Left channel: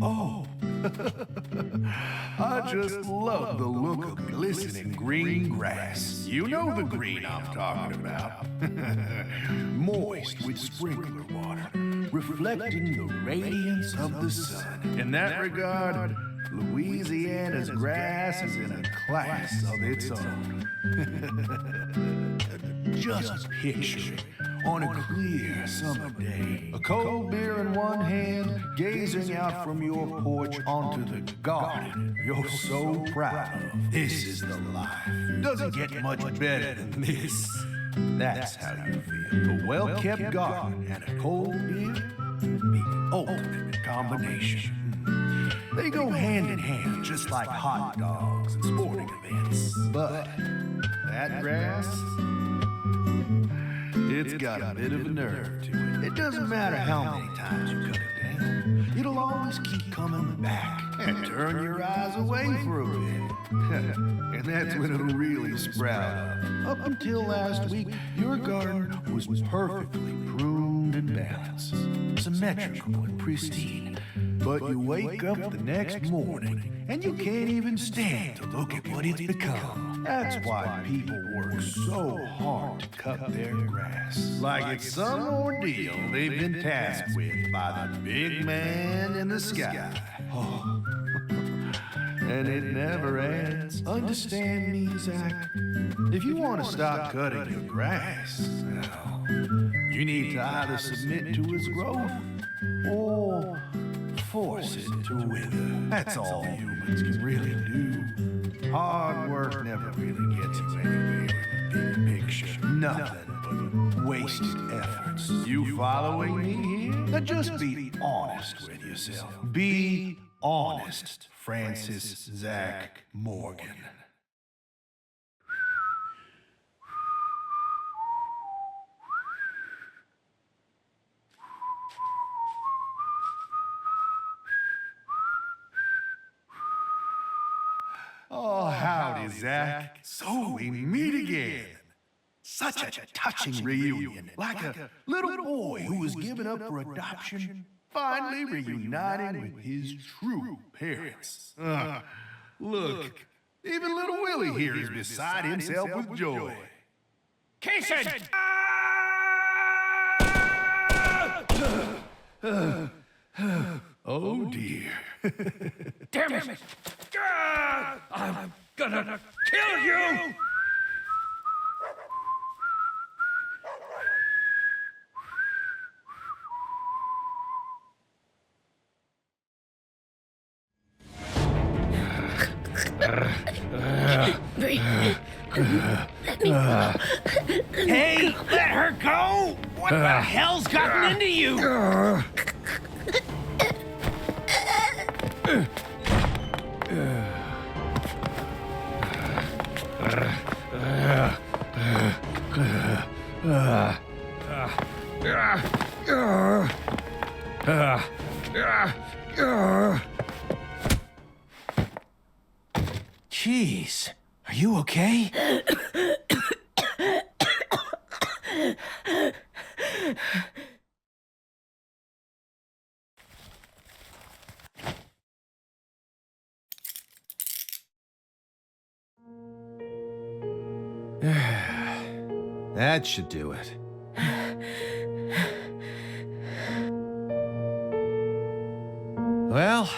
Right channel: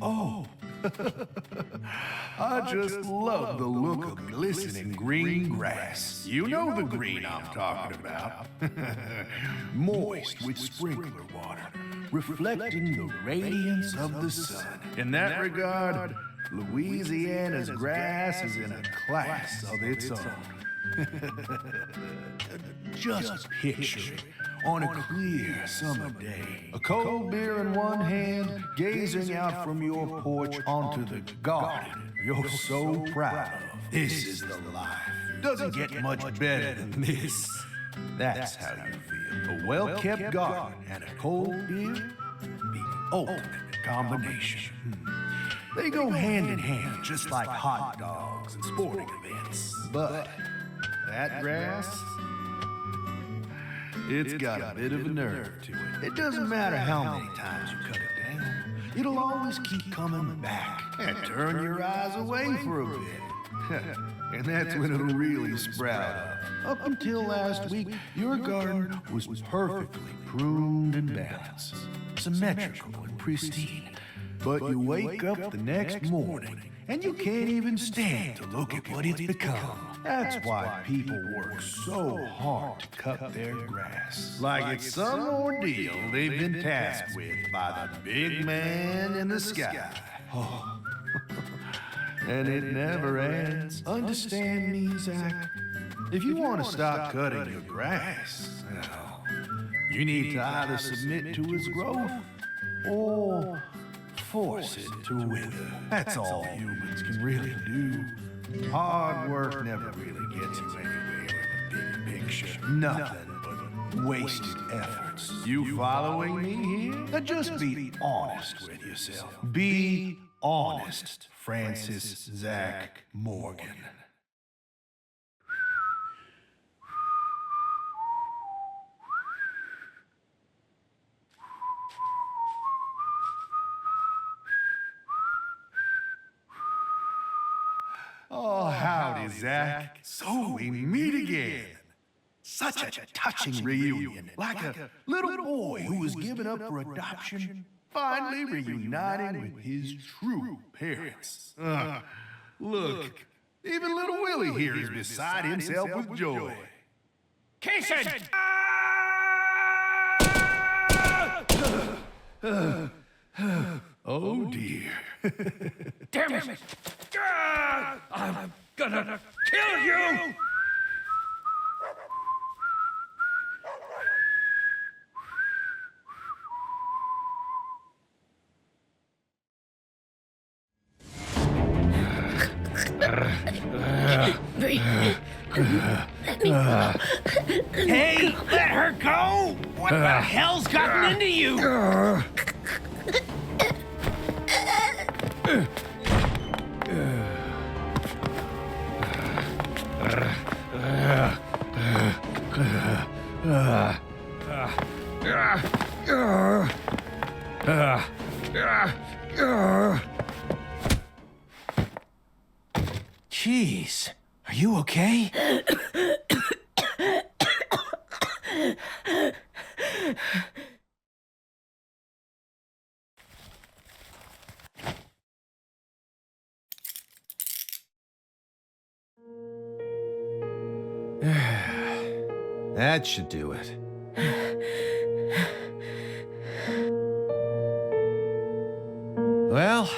Oh, I just love the look of glistening green grass. You know the green I'm talking about. Moist with sprinkler water, reflecting the radiance of the sun. In that regard, Louisiana's grass is in a class of its own. Just picture it on a clear summer day. A cold beer in one hand, gazing out from your porch onto the garden you're so proud of. This is the life. Doesn't get much better than this. That's how you feel. A well-kept garden and a cold beer? The ultimate combination. They go hand in hand, just like hot dogs and sporting events. But that grass, it's got a bit of a nerve to it. It doesn't matter how many times you cut it down. It'll always keep coming back and turn your eyes away for a bit. And that's when it'll really sprout up. Up until last week, your garden was perfectly pruned and balanced, symmetrical and pristine. But you wake up the next morning and you can't even stand to look at what it's become. That's why people work so hard to cut their grass. Like it's some ordeal they've been tasked with by the big man in the sky. Oh. And it never ends. Understand me, Zach? If you want to stop cutting your grass, well, you need to either submit to its growth or force it to wither. That's all humans can really do. Hard work never really gets you anywhere in the big picture. Nothing but wasted efforts. You following me here? Now just be honest with yourself. Be honest, Francis Zach Morgan. Oh, howdy, Zach. So we meet again. Such a touching reunion. Like a little boy who was given up for adoption, finally reuniting with his true parents. Look, even little Willie here is beside himself with joy. Kaysen! Oh, dear. Damn it! I'm gonna kill you! Hey, let her go! What the hell's gotten into you? Jeez, are you okay? That should do it. Well,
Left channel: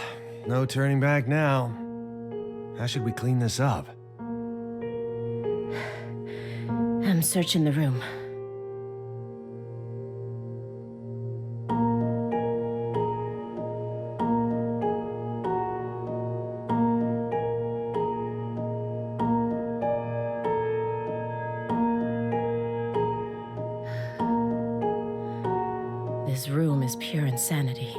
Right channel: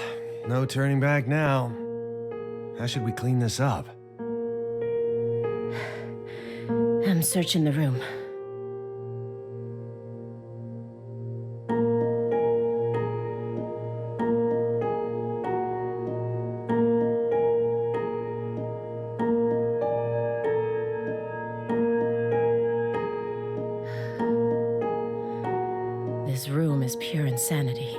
no turning back now. How should we clean this up? I'm searching the room. This room is pure insanity.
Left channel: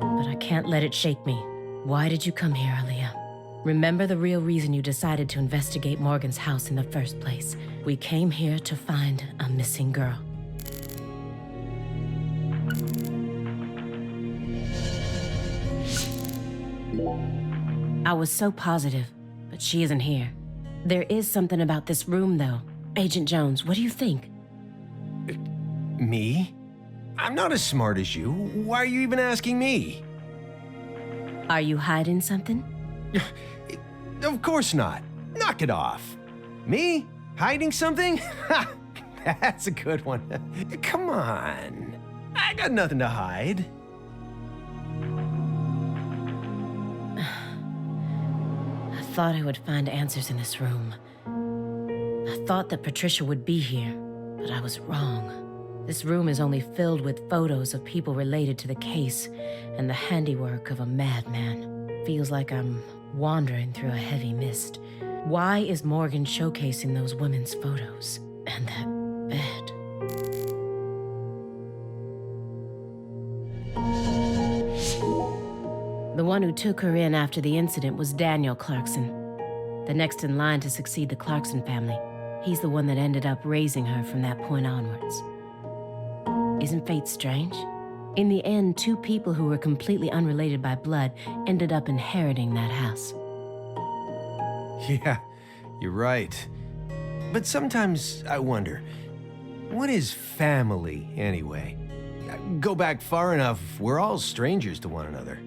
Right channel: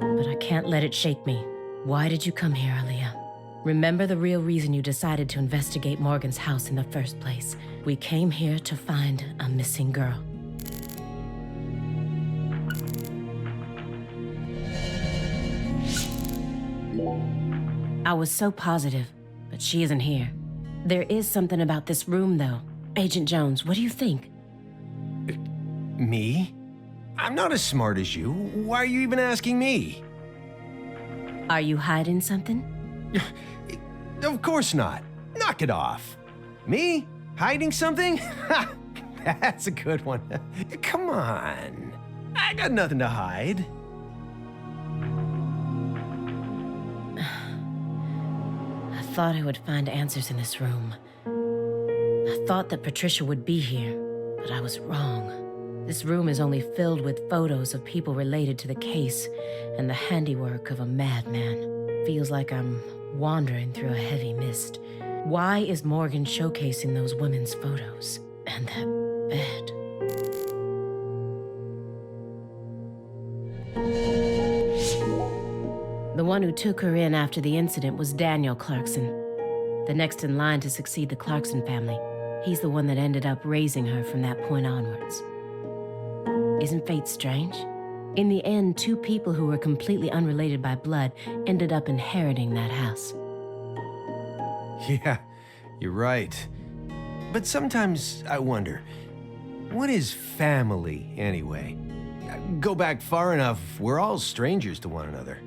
But I can't let it shake me. Why did you come here, Aaliyah? Remember the real reason you decided to investigate Morgan's house in the first place. We came here to find a missing girl. I was so positive, but she isn't here. There is something about this room, though. Agent Jones, what do you think? Me? I'm not as smart as you. Why are you even asking me? Are you hiding something? Of course not. Knock it off. Me? Hiding something? Ha! That's a good one. Come on. I got nothing to hide. I thought I would find answers in this room. I thought that Patricia would be here, but I was wrong. This room is only filled with photos of people related to the case and the handiwork of a madman. Feels like I'm wandering through a heavy mist. Why is Morgan showcasing those women's photos? And that bed. The one who took her in after the incident was Daniel Clarkson, the next in line to succeed the Clarkson family. He's the one that ended up raising her from that point onwards. Isn't fate strange? In the end, two people who were completely unrelated by blood ended up inheriting that house. Yeah, you're right. But sometimes I wonder, what is family anyway? Go back far enough, we're all strangers to one another.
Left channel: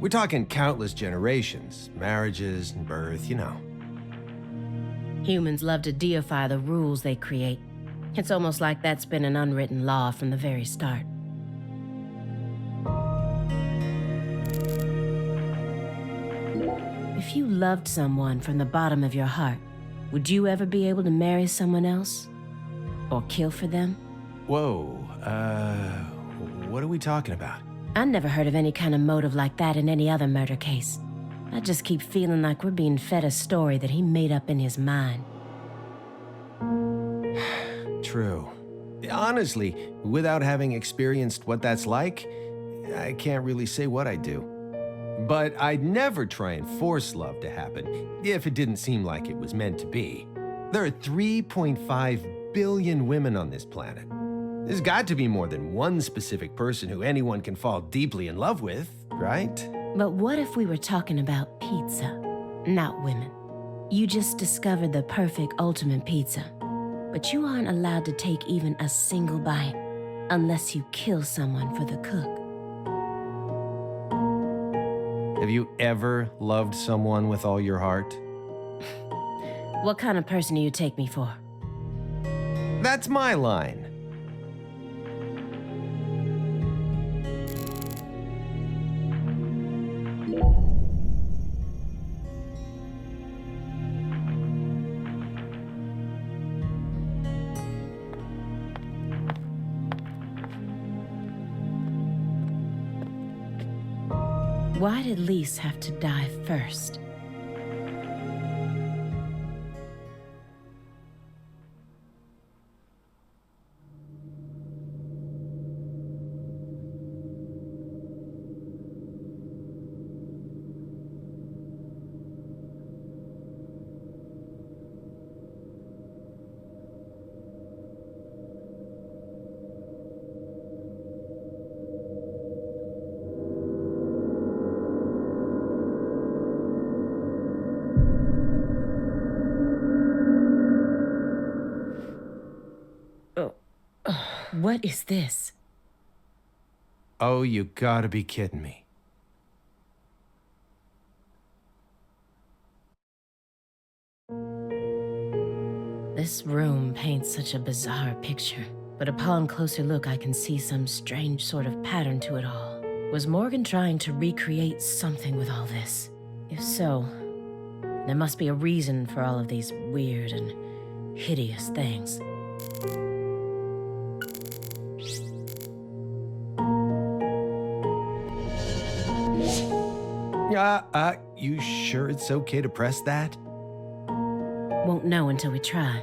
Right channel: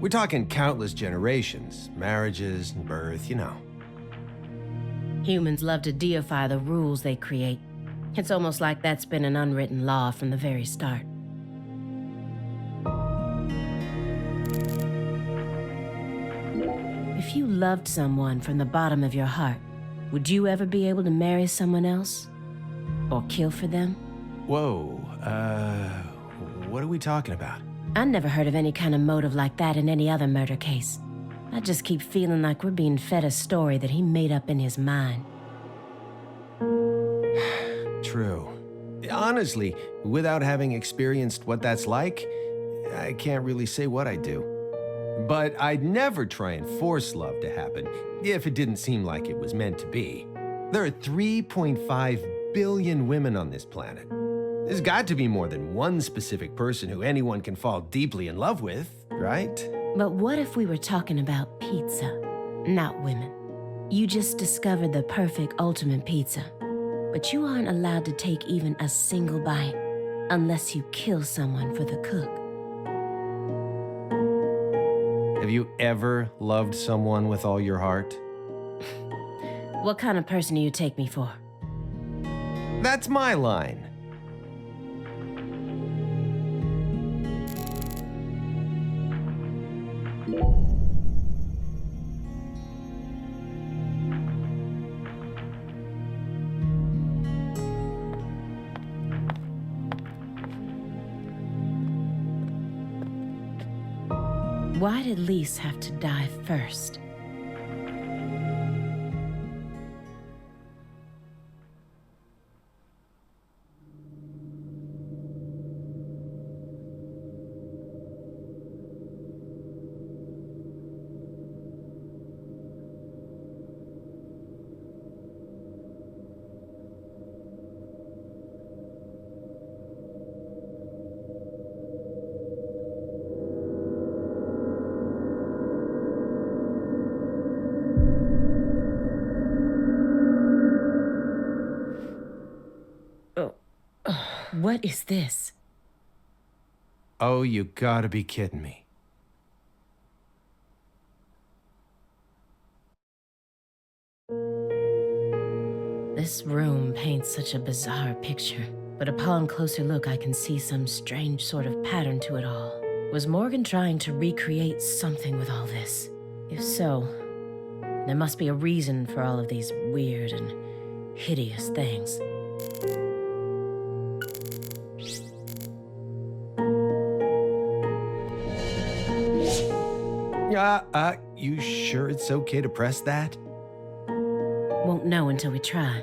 We're talking countless generations, marriages and birth, you know. Humans love to deify the rules they create. It's almost like that's been an unwritten law from the very start. If you loved someone from the bottom of your heart, would you ever be able to marry someone else? Or kill for them? Whoa, what are we talking about? I never heard of any kind of motive like that in any other murder case. I just keep feeling like we're being fed a story that he made up in his mind. True. Honestly, without having experienced what that's like, I can't really say what I'd do. But I'd never try and force love to happen if it didn't seem like it was meant to be. There are 3.5 billion women on this planet. There's got to be more than one specific person who anyone can fall deeply in love with, right? But what if we were talking about pizza, not women? You just discovered the perfect ultimate pizza, but you aren't allowed to take even a single bite unless you kill someone for the cook. Have you ever loved someone with all your heart? What kind of person do you take me for? That's my line. Why did Lise have to die first? What is this? Oh, you gotta be kidding me. This room paints such a bizarre picture, but upon closer look I can see some strange sort of pattern to it all. Was Morgan trying to recreate something with all this? If so, there must be a reason for all of these weird and hideous things. You sure it's okay to press that? Won't know until we try.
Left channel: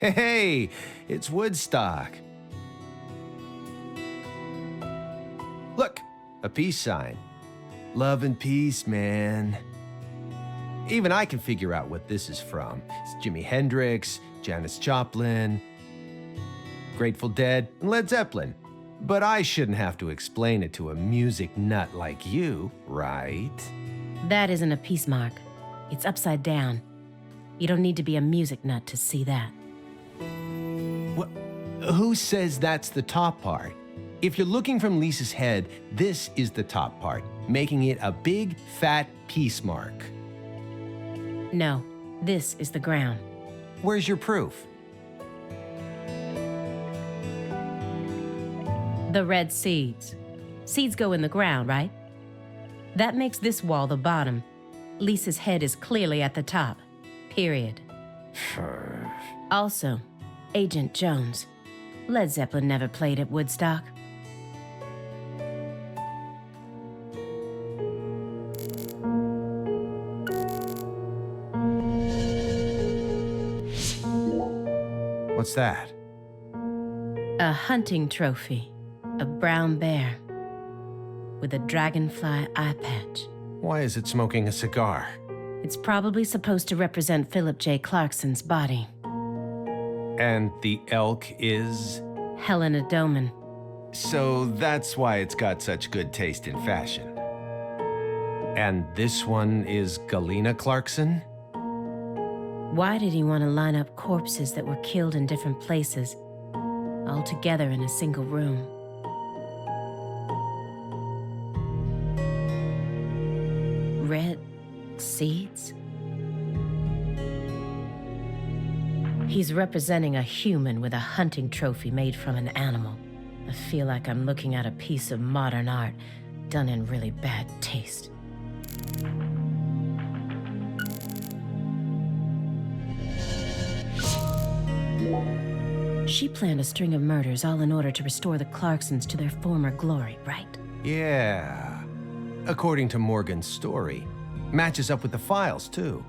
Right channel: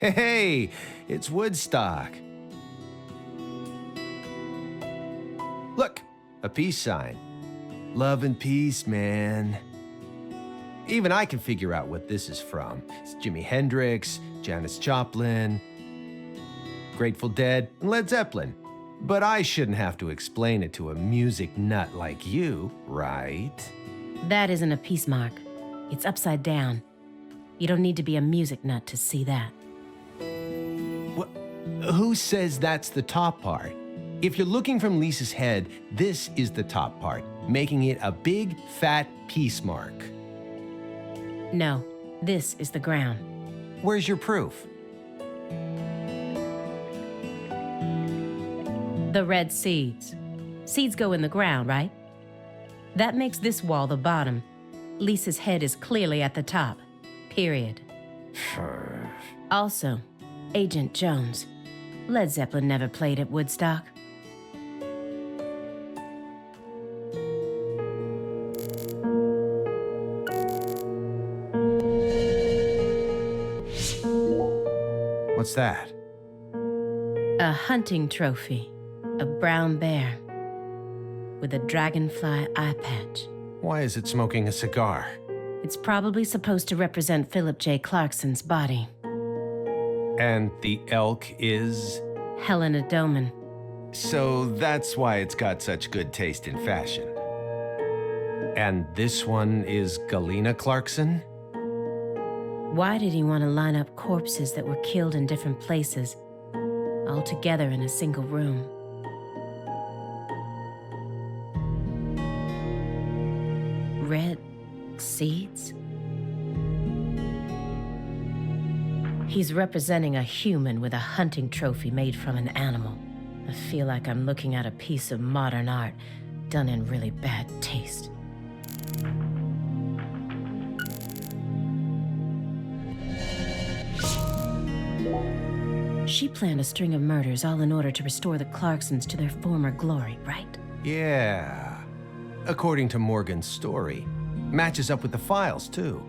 Hey, it's Woodstock. Look, a peace sign. Love and peace, man. Even I can figure out what this is from. It's Jimi Hendrix, Janis Joplin, Grateful Dead, and Led Zeppelin. But I shouldn't have to explain it to a music nut like you, right? That isn't a peace mark. It's upside down. You don't need to be a music nut to see that. What? Who says that's the top part? If you're looking from Lisa's head, this is the top part, making it a big, fat peace mark. No, this is the ground. Where's your proof? The red seeds. Seeds go in the ground, right? That makes this wall the bottom. Lisa's head is clearly at the top. Period. Also, Agent Jones. Led Zeppelin never played at Woodstock. What's that? A hunting trophy. A brown bear. With a dragonfly eye patch. Why is it smoking a cigar? It's probably supposed to represent Philip J. Clarkson's body. And the elk is? Helena Doman. So that's why it's got such good taste in fashion. And this one is Galena Clarkson? Why did he want to line up corpses that were killed in different places, all together in a single room? Red seeds? He's representing a human with a hunting trophy made from an animal. I feel like I'm looking at a piece of modern art done in really bad taste. She planned a string of murders all in order to restore the Clarksons to their former glory, right? Yeah. According to Morgan's story. Matches up with the files, too.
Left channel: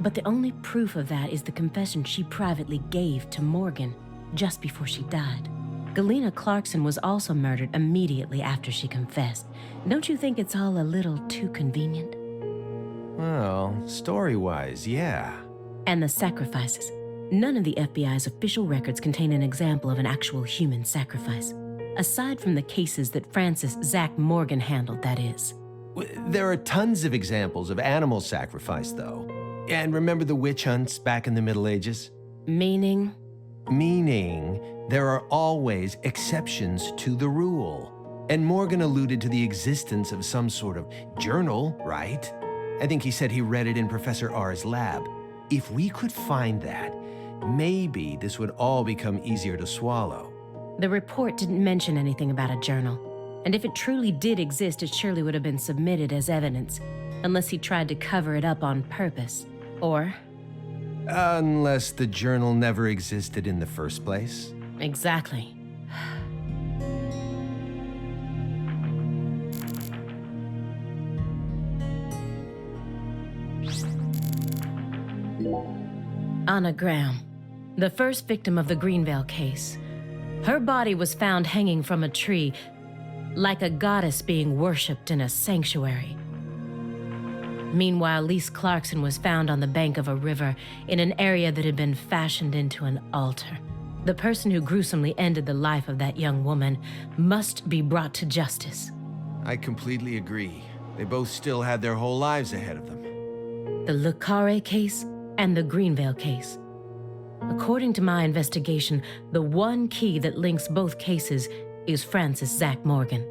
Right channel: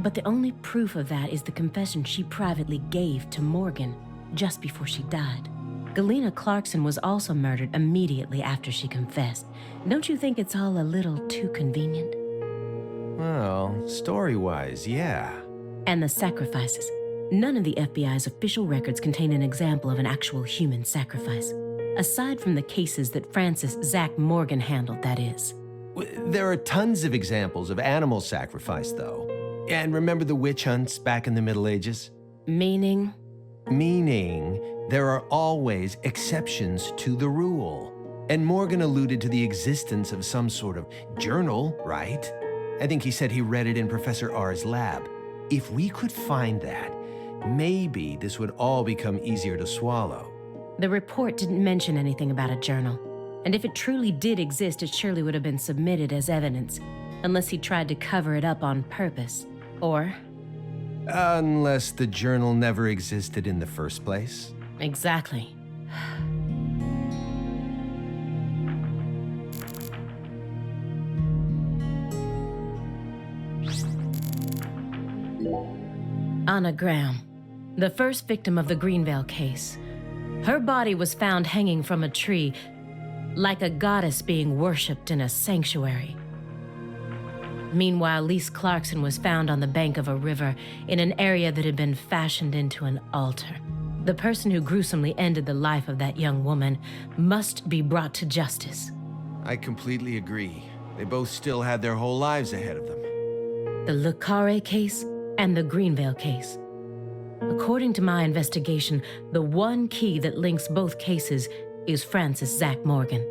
But the only proof of that is the confession she privately gave to Morgan just before she died. Galena Clarkson was also murdered immediately after she confessed. Don't you think it's all a little too convenient? Well, story-wise, yeah. And the sacrifices. None of the FBI's official records contain an example of an actual human sacrifice. Aside from the cases that Francis Zach Morgan handled, that is. There are tons of examples of animal sacrifice, though. And remember the witch hunts back in the Middle Ages? Meaning? Meaning, there are always exceptions to the rule. And Morgan alluded to the existence of some sort of journal, right? I think he said he read it in Professor R's lab. If we could find that, maybe this would all become easier to swallow. The report didn't mention anything about a journal. And if it truly did exist, it surely would have been submitted as evidence, unless he tried to cover it up on purpose. Or? Unless the journal never existed in the first place. Exactly. Anna Graham, the first victim of the Greenvale case. Her body was found hanging from a tree, like a goddess being worshipped in a sanctuary. Meanwhile, Lise Clarkson was found on the bank of a river in an area that had been fashioned into an altar. The person who gruesomely ended the life of that young woman must be brought to justice. I completely agree. They both still had their whole lives ahead of them. The Le Carre case and the Greenvale case. According to my investigation, the one key that links both cases is Francis Zach Morgan.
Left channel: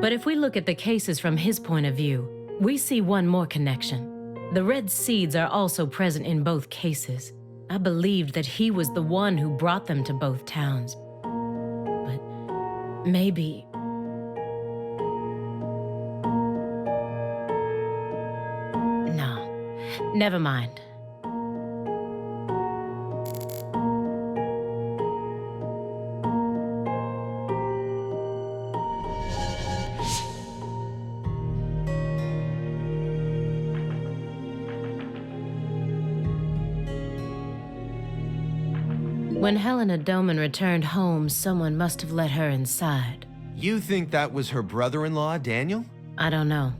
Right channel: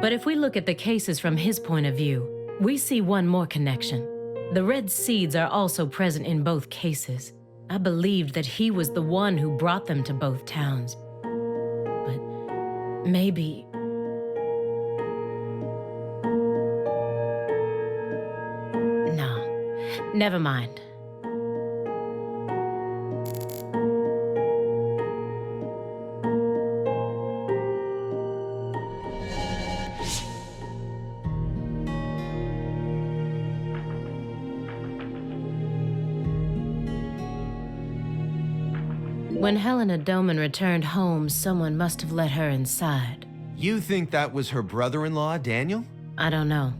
But if we look at the cases from his point of view, we see one more connection. The red seeds are also present in both cases. I believed that he was the one who brought them to both towns. But maybe... No, never mind. When Helena Doman returned home, someone must have let her inside. You think that was her brother-in-law, Daniel? I don't know.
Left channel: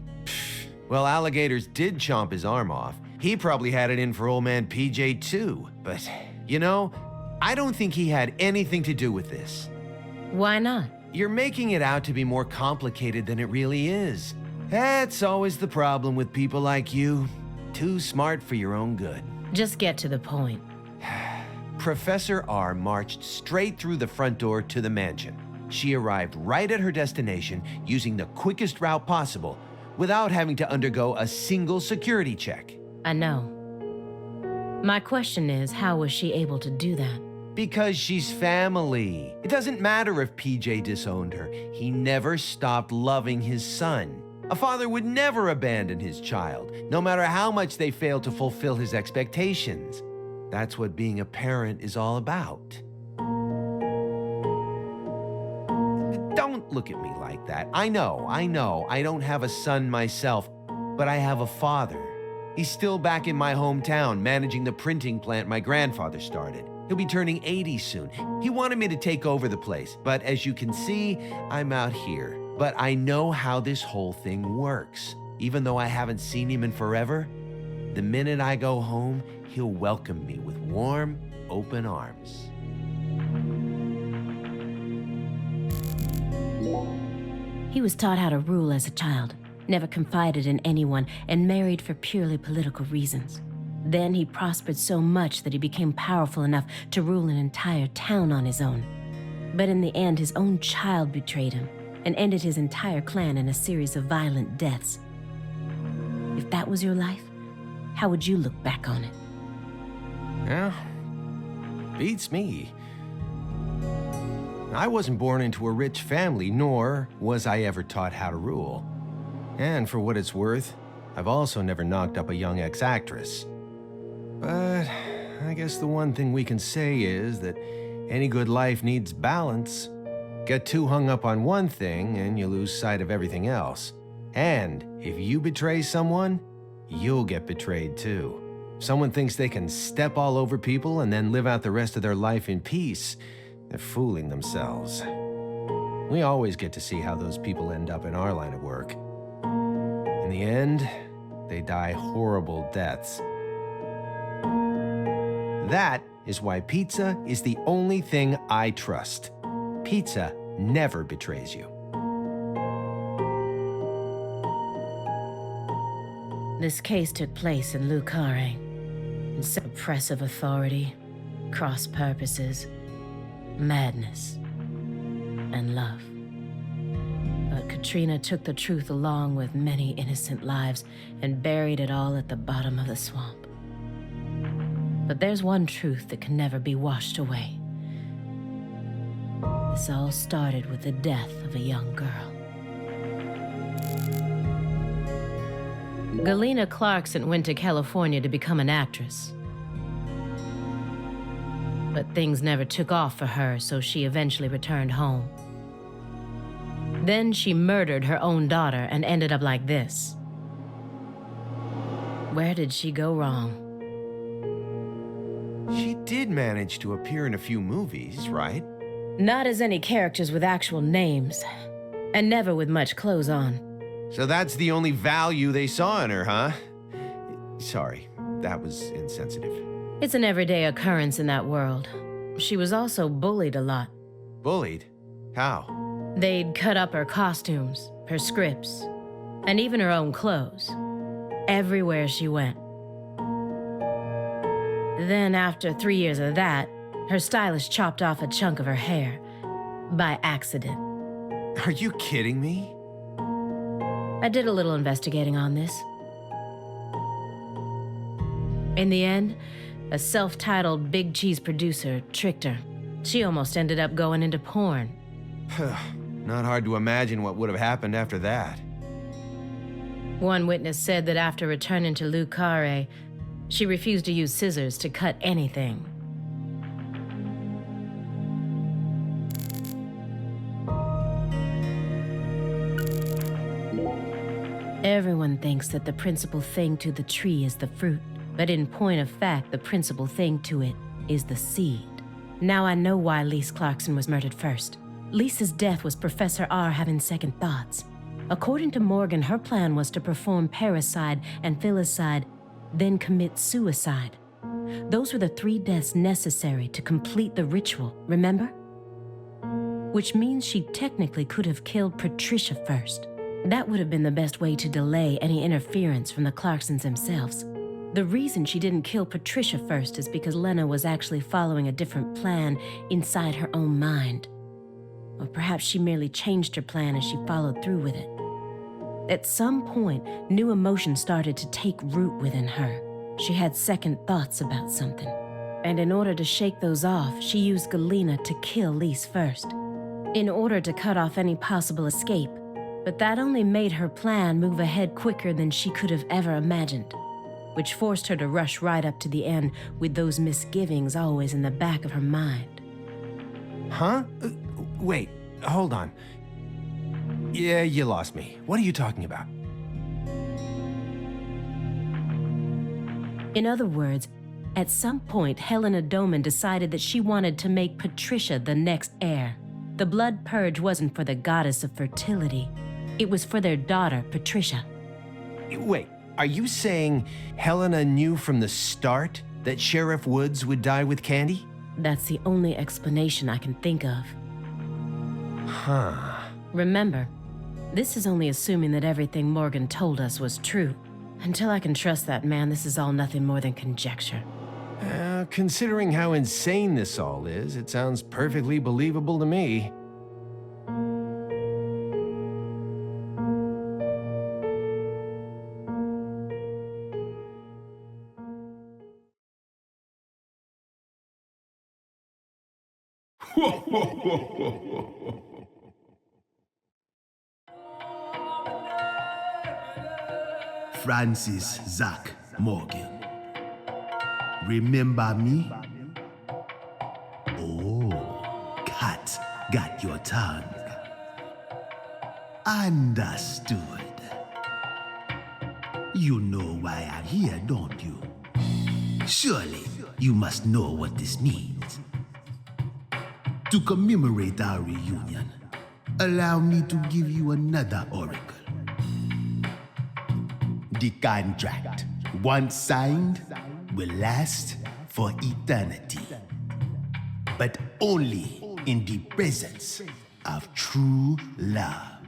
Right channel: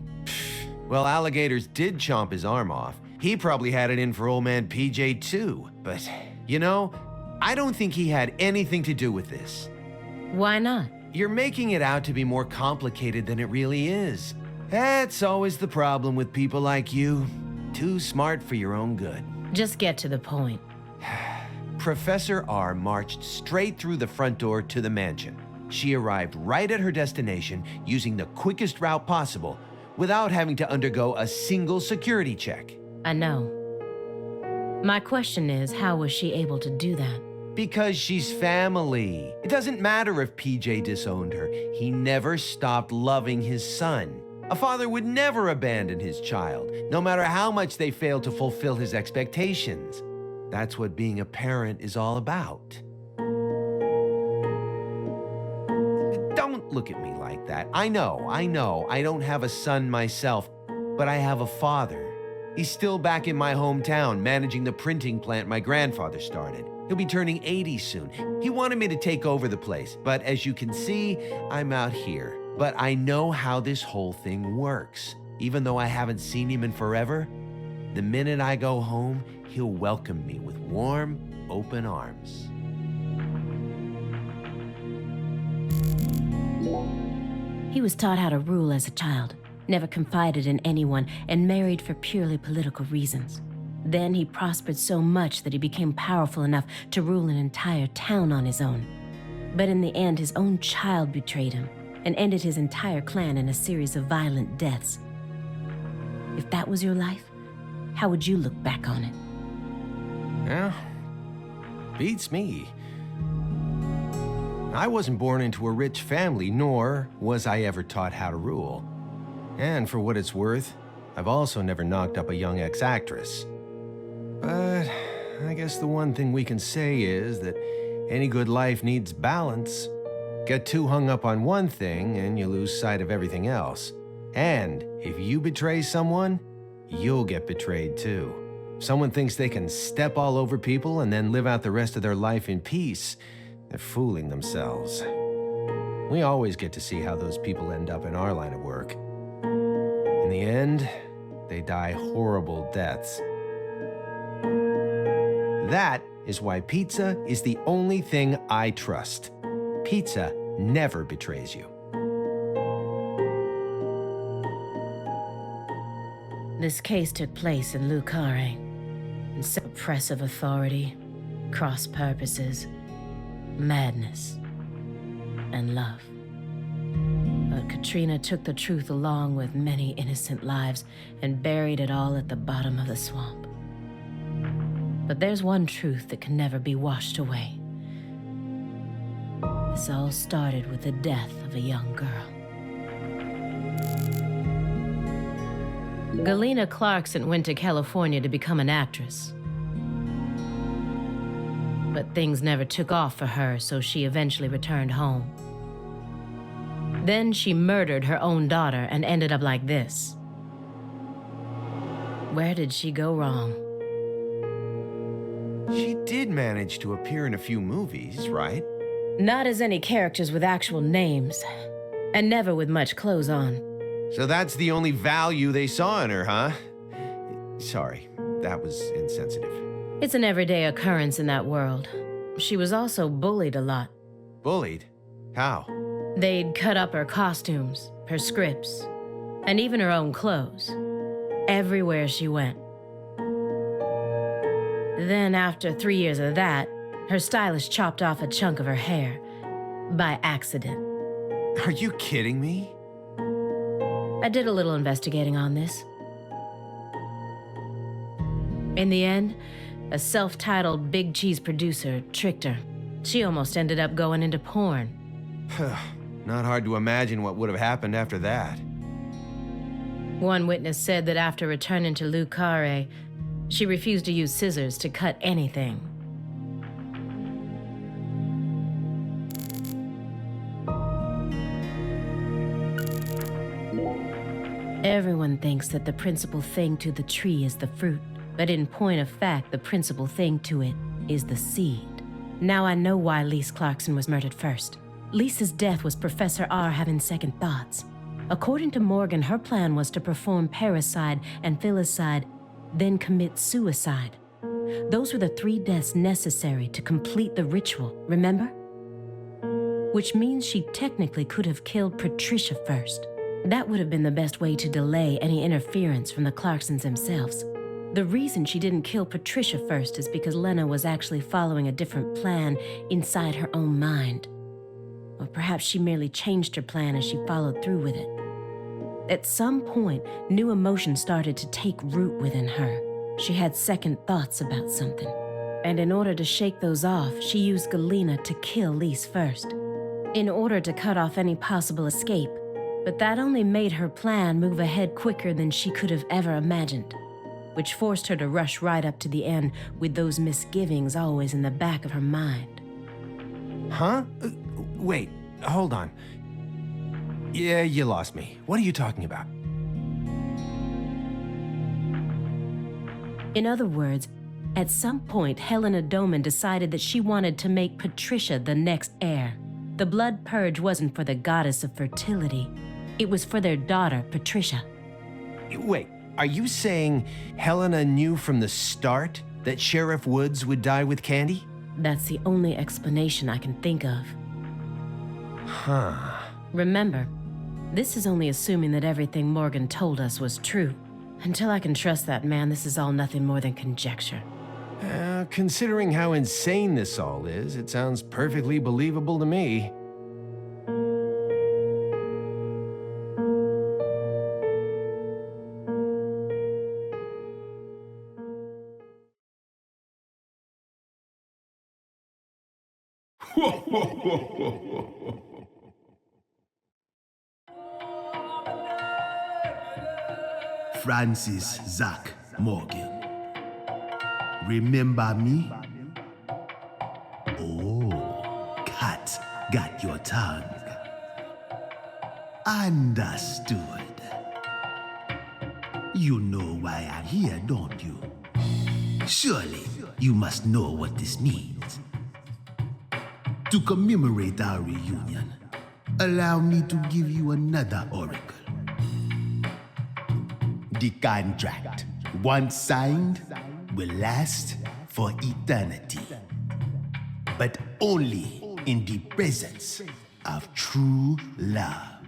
Well, alligators did chomp his arm off. He probably had it in for old man PJ too. But, you know, I don't think he had anything to do with this. Why not? You're making it out to be more complicated than it really is. That's always the problem with people like you. Too smart for your own good. Just get to the point. Professor R marched straight through the front door to the mansion. She arrived right at her destination using the quickest route possible without having to undergo a single security check. I know. My question is, how was she able to do that? Because she's family. It doesn't matter if PJ disowned her. He never stopped loving his son. A father would never abandon his child, no matter how much they fail to fulfill his expectations. That's what being a parent is all about. Don't look at me like that. I know, I don't have a son myself, but I have a father. He's still back in my hometown, managing the printing plant my grandfather started. He'll be turning 80 soon. He wanted me to take over the place, but as you can see, I'm out here. But I know how this whole thing works. Even though I haven't seen him in forever, the minute I go home, he'll welcome me with warm, open arms. He was taught how to rule as a child, never confided in anyone, and married for purely political reasons. Then he prospered so much that he became powerful enough to rule an entire town on his own. But in the end, his own child betrayed him and ended his entire clan in a series of violent deaths. If that was your life, how would you look back on it? Well, beats me. I wasn't born into a rich family, nor was I ever taught how to rule. And for what it's worth, I've also never knocked up a young ex-actress. But I guess the one thing we can say is that any good life needs balance. Get too hung up on one thing and you lose sight of everything else. And if you betray someone, you'll get betrayed too. If someone thinks they can step all over people and then live out the rest of their life in peace, they're fooling themselves. We always get to see how those people end up in our line of work. In the end, they die horrible deaths. That is why pizza is the only thing I trust. Pizza never betrays you. This case took place in Lucare. Oppressive authority, cross purposes, madness, and love. But Katrina took the truth along with many innocent lives and buried it all at the bottom of the swamp. But there's one truth that can never be washed away. This all started with the death of a young girl. Galena Clarkson went to California to become an actress. But things never took off for her, so she eventually returned home. Then she murdered her own daughter and ended up like this. Where did she go wrong? She did manage to appear in a few movies, right? Not as any characters with actual names, and never with much clothes on. So that's the only value they saw in her, huh? Sorry, that was insensitive. It's an everyday occurrence in that world. She was also bullied a lot. Bullied? How? They'd cut up her costumes, her scripts, and even her own clothes. Everywhere she went. Then, after 3 years of that, her stylist chopped off a chunk of her hair. By accident. Are you kidding me? I did a little investigating on this. In the end, a self-titled big cheese producer tricked her. She almost ended up going into porn. Not hard to imagine what would have happened after that. One witness said that after returning to Lucare, she refused to use scissors to cut anything. Everyone thinks that the principal thing to the tree is the fruit, but in point of fact, the principal thing to it is the seed. Now I know why Lise Clarkson was murdered first. Lisa's death was Professor R having second thoughts. According to Morgan, her plan was to perform parricide and filicide, then commit suicide. Those were the 3 deaths necessary to complete the ritual, remember? Which means she technically could have killed Patricia first. That would have been the best way to delay any interference from the Clarksons themselves. The reason she didn't kill Patricia first is because Lena was actually following a different plan inside her own mind. Or perhaps she merely changed her plan as she followed through with it. At some point, new emotions started to take root within her. She had second thoughts about something. And in order to shake those off, she used Galena to kill Lise first, in order to cut off any possible escape. But that only made her plan move ahead quicker than she could have ever imagined, which forced her to rush right up to the end with those misgivings always in the back of her mind. Huh? Wait, hold on. Yeah, you lost me. What are you talking about? In other words, at some point, Helena Doman decided that she wanted to make Patricia the next heir. The blood purge wasn't for the goddess of fertility. It was for their daughter, Patricia. Wait, are you saying Helena knew from the start that Sheriff Woods would die with Candy? That's the only explanation I can think of. Huh. Remember, this is only assuming that everything Morgan told us was true. Until I can trust that man, this is all nothing more than conjecture. Considering how insane this all is, it sounds perfectly believable to me. Francis Zach Morgan. Remember me? Oh, cat got your tongue. Understood. You know why I'm here, don't you? Surely you must know what this means. To commemorate our reunion, allow me to give you another oracle. The contract, once signed, will last for eternity, but only in the presence of true love.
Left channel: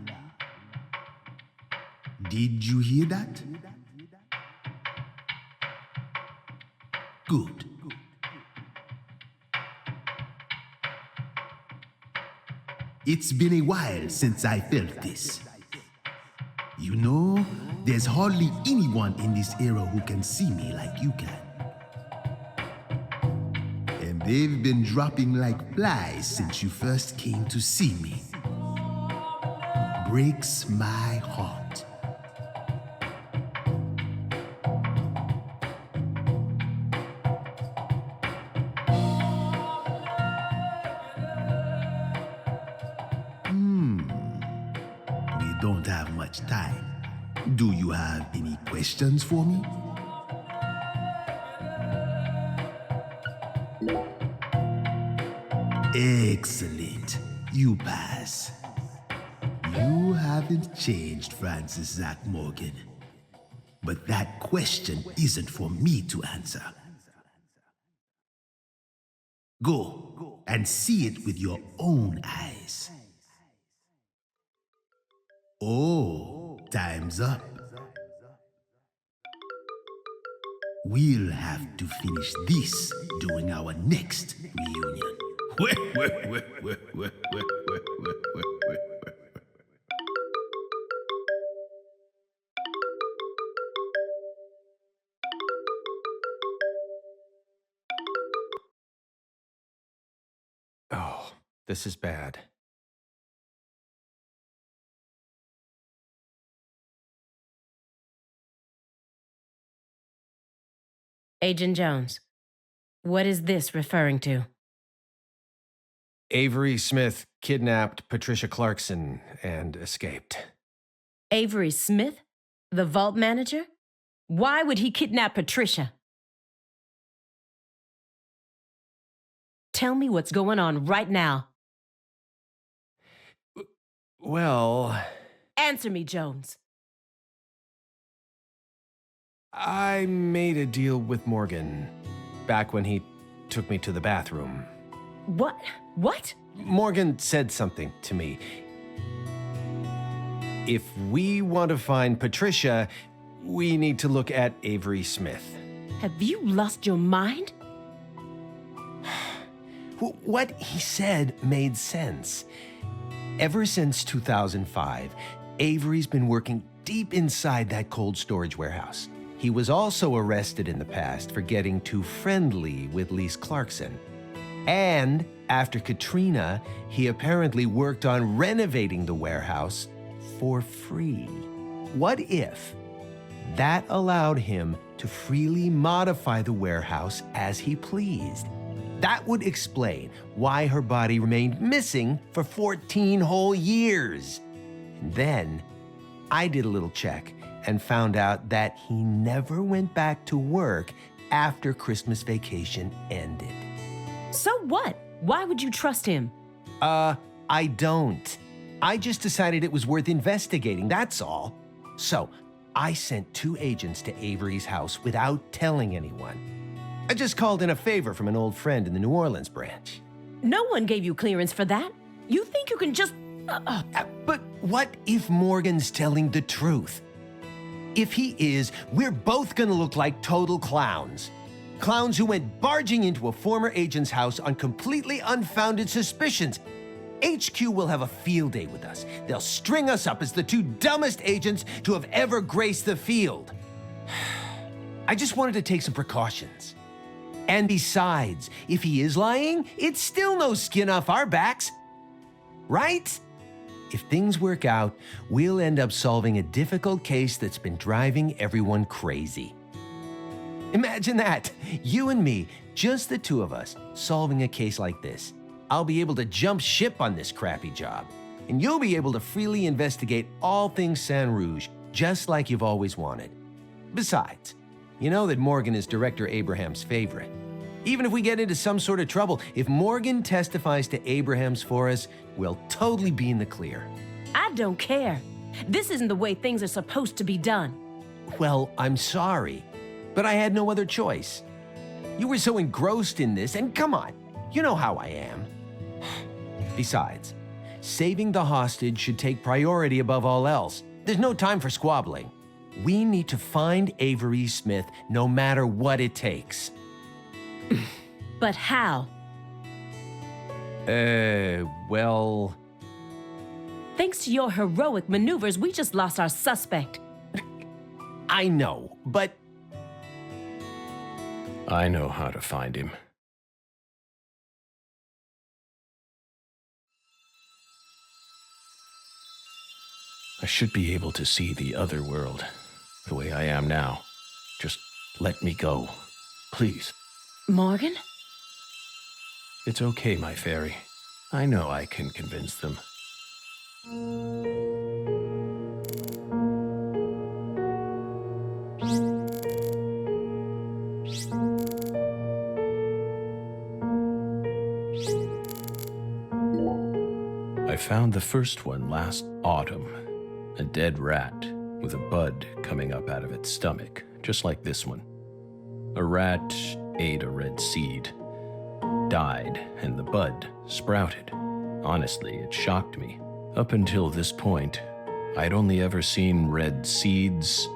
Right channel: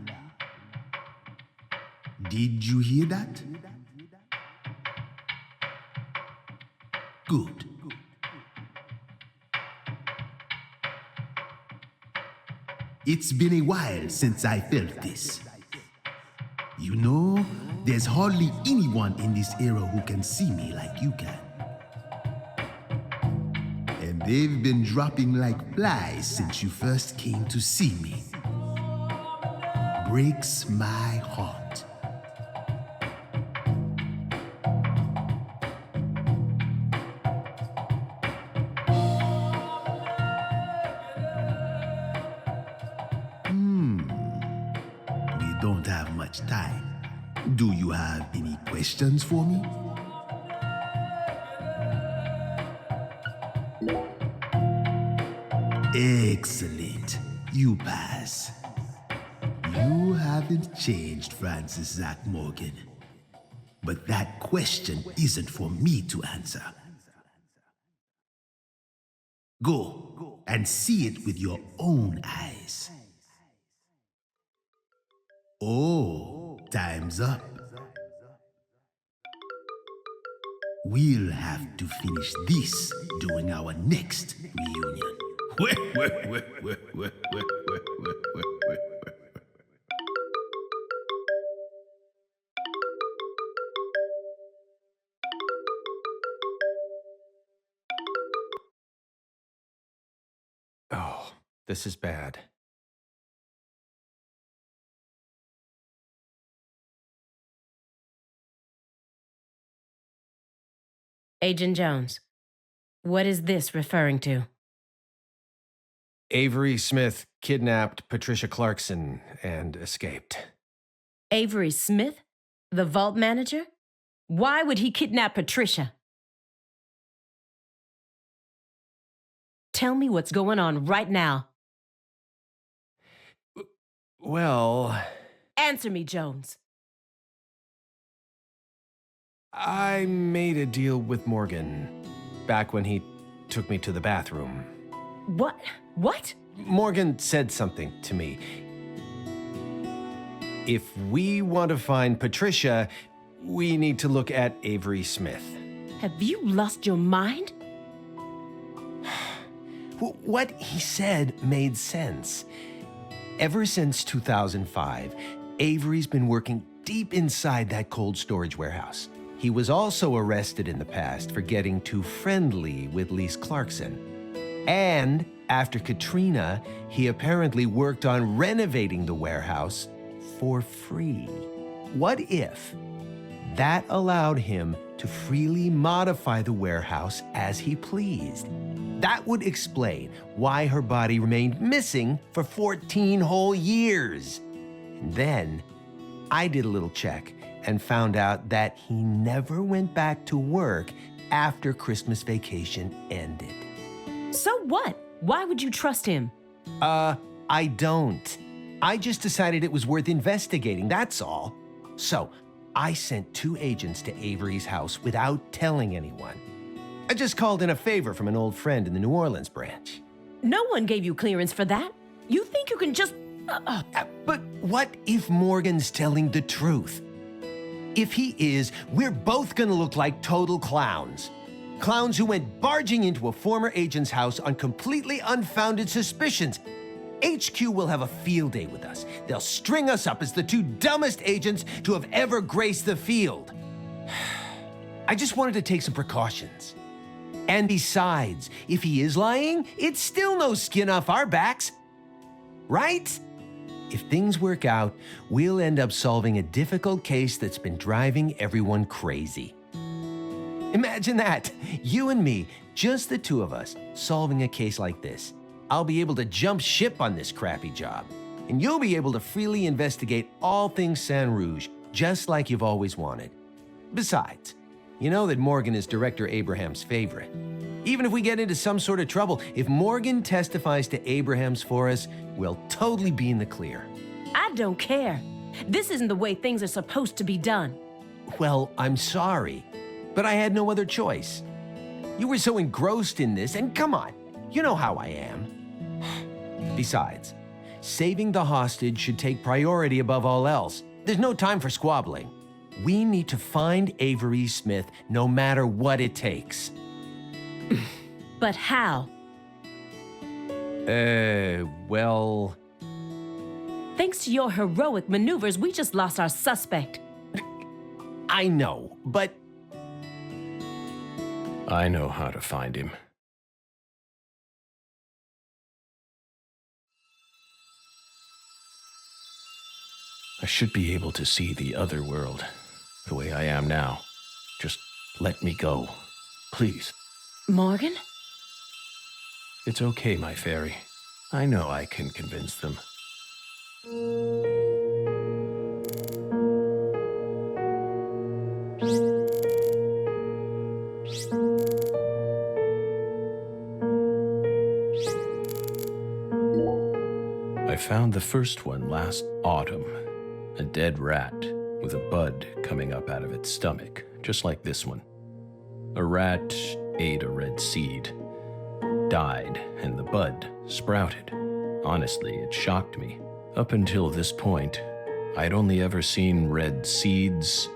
Did you hear that? Good. It's been a while since I felt this. You know, there's hardly anyone in this era who can see me like you can. And they've been dropping like flies since you first came to see me. Breaks my heart. We don't have much time. Do you have any questions for me? Excellent. You pass. You haven't changed, Francis Zach Morgan. But that question isn't for me to answer. Go and see it with your own eyes. Oh, time's up. We'll have to finish this during our next reunion. Oh, this is bad. Agent Jones, what is this referring to? Avery Smith kidnapped Patricia Clarkson and escaped. Avery Smith? The vault manager? Why would he kidnap Patricia? Tell me what's going on right now. Well, Answer me, Jones. I made a deal with Morgan back when he took me to the bathroom. What? What? Morgan said something to me. If we want to find Patricia, we need to look at Avery Smith. Have you lost your mind? What he said made sense. Ever since 2005, Avery's been working deep inside that cold storage warehouse. He was also arrested in the past for getting too friendly with Lise Clarkson. And after Katrina, he apparently worked on renovating the warehouse for free. What if that allowed him to freely modify the warehouse as he pleased? That would explain why her body remained missing for 14 whole years. And then I did a little check and found out that he never went back to work after Christmas vacation ended. So what? Why would you trust him? I don't. I just decided it was worth investigating, that's all. So I sent 2 agents to Avery's house without telling anyone. I just called in a favor from an old friend in the New Orleans branch. No one gave you clearance for that. You think you can just... But what if Morgan's telling the truth? If he is, we're both gonna look like total clowns. Clowns who went barging into a former agent's house on completely unfounded suspicions. HQ will have a field day with us. They'll string us up as the 2 dumbest agents to have ever graced the field. I just wanted to take some precautions. And besides, if he is lying, it's still no skin off our backs. Right? If things work out, we'll end up solving a difficult case that's been driving everyone crazy. Imagine that. You and me, just the 2 of us, solving a case like this. I'll be able to jump ship on this crappy job. And you'll be able to freely investigate all things Saint Rouge, just like you've always wanted. Besides, you know that Morgan is Director Abraham's favorite. Even if we get into some sort of trouble, if Morgan testifies to Abrahams for us, we'll totally be in the clear. I don't care. This isn't the way things are supposed to be done. Well, I'm sorry, but I had no other choice. You were so engrossed in this, and come on, you know how I am. Besides, saving the hostage should take priority above all else. There's no time for squabbling. We need to find Avery Smith no matter what it takes. But how? Well... Thanks to your heroic maneuvers, we just lost our suspect. I know, but... I know how to find him. I should be able to see the other world, the way I am now. Just let me go, please. Morgan? It's okay, my fairy. I know I can convince them. I found the first one last autumn. A dead rat with a bud coming up out of its stomach, just like this one. A rat ate a red seed, died, and the bud sprouted. Honestly, it shocked me. Up until this point, I'd only ever seen red seeds,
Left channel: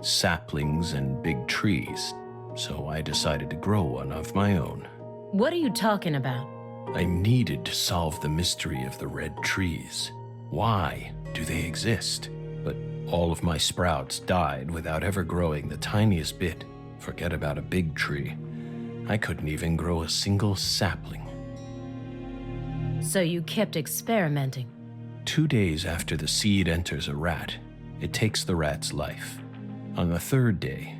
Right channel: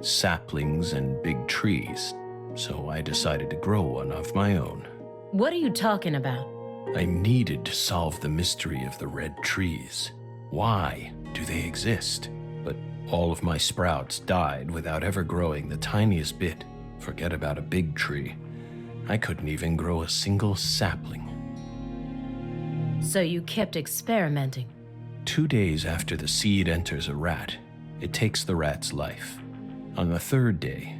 saplings, and big trees, so I decided to grow one of my own. What are you talking about? I needed to solve the mystery of the red trees. Why do they exist? But all of my sprouts died without ever growing the tiniest bit. Forget about a big tree. I couldn't even grow a single sapling. So you kept experimenting. 2 days after the seed enters a rat, it takes the rat's life. On the 3rd day,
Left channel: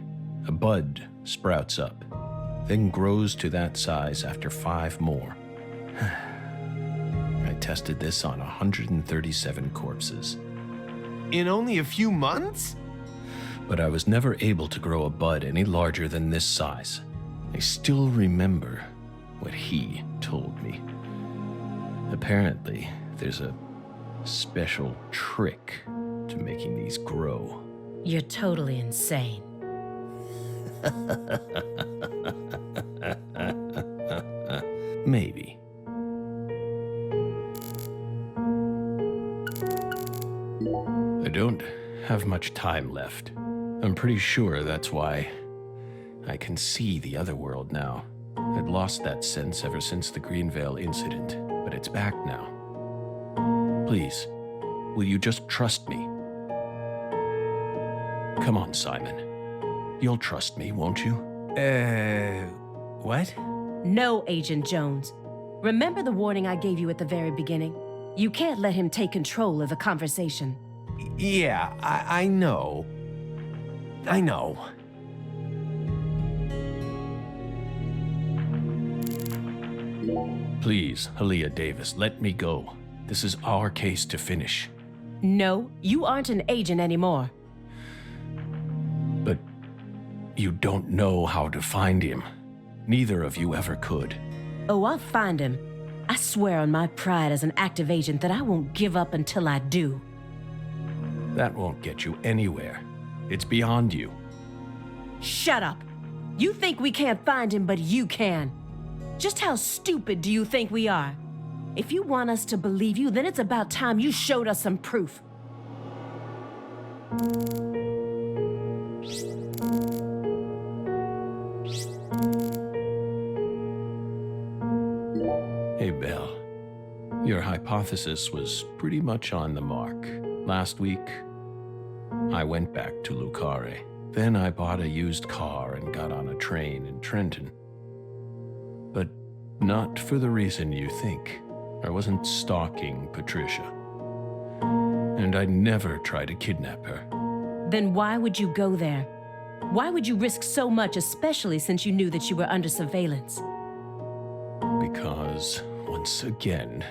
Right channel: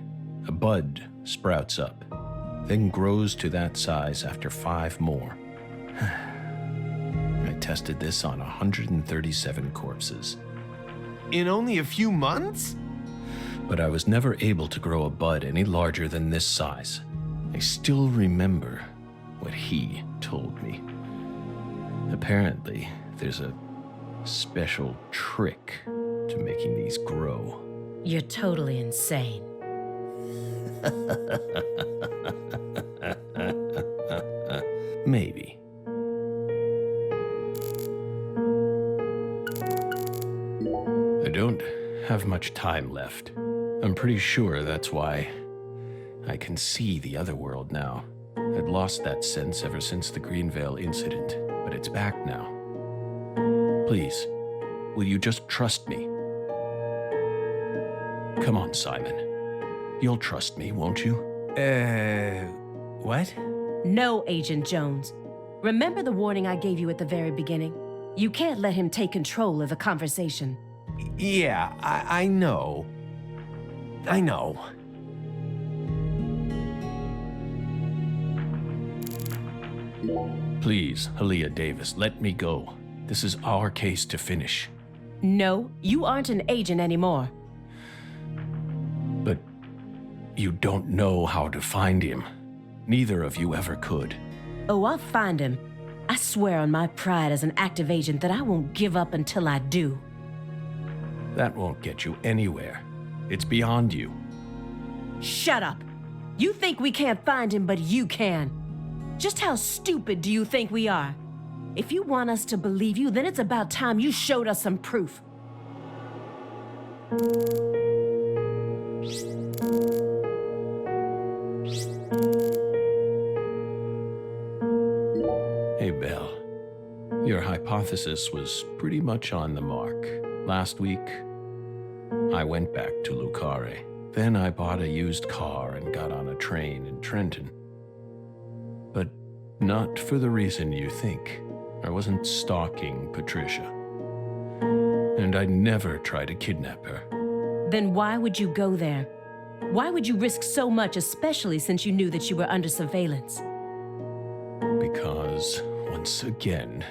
a bud sprouts up, then grows to that size after 5 more. I tested this on 137 corpses. In only a few months? But I was never able to grow a bud any larger than this size. I still remember what he told me. Apparently, there's a special trick to making these grow. You're totally insane. Maybe. I don't have much time left. I'm pretty sure that's why I can see the other world now. I'd lost that sense ever since the Greenvale incident, but it's back now. Please, will you just trust me? Come on, Simon. You'll trust me, won't you? What? No, Agent Jones. Remember the warning I gave you at the very beginning? You can't let him take control of the conversation. Yeah, I know. I know. Please, Aaliyah Davis, let me go. This is our case to finish. No, you aren't an agent anymore. But you don't know how to find him. Neither of you ever could. Oh, I'll find him. I swear on my pride as an active agent that I won't give up until I do. That won't get you anywhere. It's beyond you. Shut up. You think we can't find him, but you can. Just how stupid do you think we are? If you want us to believe you, then it's about time you showed us some proof. Hey, Belle. Your hypothesis was pretty much on the mark. Last week, I went back to Lucare. Then I bought a used car and got on a train in Trenton. But not for the reason you think. I wasn't stalking Patricia. And I'd never try to kidnap her. Then why would you go there? Why would you risk so much, especially since you knew that you were under surveillance? Because, once again,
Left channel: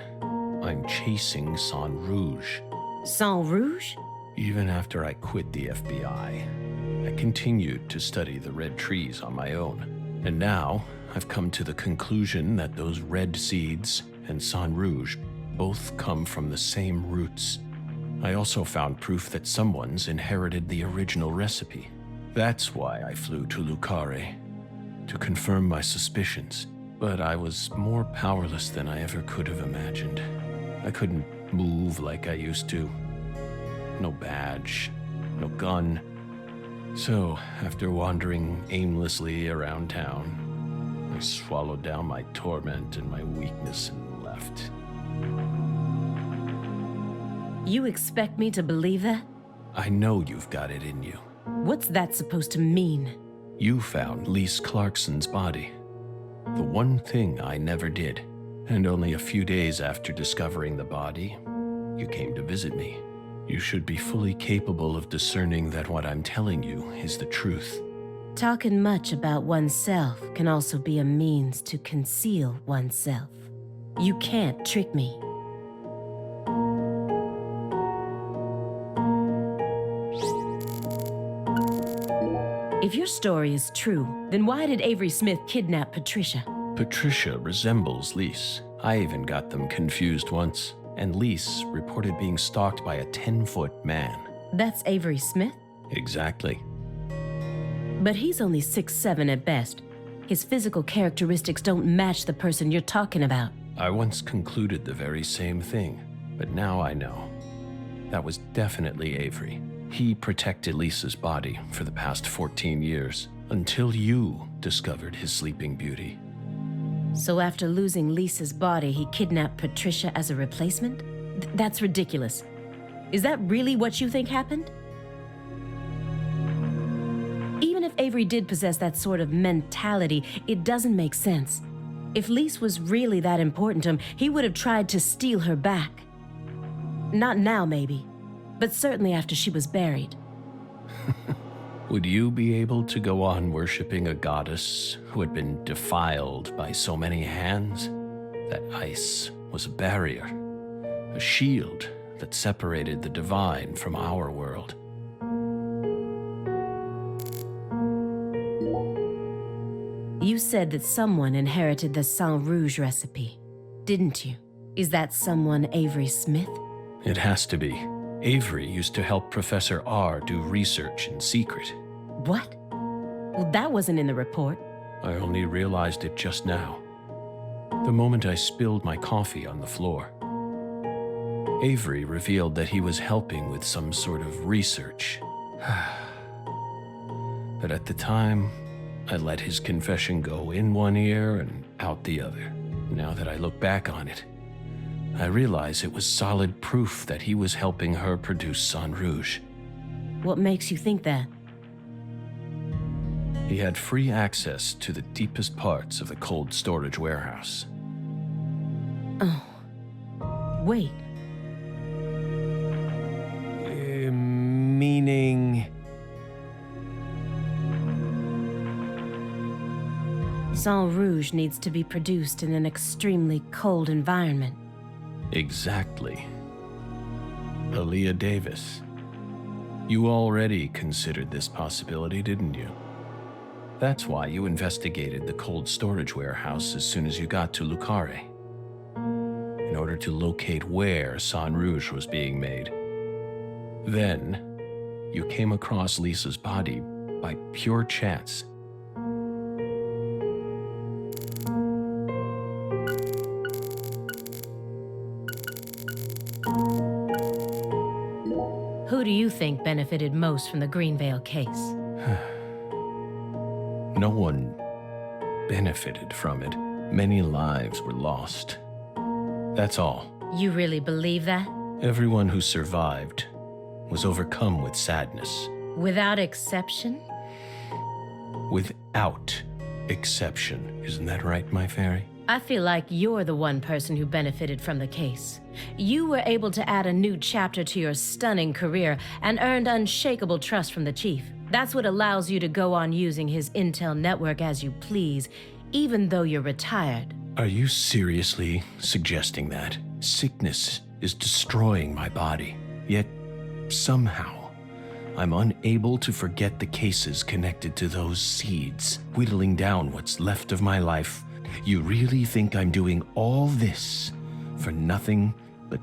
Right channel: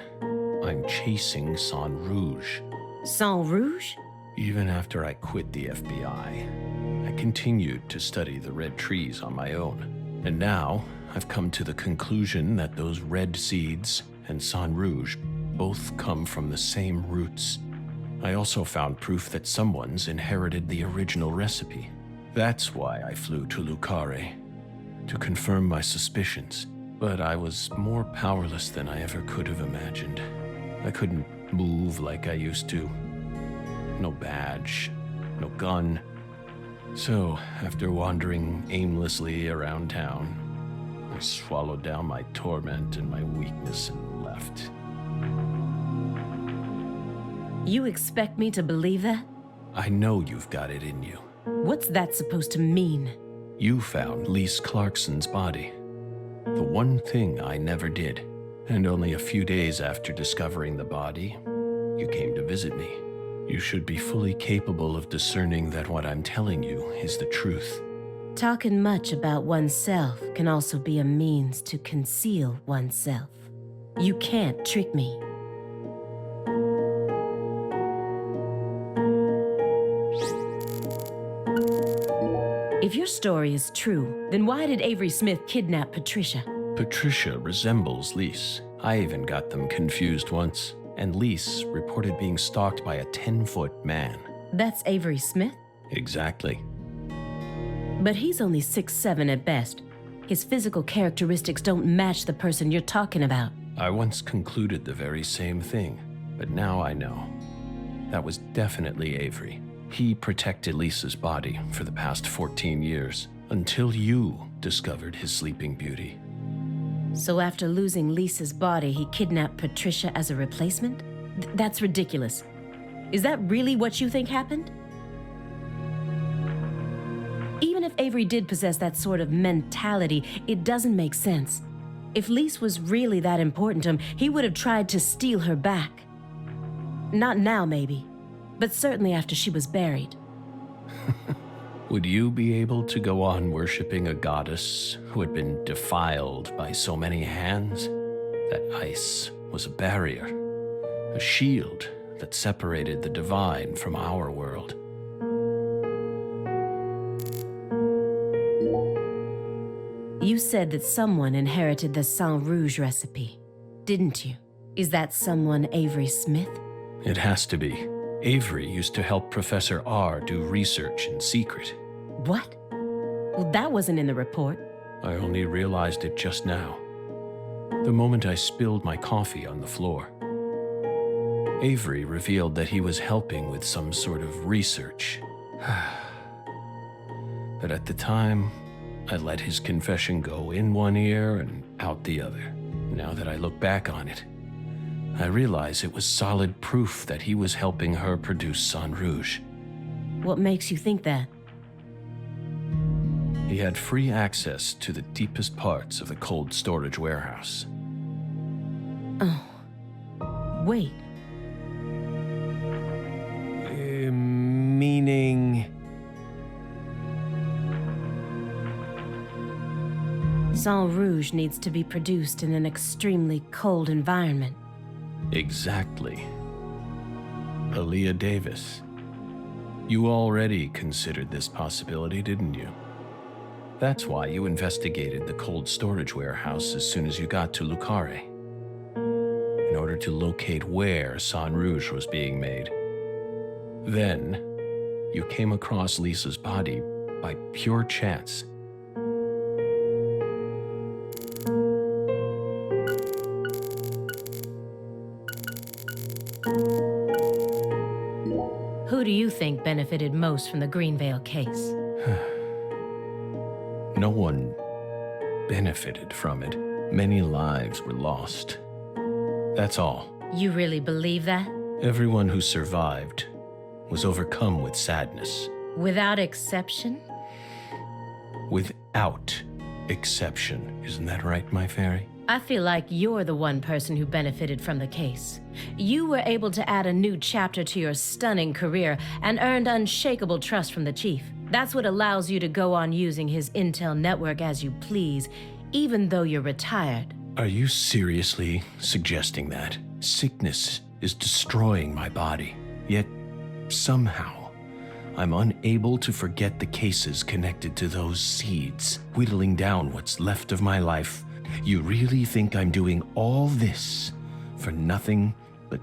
I'm chasing Sang Rouge. Sang Rouge? Even after I quit the FBI, I continued to study the red trees on my own. And now, I've come to the conclusion that those red seeds and Sang Rouge both come from the same roots. I also found proof that someone's inherited the original recipe. That's why I flew to Lucare, to confirm my suspicions. But I was more powerless than I ever could have imagined. I couldn't move like I used to. No badge, no gun. So, after wandering aimlessly around town, I swallowed down my torment and my weakness and left. You expect me to believe that? I know you've got it in you. What's that supposed to mean? You found Lise Clarkson's body. The one thing I never did. And only a few days after discovering the body, you came to visit me. You should be fully capable of discerning that what I'm telling you is the truth. Talking much about oneself can also be a means to conceal oneself. You can't trick me. If your story is true, then why did Avery Smith kidnap Patricia? Patricia resembles Lise. I even got them confused once. And Lise reported being stalked by a 10-foot man. That's Avery Smith? Exactly. But he's only 6'7" at best. His physical characteristics don't match the person you're talking about. I once concluded the very same thing, but now I know. That was definitely Avery. He protected Lisa's body for the past 14 years, until you discovered his sleeping beauty. So after losing Lisa's body, he kidnapped Patricia as a replacement? That's ridiculous. Is that really what you think happened? Even if Avery did possess that sort of mentality, it doesn't make sense. If Lise was really that important to him, he would have tried to steal her back. Not now, maybe, but certainly after she was buried. Would you be able to go on worshipping a goddess who had been defiled by so many hands? That ice was a barrier, a shield that separated the divine from our world. You said that someone inherited the Sang Rouge recipe, didn't you? Is that someone Avery Smith? It has to be. Avery used to help Professor R do research in secret. What? Well, that wasn't in the report. I only realized it just now. The moment I spilled my coffee on the floor. Avery revealed that he was helping with some sort of research. But at the time, I let his confession go in one ear and out the other. Now that I look back on it, I realize it was solid proof that he was helping her produce Sang Rouge. What makes you think that? He had free access to the deepest parts of the cold storage warehouse. Oh. Wait. Meaning... Sang Rouge needs to be produced in an extremely cold environment. Exactly. Aaliyah Davis. You already considered this possibility, didn't you? That's why you investigated the cold storage warehouse as soon as you got to Lucare, in order to locate where Sang Rouge was being made. Then, you came across Lisa's body by pure chance. Who do you think benefited most from the Greenvale case? No one benefited from it. Many lives were lost. That's all. You really believe that? Everyone who survived was overcome with sadness. Without exception? Without exception. Isn't that right, my fairy? I feel like you're the one person who benefited from the case. You were able to add a new chapter to your stunning career and earned unshakable trust from the chief. That's what allows you to go on using his intel network as you please, even though you're retired. Are you seriously suggesting that? Sickness is destroying my body, yet somehow I'm unable to forget the cases connected to those seeds, whittling down what's left of my life. You really think I'm doing all this for nothing but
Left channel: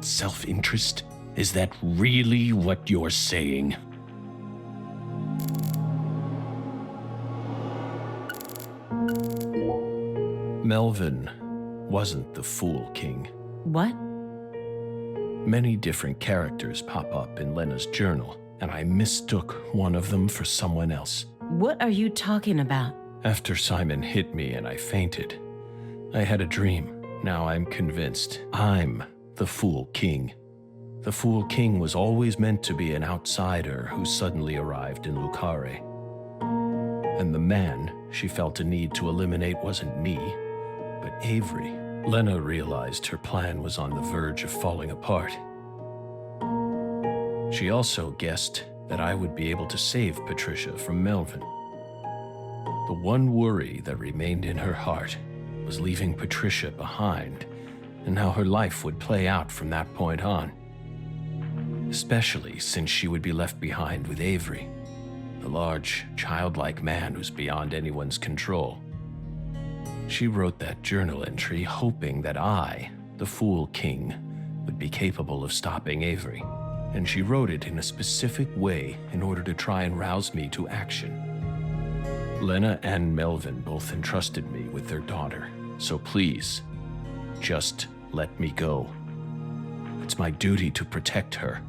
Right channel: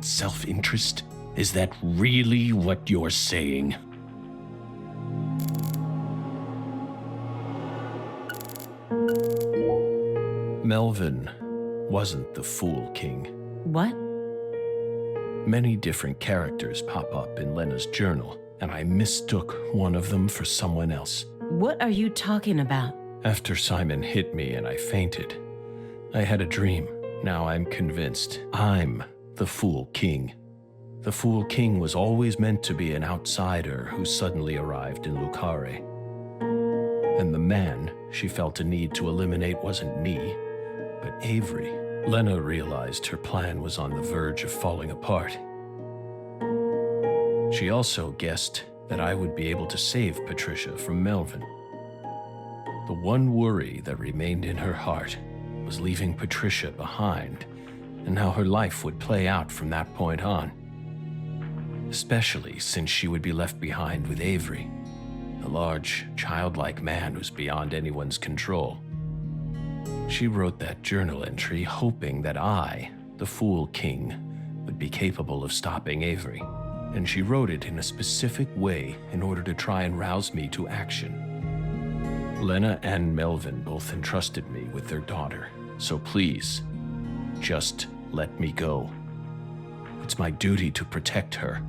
self-interest? Is that really what you're saying? Melvin wasn't the Fool King. What? Many different characters pop up in Lena's journal, and I mistook one of them for someone else. What are you talking about? After Simon hit me and I fainted, I had a dream. Now I'm convinced I'm the Fool King. The Fool King was always meant to be an outsider who suddenly arrived in Lucare. And the man she felt a need to eliminate wasn't me, but Avery. Lena realized her plan was on the verge of falling apart. She also guessed that I would be able to save Patricia from Melvin. The one worry that remained in her heart was leaving Patricia behind and how her life would play out from that point on. Especially since she would be left behind with Avery, a large, childlike man who's beyond anyone's control. She wrote that journal entry hoping that I, the Fool King, would be capable of stopping Avery, and she wrote it in a specific way in order to try and rouse me to action. Lena and Melvin both entrusted me with their daughter, so please, just let me go. It's my duty to protect her.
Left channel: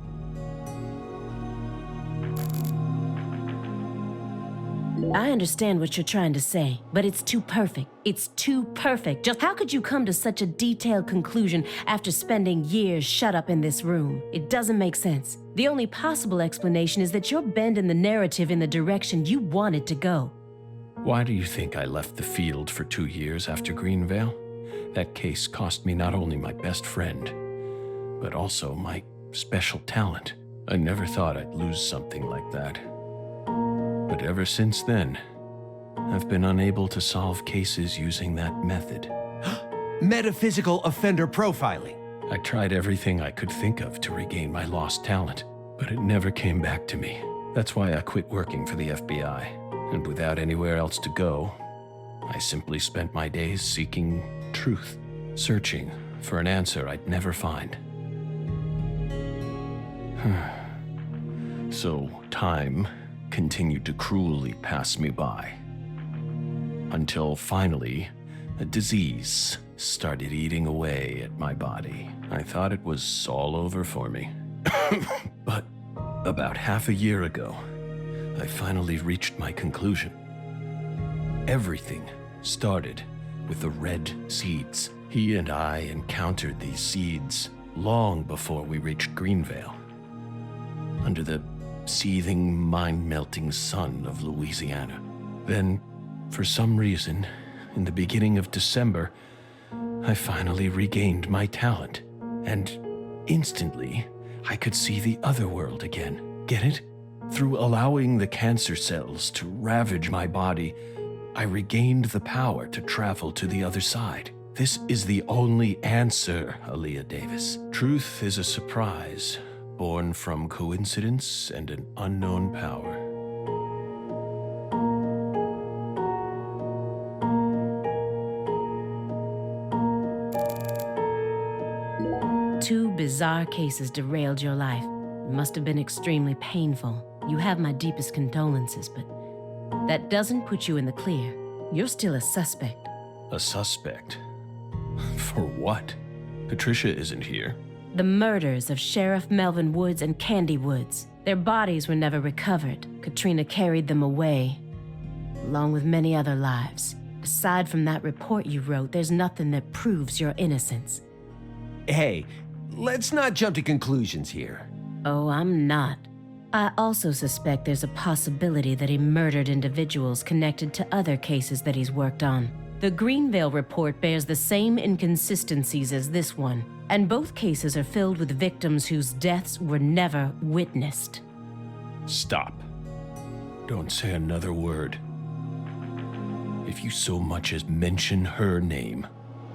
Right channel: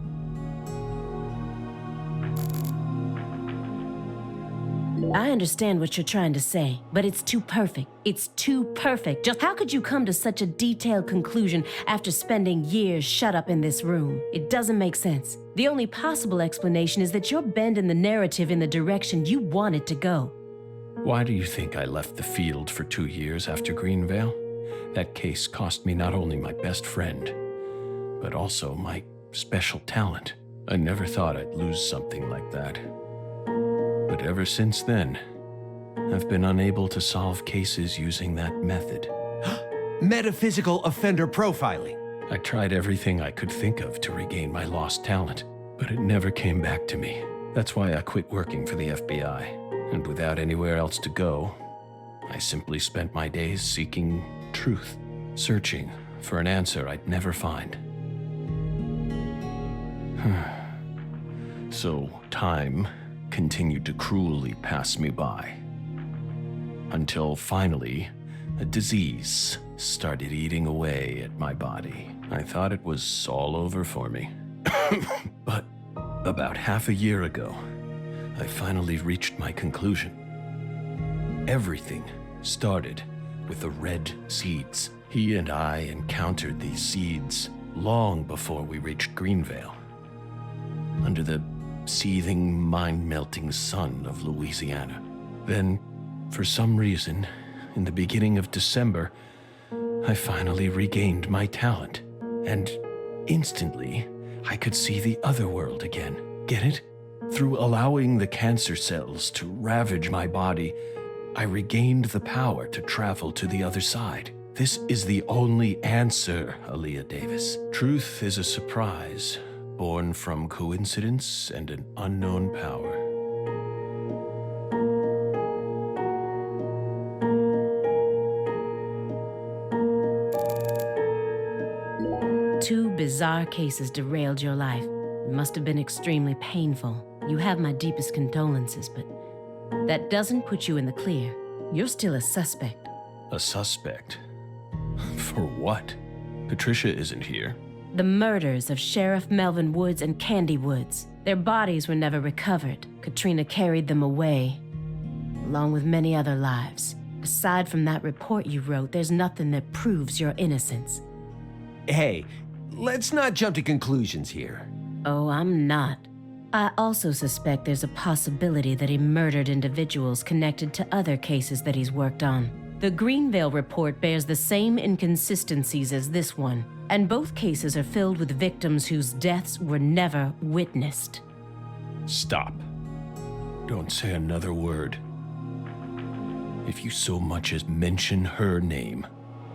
I understand what you're trying to say, but it's too perfect. It's too perfect. Just how could you come to such a detailed conclusion after spending years shut up in this room? It doesn't make sense. The only possible explanation is that you're bending the narrative in the direction you want it to go. Why do you think I left the field for 2 years after Greenvale? That case cost me not only my best friend, but also my special talent. I never thought I'd lose something like that. But ever since then, I've been unable to solve cases using that method. Metaphysical offender profiling. I tried everything I could think of to regain my lost talent, but it never came back to me. That's why I quit working for the FBI. And without anywhere else to go, I simply spent my days seeking truth, searching for an answer I'd never find. So time continued to cruelly pass me by, until finally a disease started eating away at my body. I thought it was all over for me. But about half a year ago, I finally reached my conclusion. Everything started with the red seeds. He and I encountered these seeds long before we reached Greenvale. Under the seething, mind-melting sun of Louisiana. Then, for some reason, in the beginning of December, I finally regained my talent. And instantly, I could see the other world again. Get it? Through allowing the cancer cells to ravage my body, I regained the power to travel to the other side. This is the only answer, Aaliyah Davis. Truth is a surprise, born from coincidence and an unknown power. Two bizarre cases derailed your life. It must have been extremely painful. You have my deepest condolences, but that doesn't put you in the clear. You're still a suspect. A suspect? For what? Patricia isn't here. The murders of Sheriff Melvin Woods and Candy Woods. Their bodies were never recovered. Katrina carried them away, along with many other lives. Aside from that report you wrote, there's nothing that proves your innocence. Hey, let's not jump to conclusions here. Oh, I'm not. I also suspect there's a possibility that he murdered individuals connected to other cases that he's worked on. The Greenvale report bears the same inconsistencies as this one, and both cases are filled with victims whose deaths were never witnessed. Stop. Don't say another word. If you so much as mention her name.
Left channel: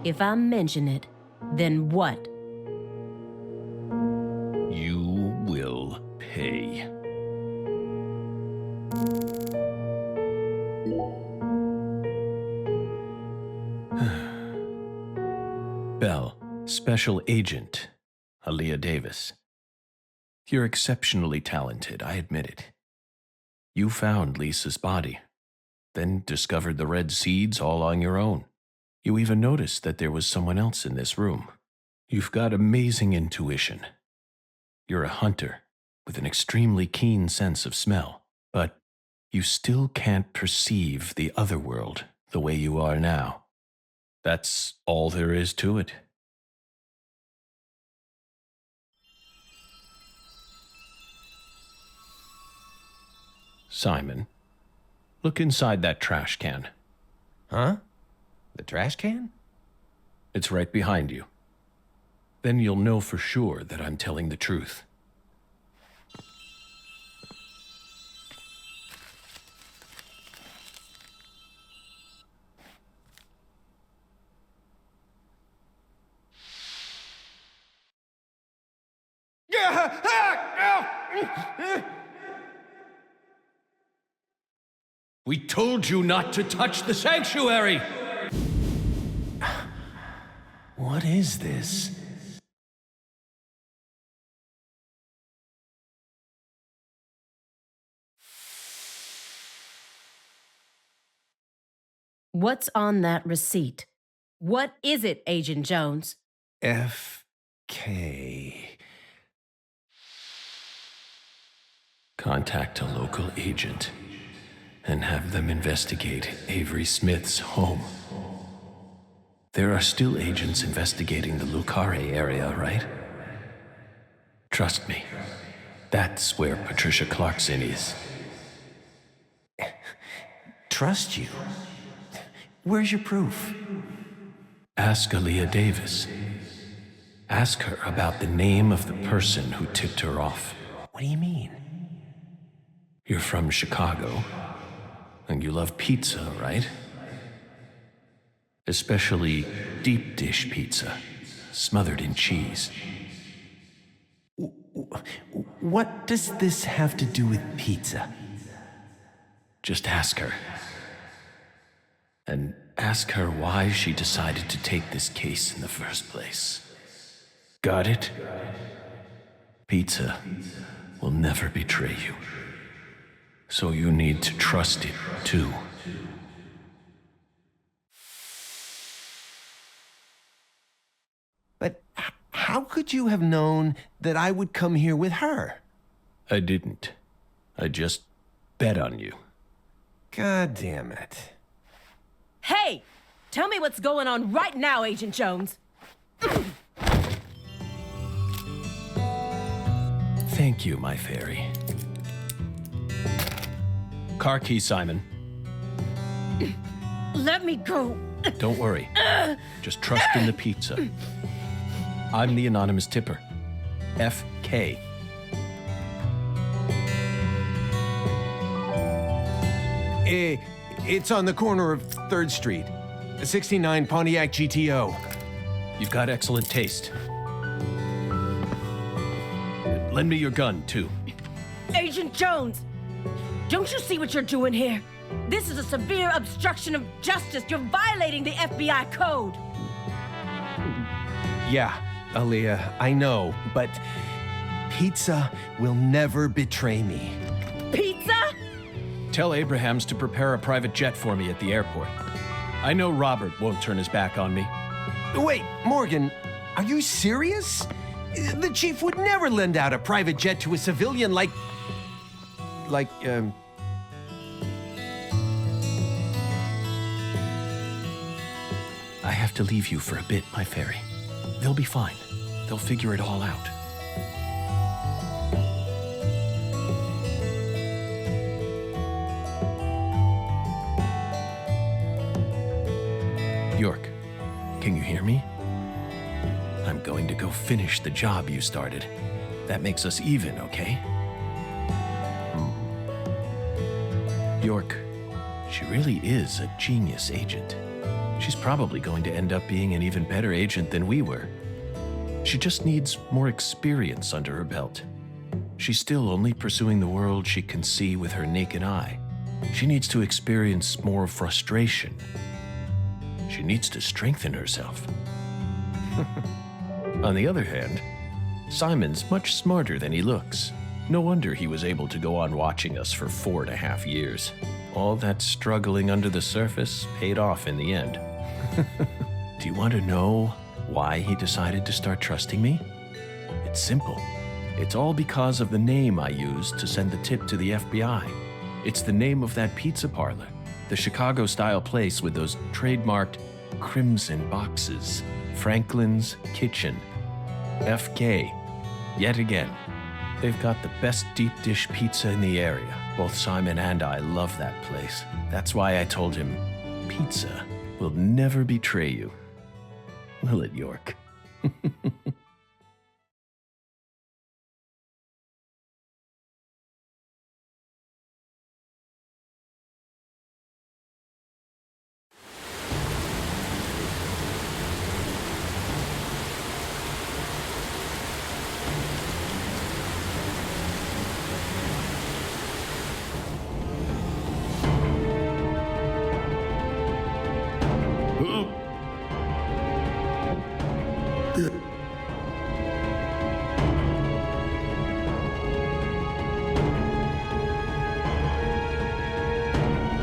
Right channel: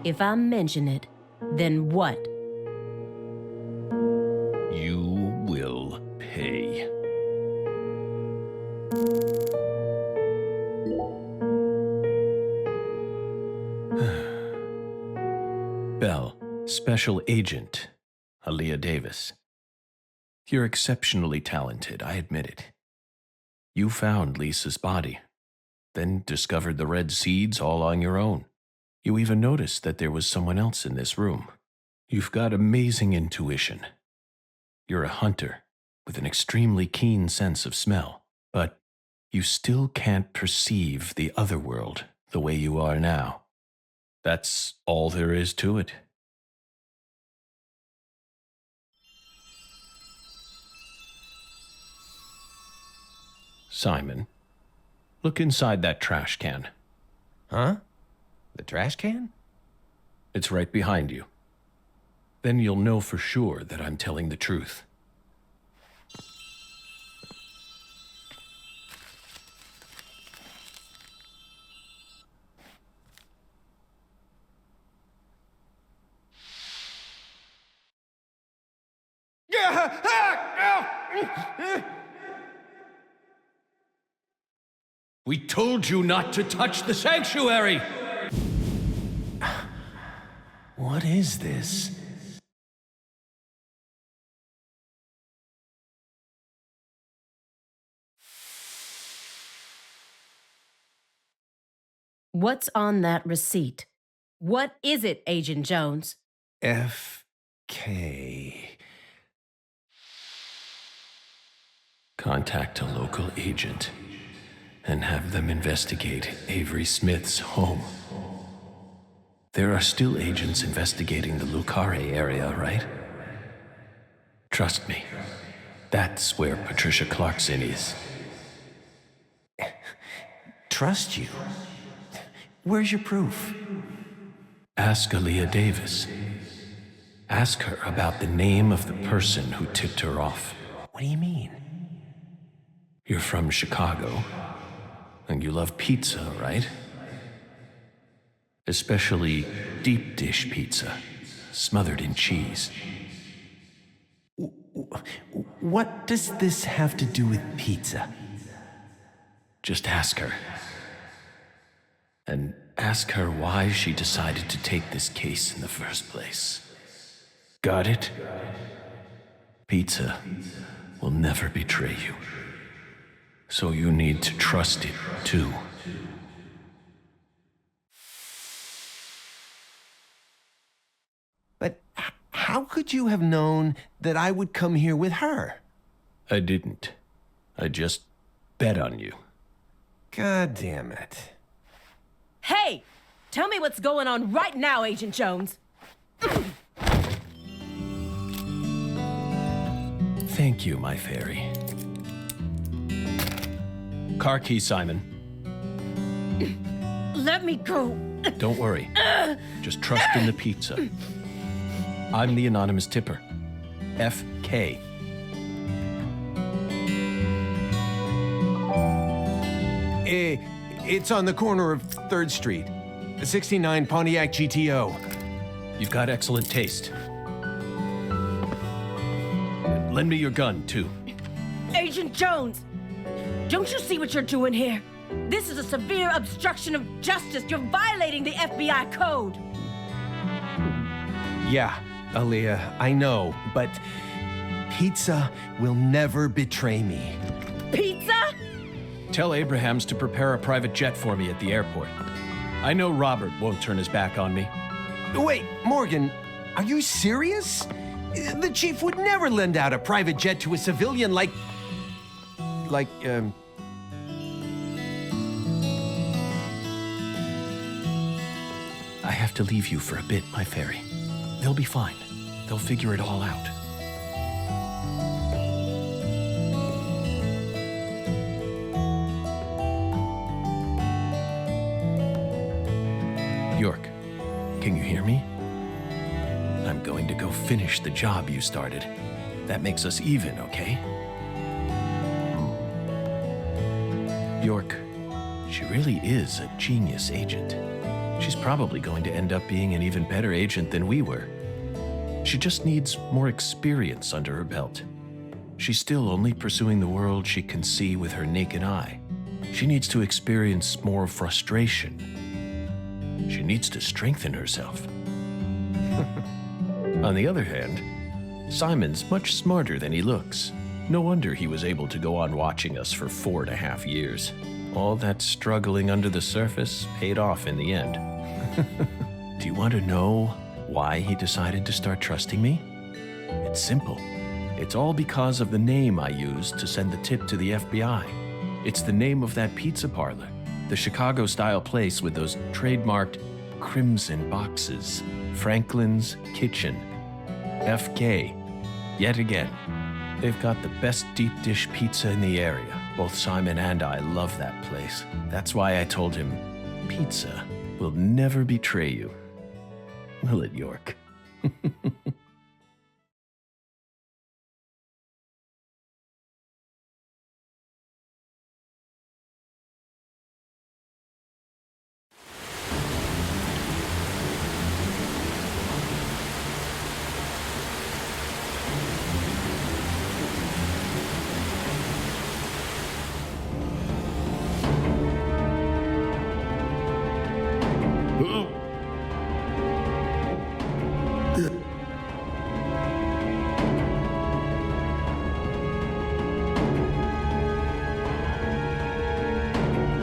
If I mention it, then what? You will pay. Bell, Special Agent Aaliyah Davis. You're exceptionally talented, I admit it. You found Lisa's body, then discovered the red seeds all on your own. You even noticed that there was someone else in this room. You've got amazing intuition. You're a hunter with an extremely keen sense of smell, but you still can't perceive the other world the way you are now. That's all there is to it. Simon, look inside that trash can. Huh? The trash can? It's right behind you. Then you'll know for sure that I'm telling the truth. We told you not to touch the sanctuary! What is this? What's on that receipt? What is it, Agent Jones? F.K. Contact a local agent and have them investigate Avery Smith's home. There are still agents investigating the Lucare area, right? Trust me, that's where Patricia Clarkson is. Trust you? Where's your proof? Ask Aaliyah Davis. Ask her about the name of the person who tipped her off. What do you mean? You're from Chicago, and you love pizza, right? Especially deep dish pizza, smothered in cheese. What does this have to do with pizza? Just ask her. And ask her why she decided to take this case in the first place. Got it? Pizza will never betray you. So you need to trust it, too. But how could you have known that I would come here with her? I didn't. I just bet on you. God damn it. Hey! Tell me what's going on right now, Agent Jones. Thank you, my fairy. Car key, Simon. Let me go. Don't worry. Just trust in the pizza. I'm the anonymous tipper. FK. It's on the corner of 3rd Street. 69 Pontiac GTO. You've got excellent taste. Lend me your gun, too. Agent Jones! Don't you see what you're doing here? This is a severe obstruction of justice. You're violating the FBI code. Yeah, Aaliyah, I know, but pizza will never betray me. Pizza? Tell Abrahams to prepare a private jet for me at the airport. I know Robert won't turn his back on me. Wait, Morgan, are you serious? The chief would never lend out a private jet to a civilian like, I have to leave you for a bit, my fairy. They'll be fine. They'll figure it all out. York, can you hear me? I'm going to go finish the job you started. That makes us even, okay? York, she really is a genius agent. She's probably going to end up being an even better agent than we were. She just needs more experience under her belt. She's still only pursuing the world she can see with her naked eye. She needs to experience more frustration. She needs to strengthen herself. On the other hand, Simon's much smarter than he looks. No wonder he was able to go on watching us for 4.5 years. All that struggling under the surface paid off in the end. Do you want to know why he decided to start trusting me? It's simple. It's all because of the name I used to send the tip to the FBI. It's the name of that pizza parlor, the Chicago-style place with those trademarked crimson boxes. Franklin's Kitchen. FK. Yet again. They've got the best deep dish pizza in the area. Both Simon and I love that place. That's why I told him, pizza will never betray you. Will it, York?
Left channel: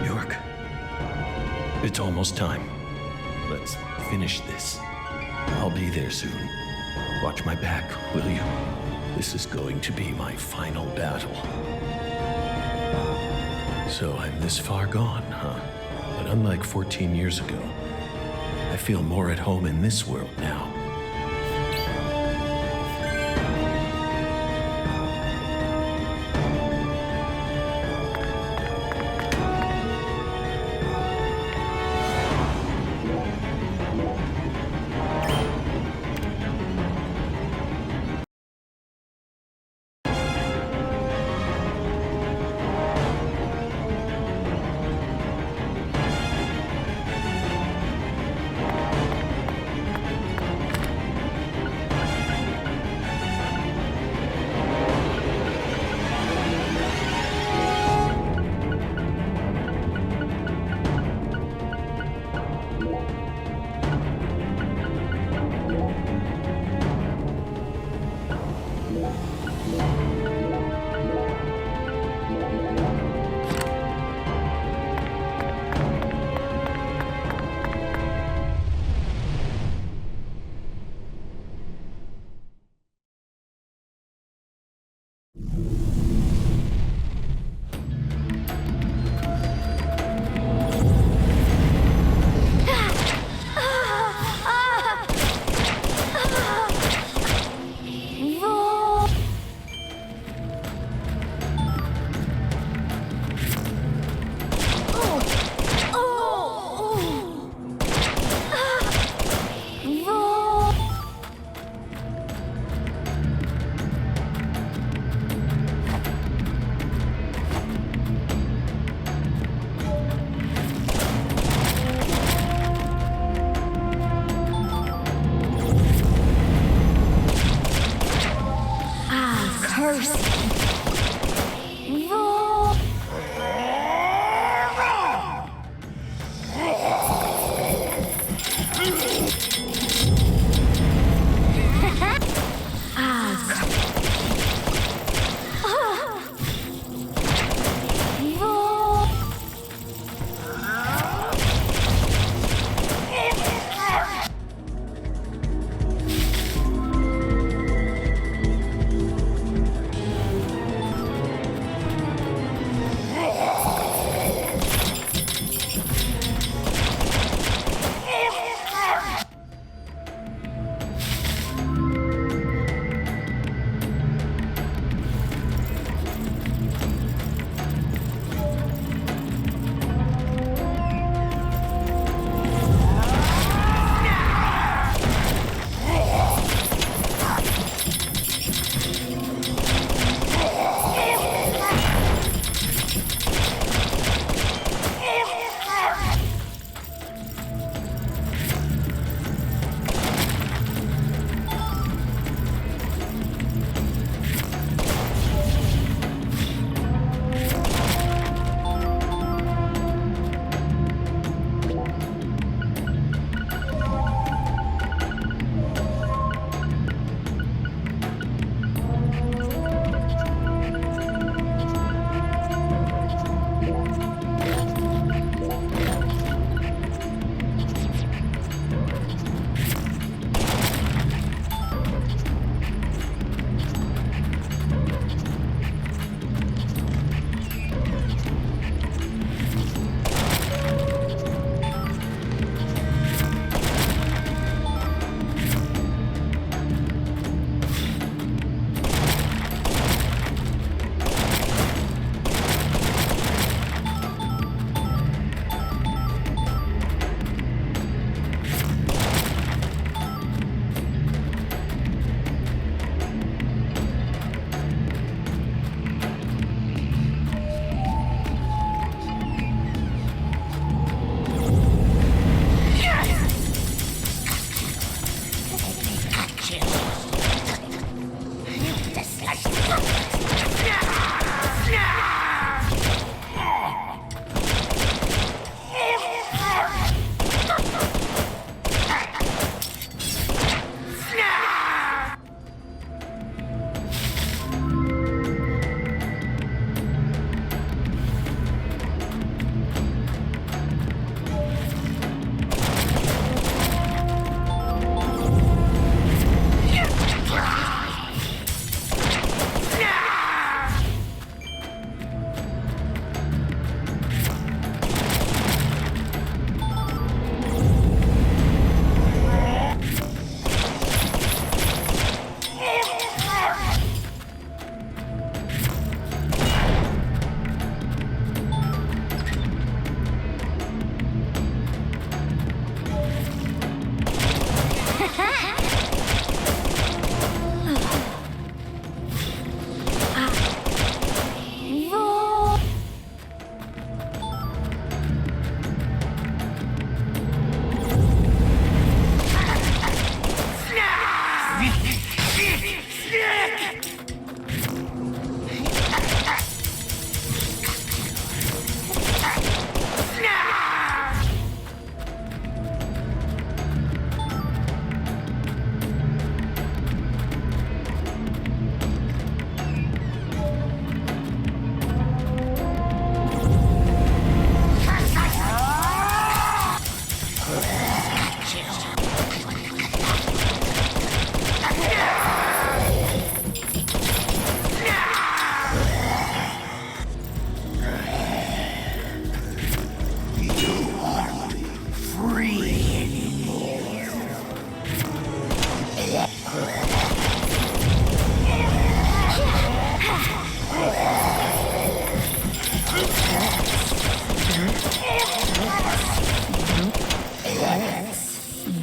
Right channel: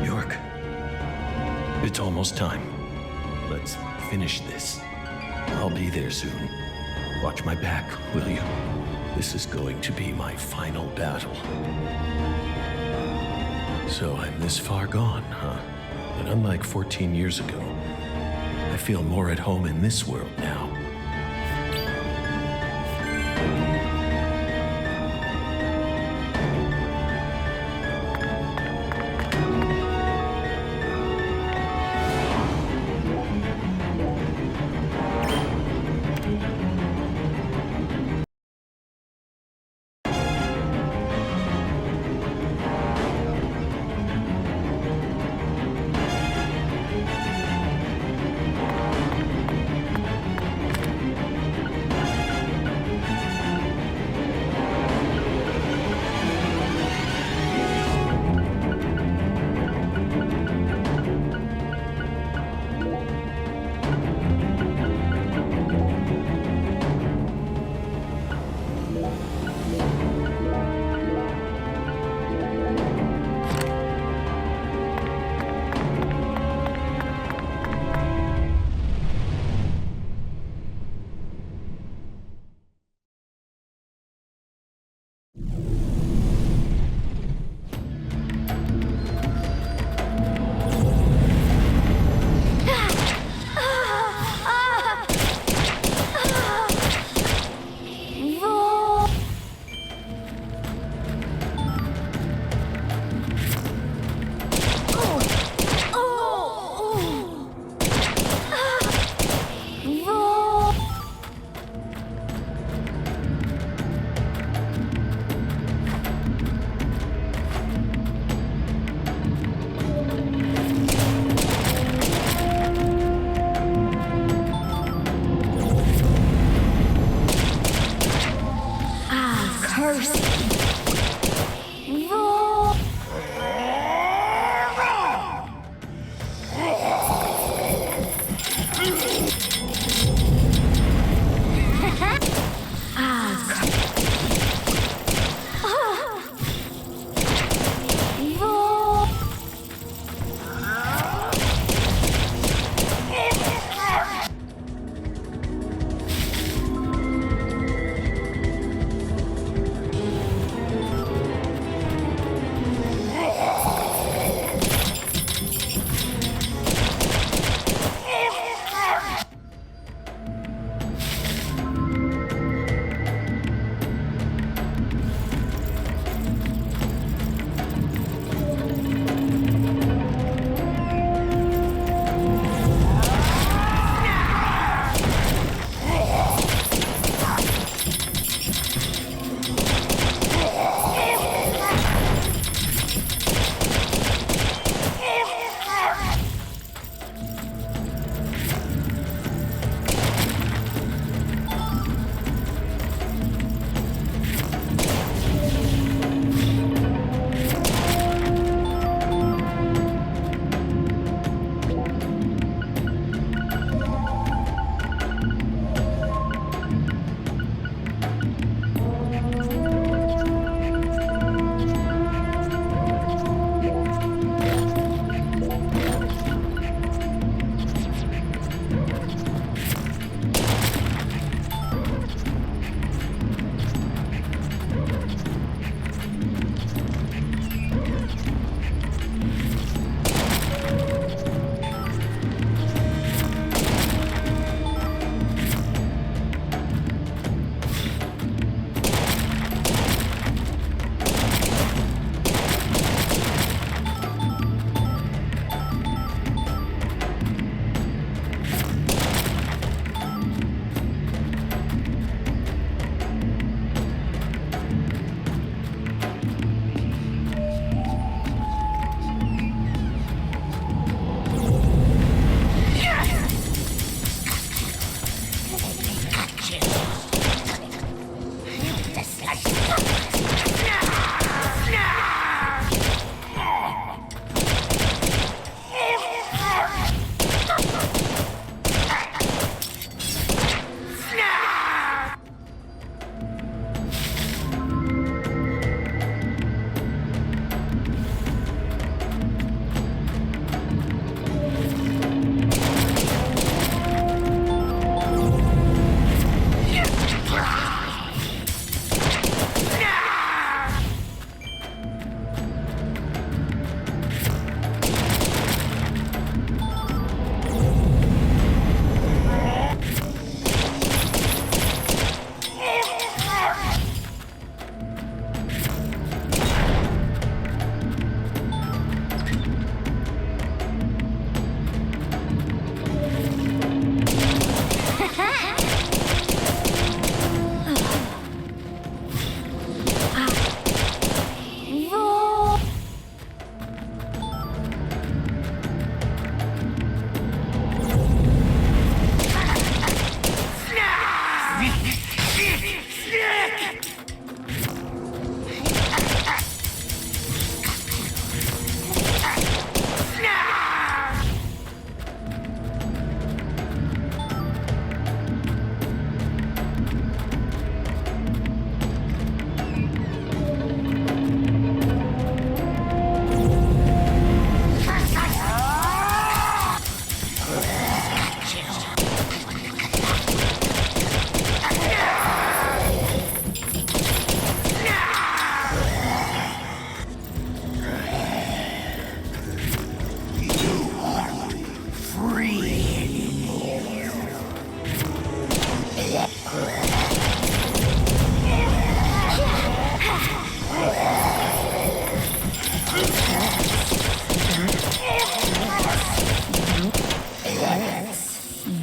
York, it's almost time. Let's finish this. I'll be there soon. Watch my back, will you? This is going to be my final battle. So I'm this far gone, huh? But unlike 14 years ago, I feel more at home in this world now. curse. Roar. Roar.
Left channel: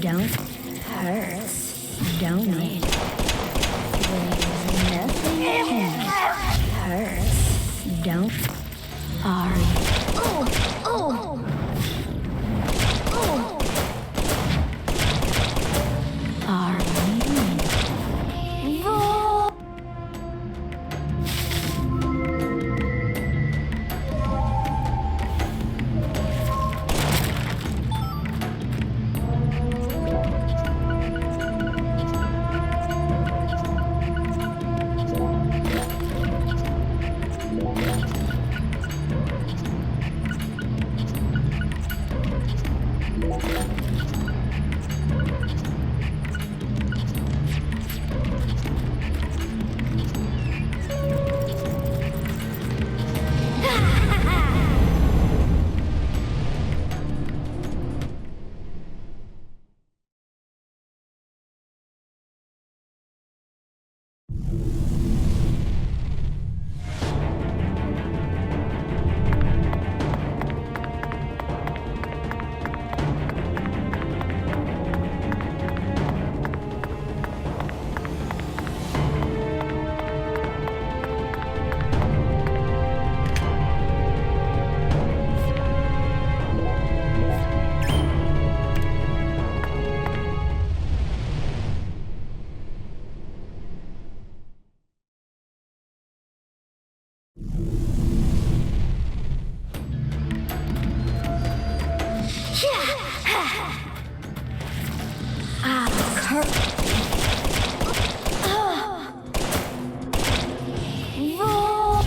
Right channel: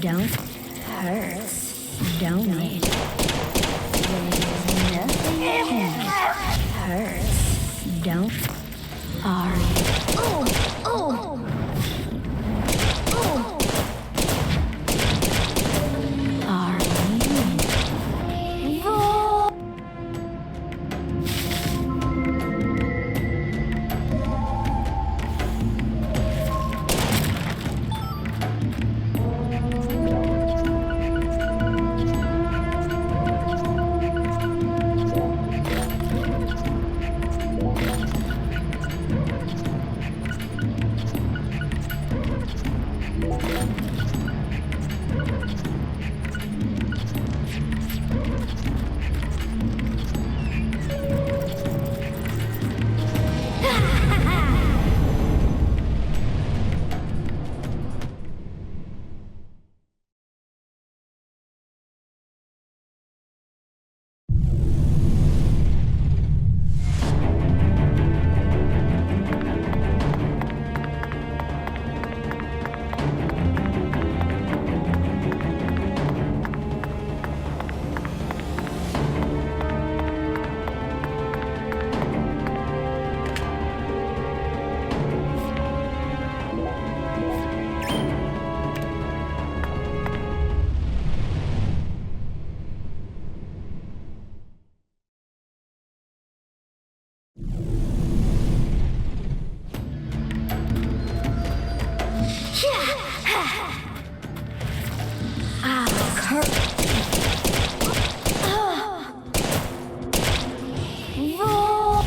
Don't hurt. Don't it? There's nothing here hurts. Don't. Are you? Oh! Oh! Oh! Are you? Roll. Roll. Roll. Roll. Roll.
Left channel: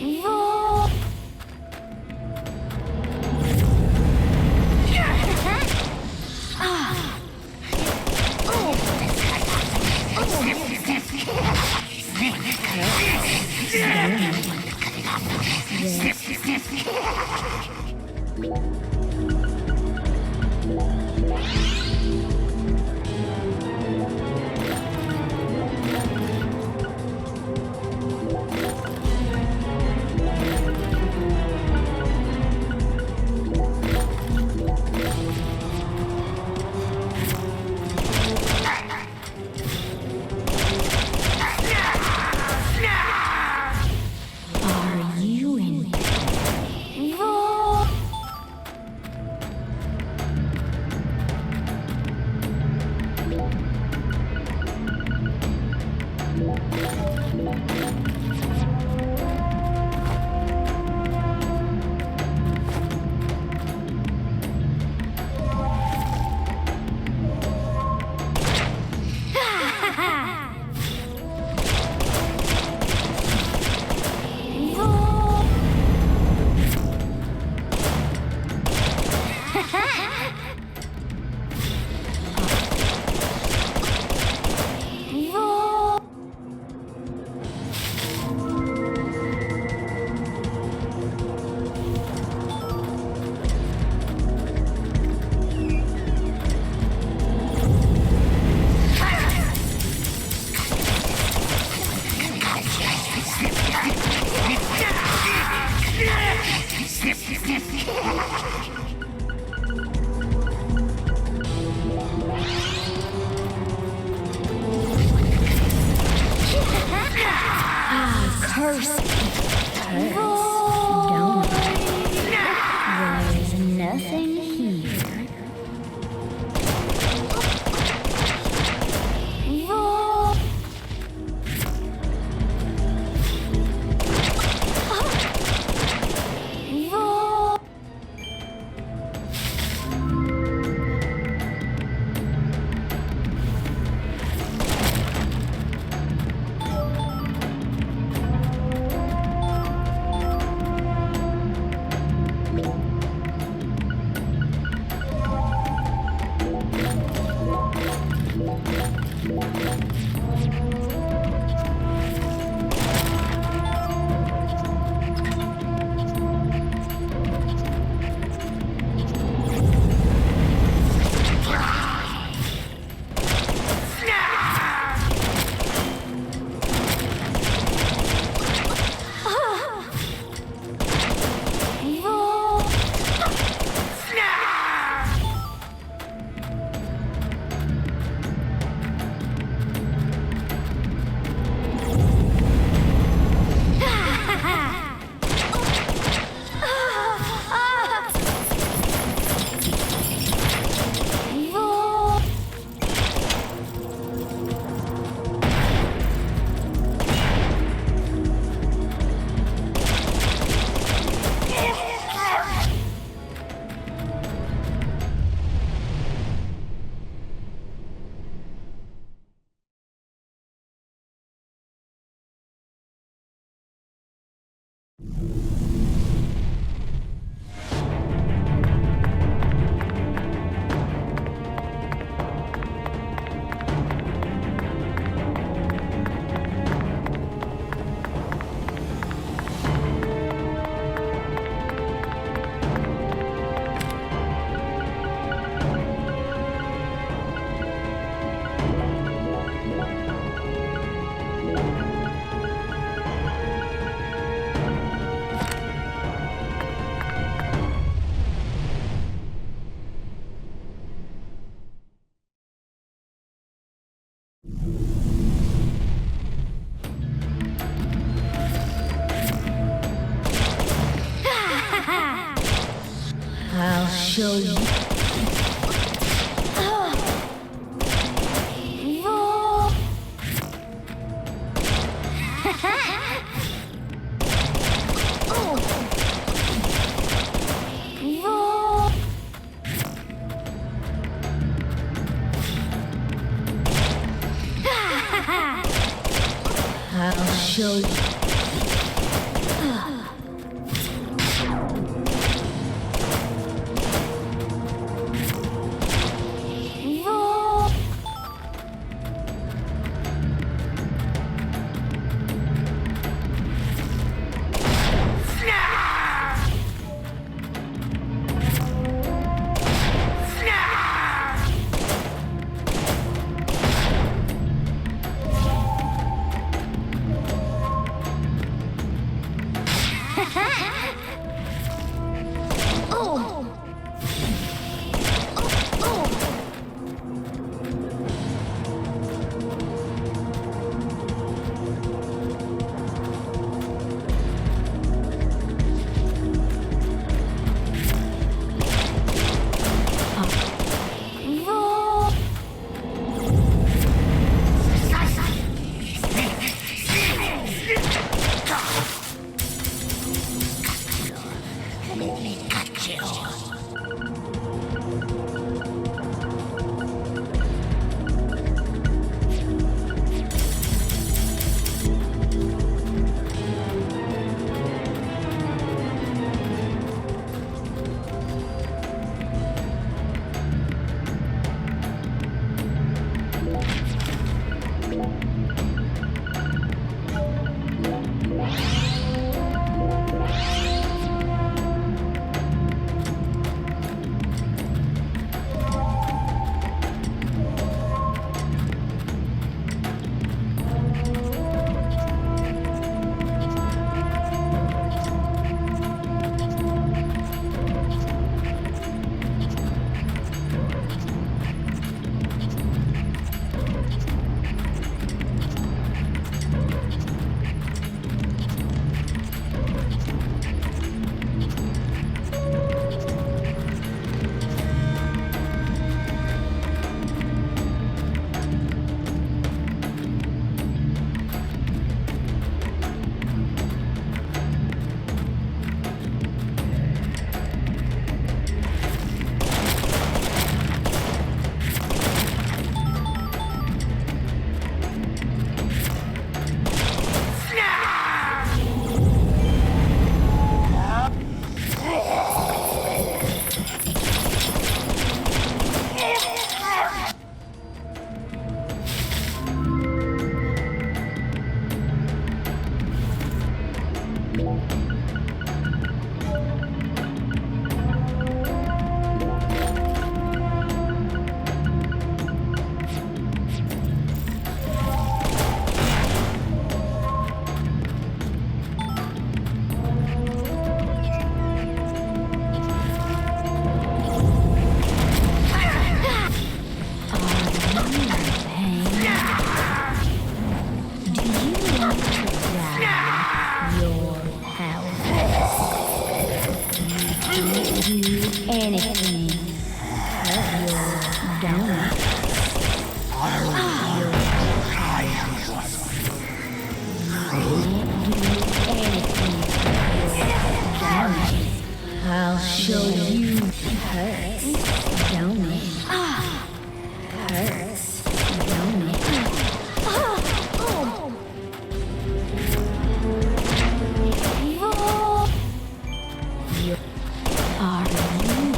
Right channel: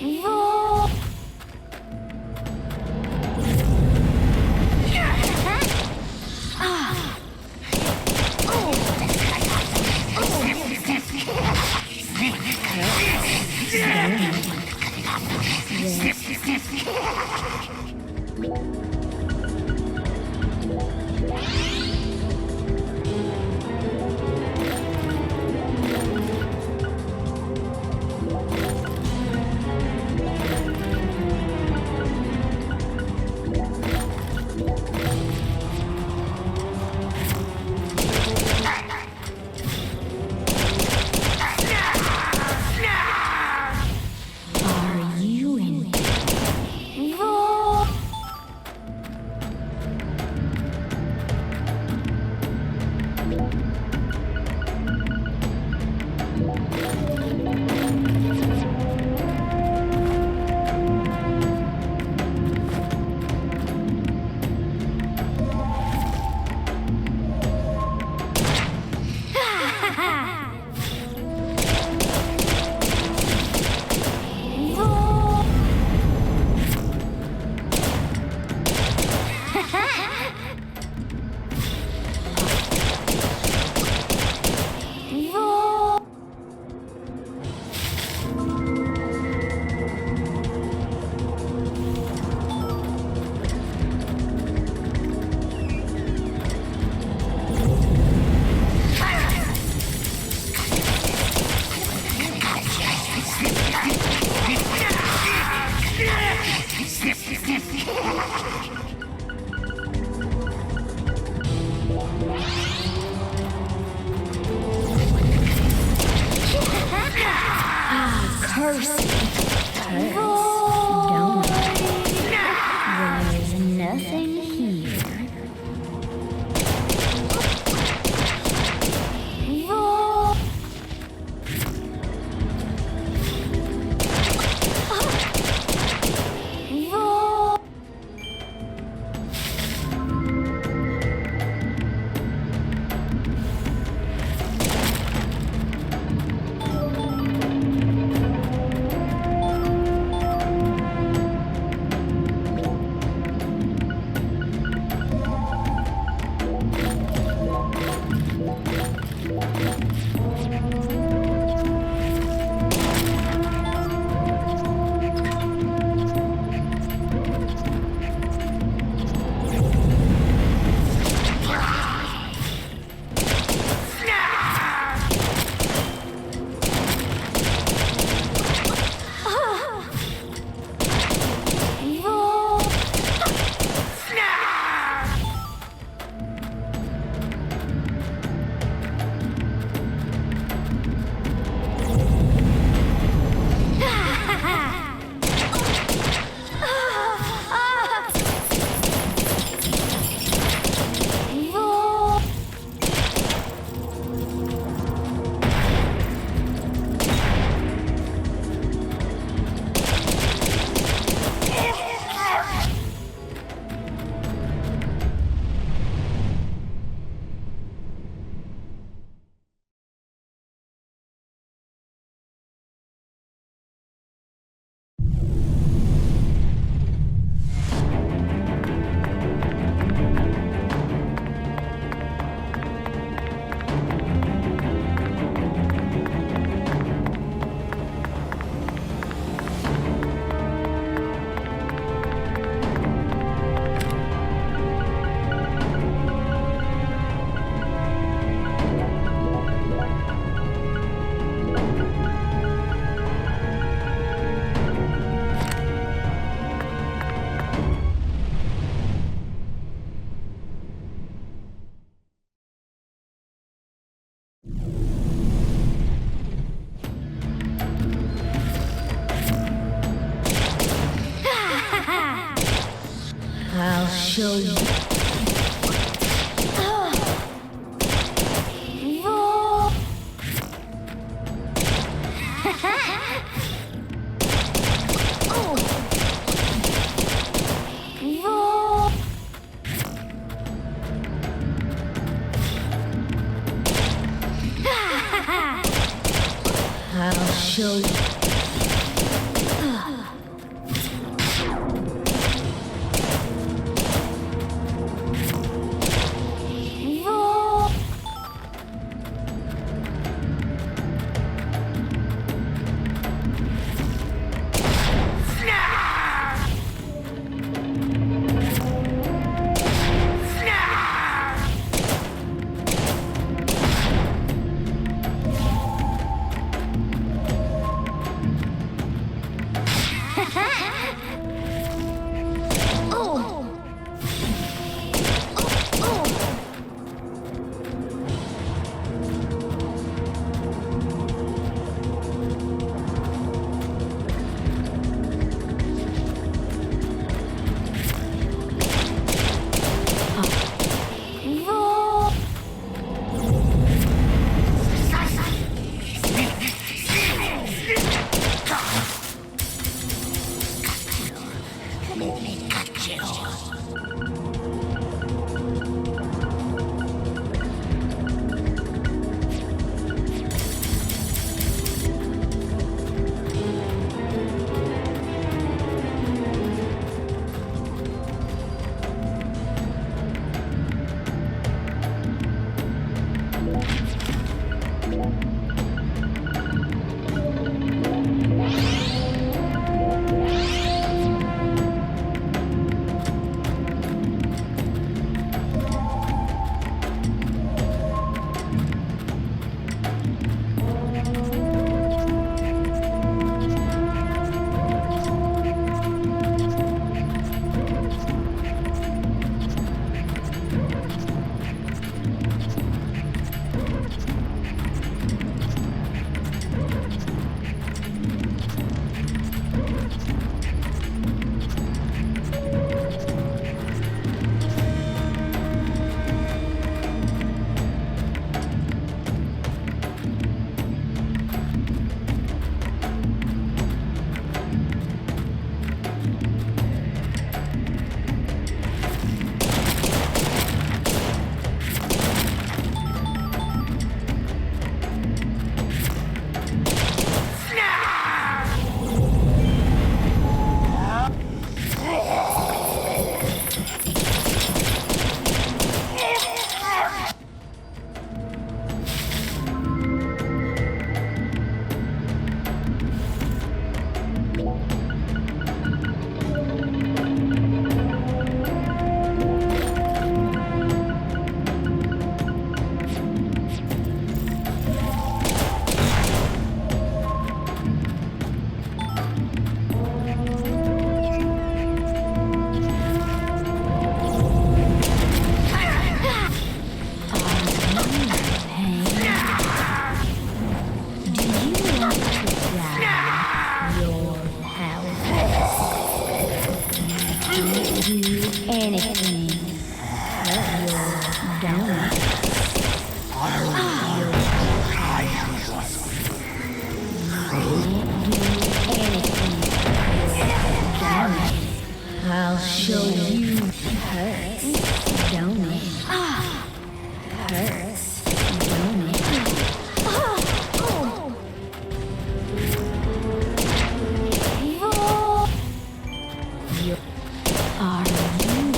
Roll. Are you in? Roll. Don't worry. There's nothing here. Roar. Roar. I'll show you. Roar. Roar. I'll show you. Roar. Oh. Roar. Do you want to die your house? You can do anything. Your donut. Anything. I'll show you hurts, don't it? Hurts, don't it? You are you.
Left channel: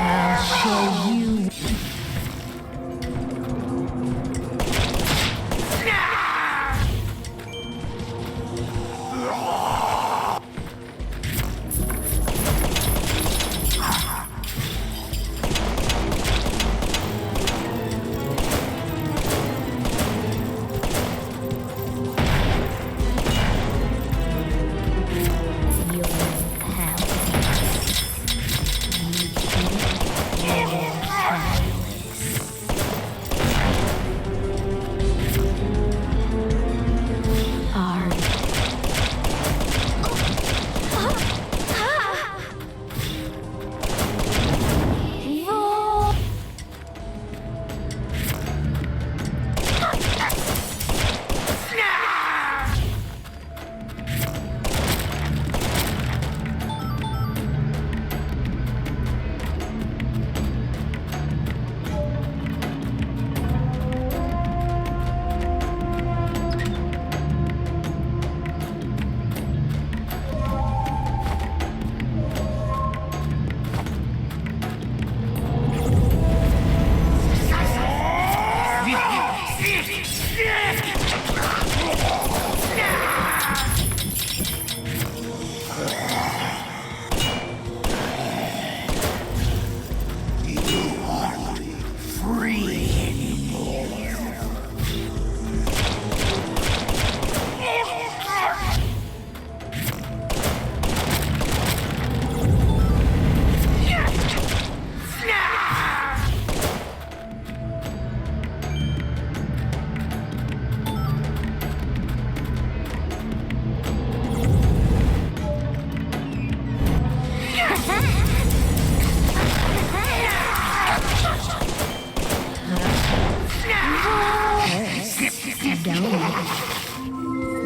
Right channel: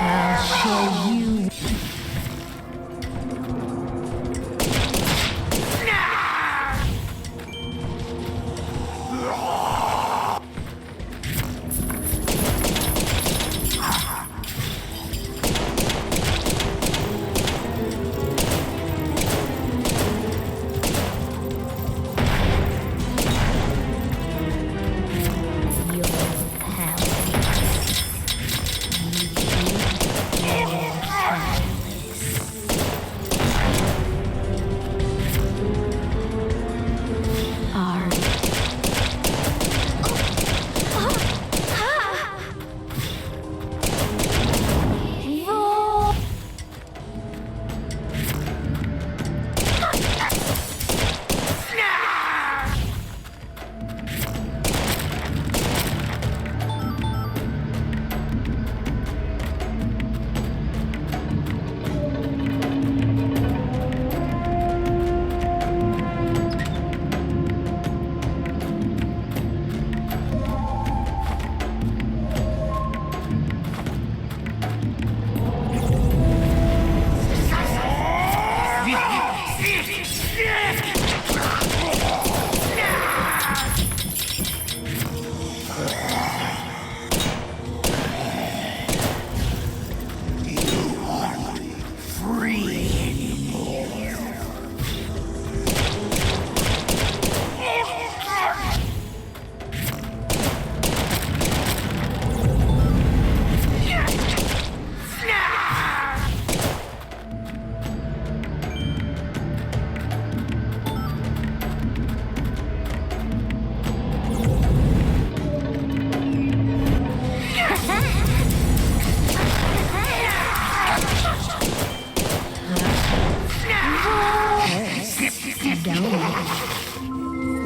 I'll show you. Your house. You keep your palace. Are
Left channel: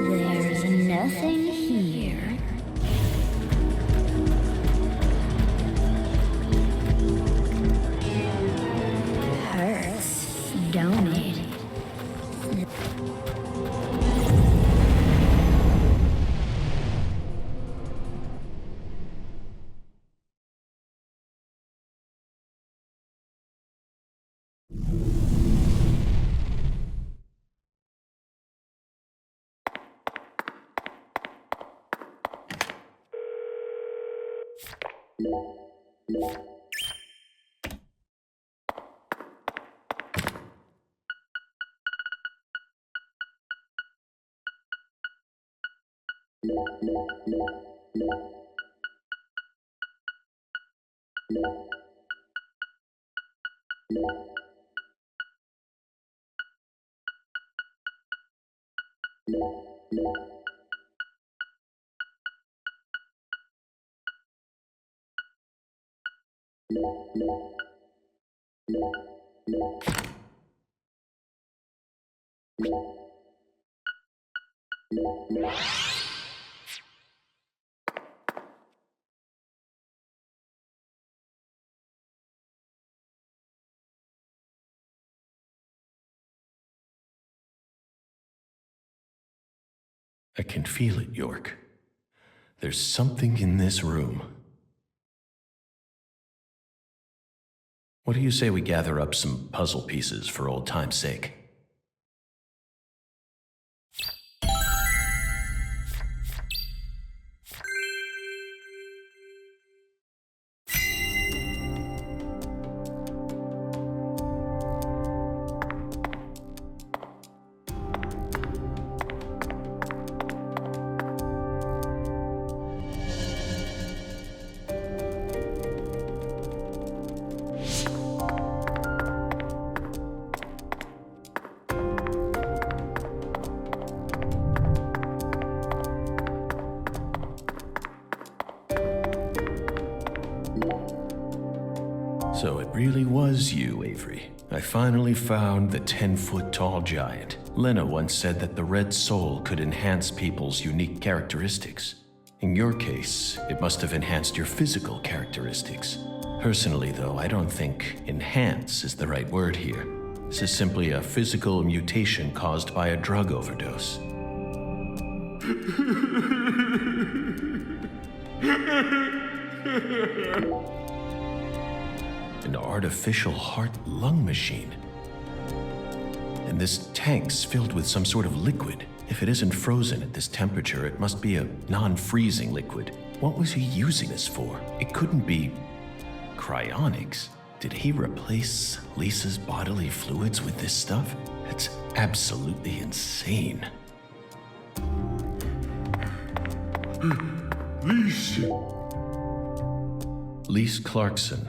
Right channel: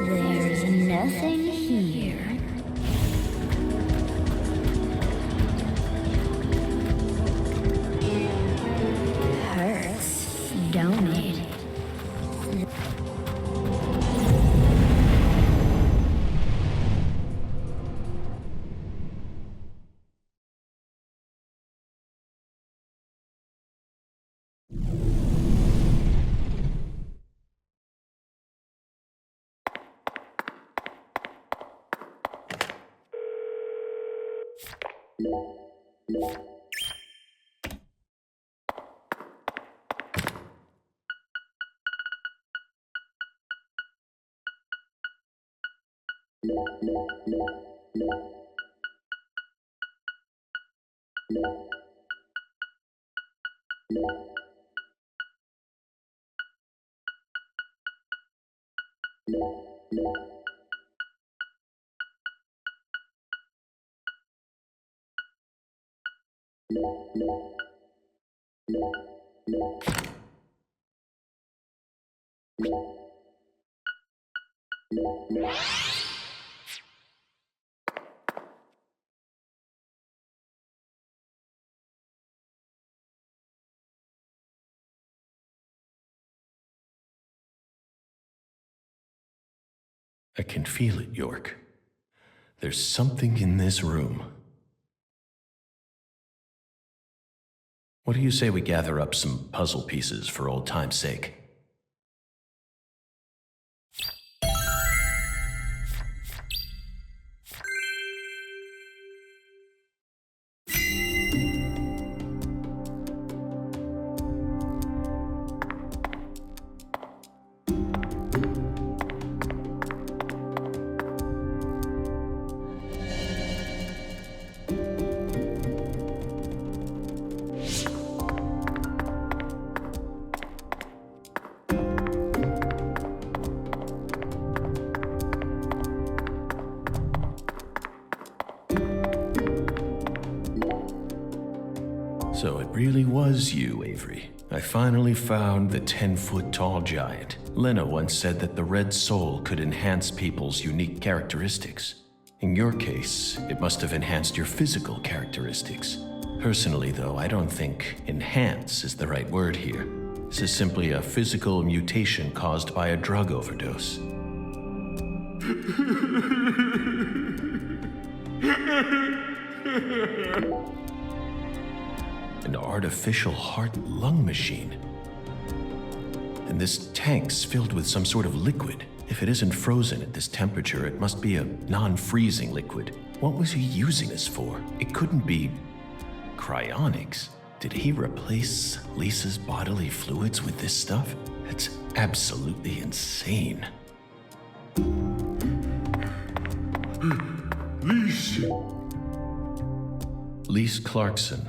there's nothing here. Hurts, don't it? I can feel it, York. There's something in this room. What do you say we gather up some puzzle pieces for old time's sake? So it really was you, Avery. I finally found the 10-foot-tall giant. Lena once said that the red soul could enhance people's unique characteristics. In your case, it must have enhanced your physical characteristics. Personally, though, I don't think enhance is the right word here. This is simply a physical mutation caused by a drug overdose. An artificial heart-lung machine. And this tank's filled with some sort of liquid. If it isn't frozen at this temperature, it must be a non-freezing liquid. What was he using this for? It couldn't be cryonics. Did he replace Lisa's bodily fluids with this stuff? It's absolutely insane. Lise Clarkson,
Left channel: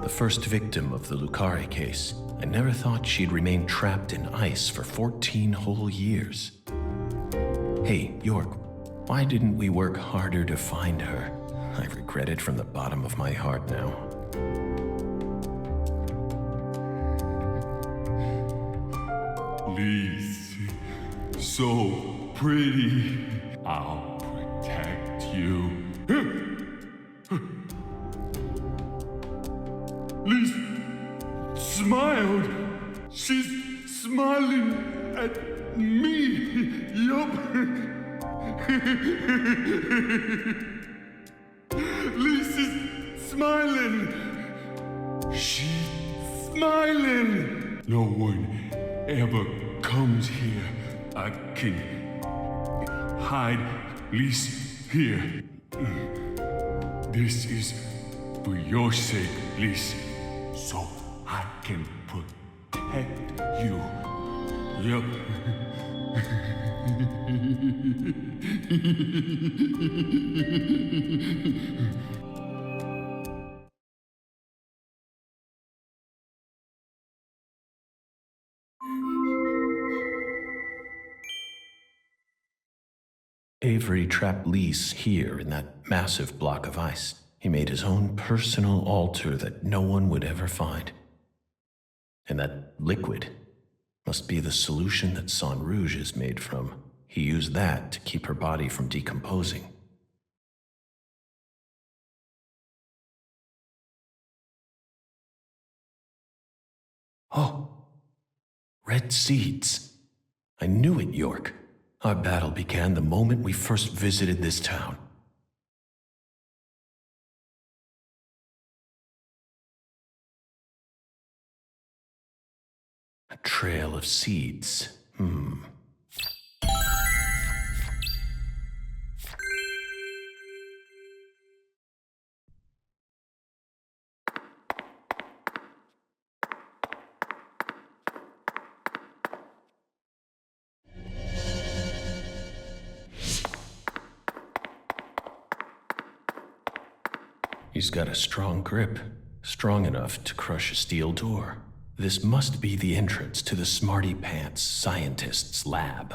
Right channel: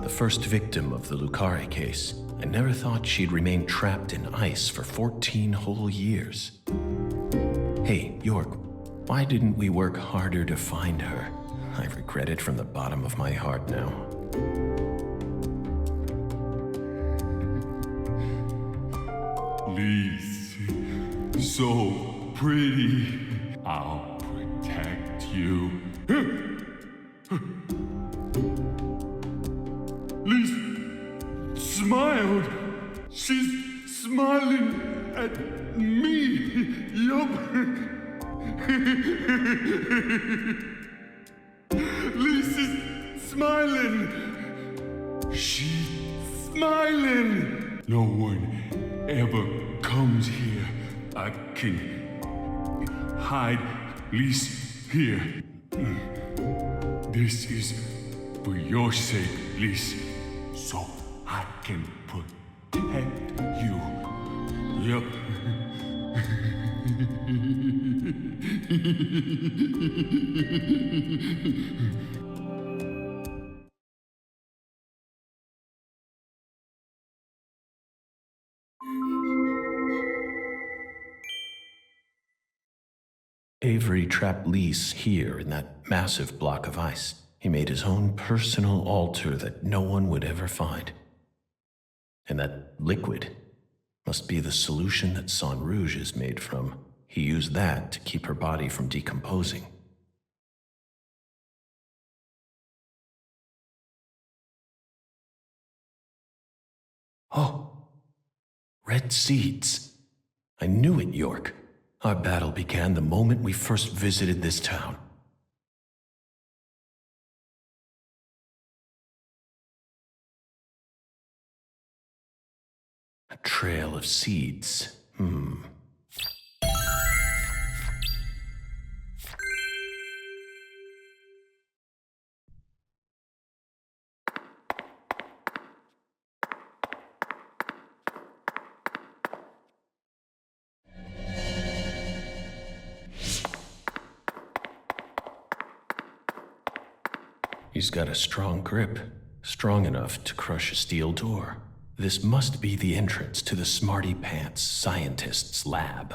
the first victim of the Lucari case. I never thought she'd remain trapped in ice for 14 whole years. Hey, York, why didn't we work harder to find her? I regret it from the bottom of my heart now. Lise, so pretty. I'll protect you. Lise smiled. She's smiling at me. Yup. Lise is smiling. She's smiling. No one ever comes here. I can hide Lise here. This is for your sake, Lise, so I can protect you. Yep. Avery trapped Lise here in that massive block of ice. He made his own personal altar that no one would ever find. And that liquid must be the solution that Sang Rouge is made from. He used that to keep her body from decomposing. Oh, red seeds. I knew it, York. Our battle began the moment we first visited this town. A trail of seeds. He's got a strong grip, strong enough to crush a steel door. This must be the entrance to the Smarty Pants scientist's lab.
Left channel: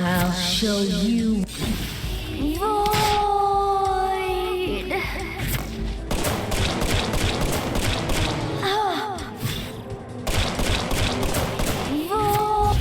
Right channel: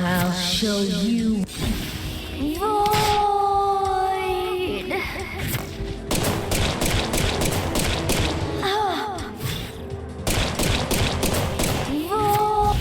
I'll show you. Void. Oh. Void.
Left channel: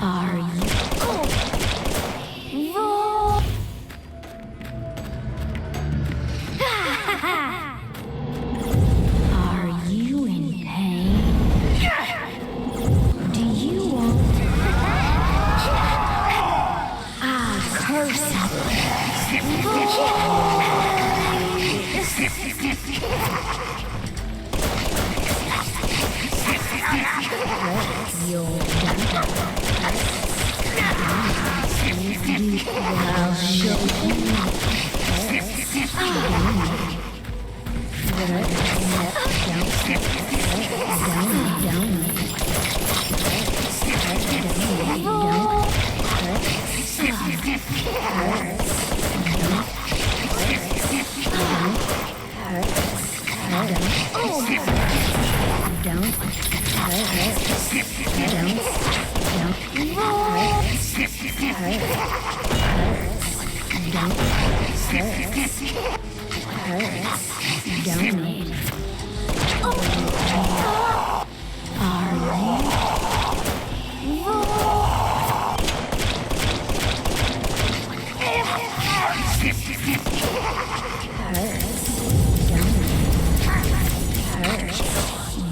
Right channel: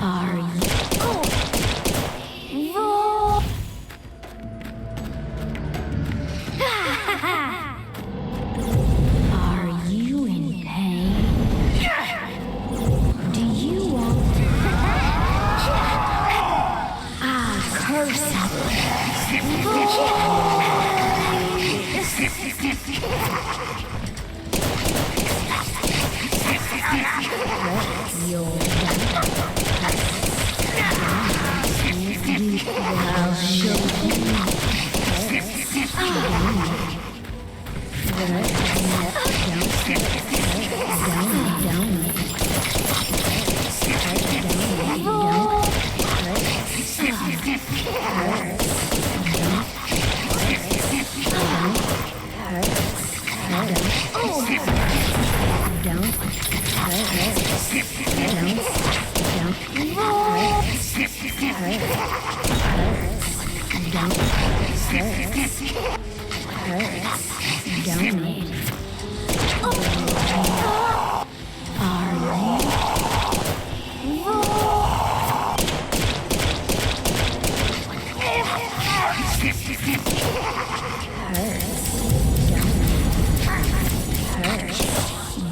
Are you? Roll. Are you in pain? Do you want to die? I'll curse your die. I'll show you.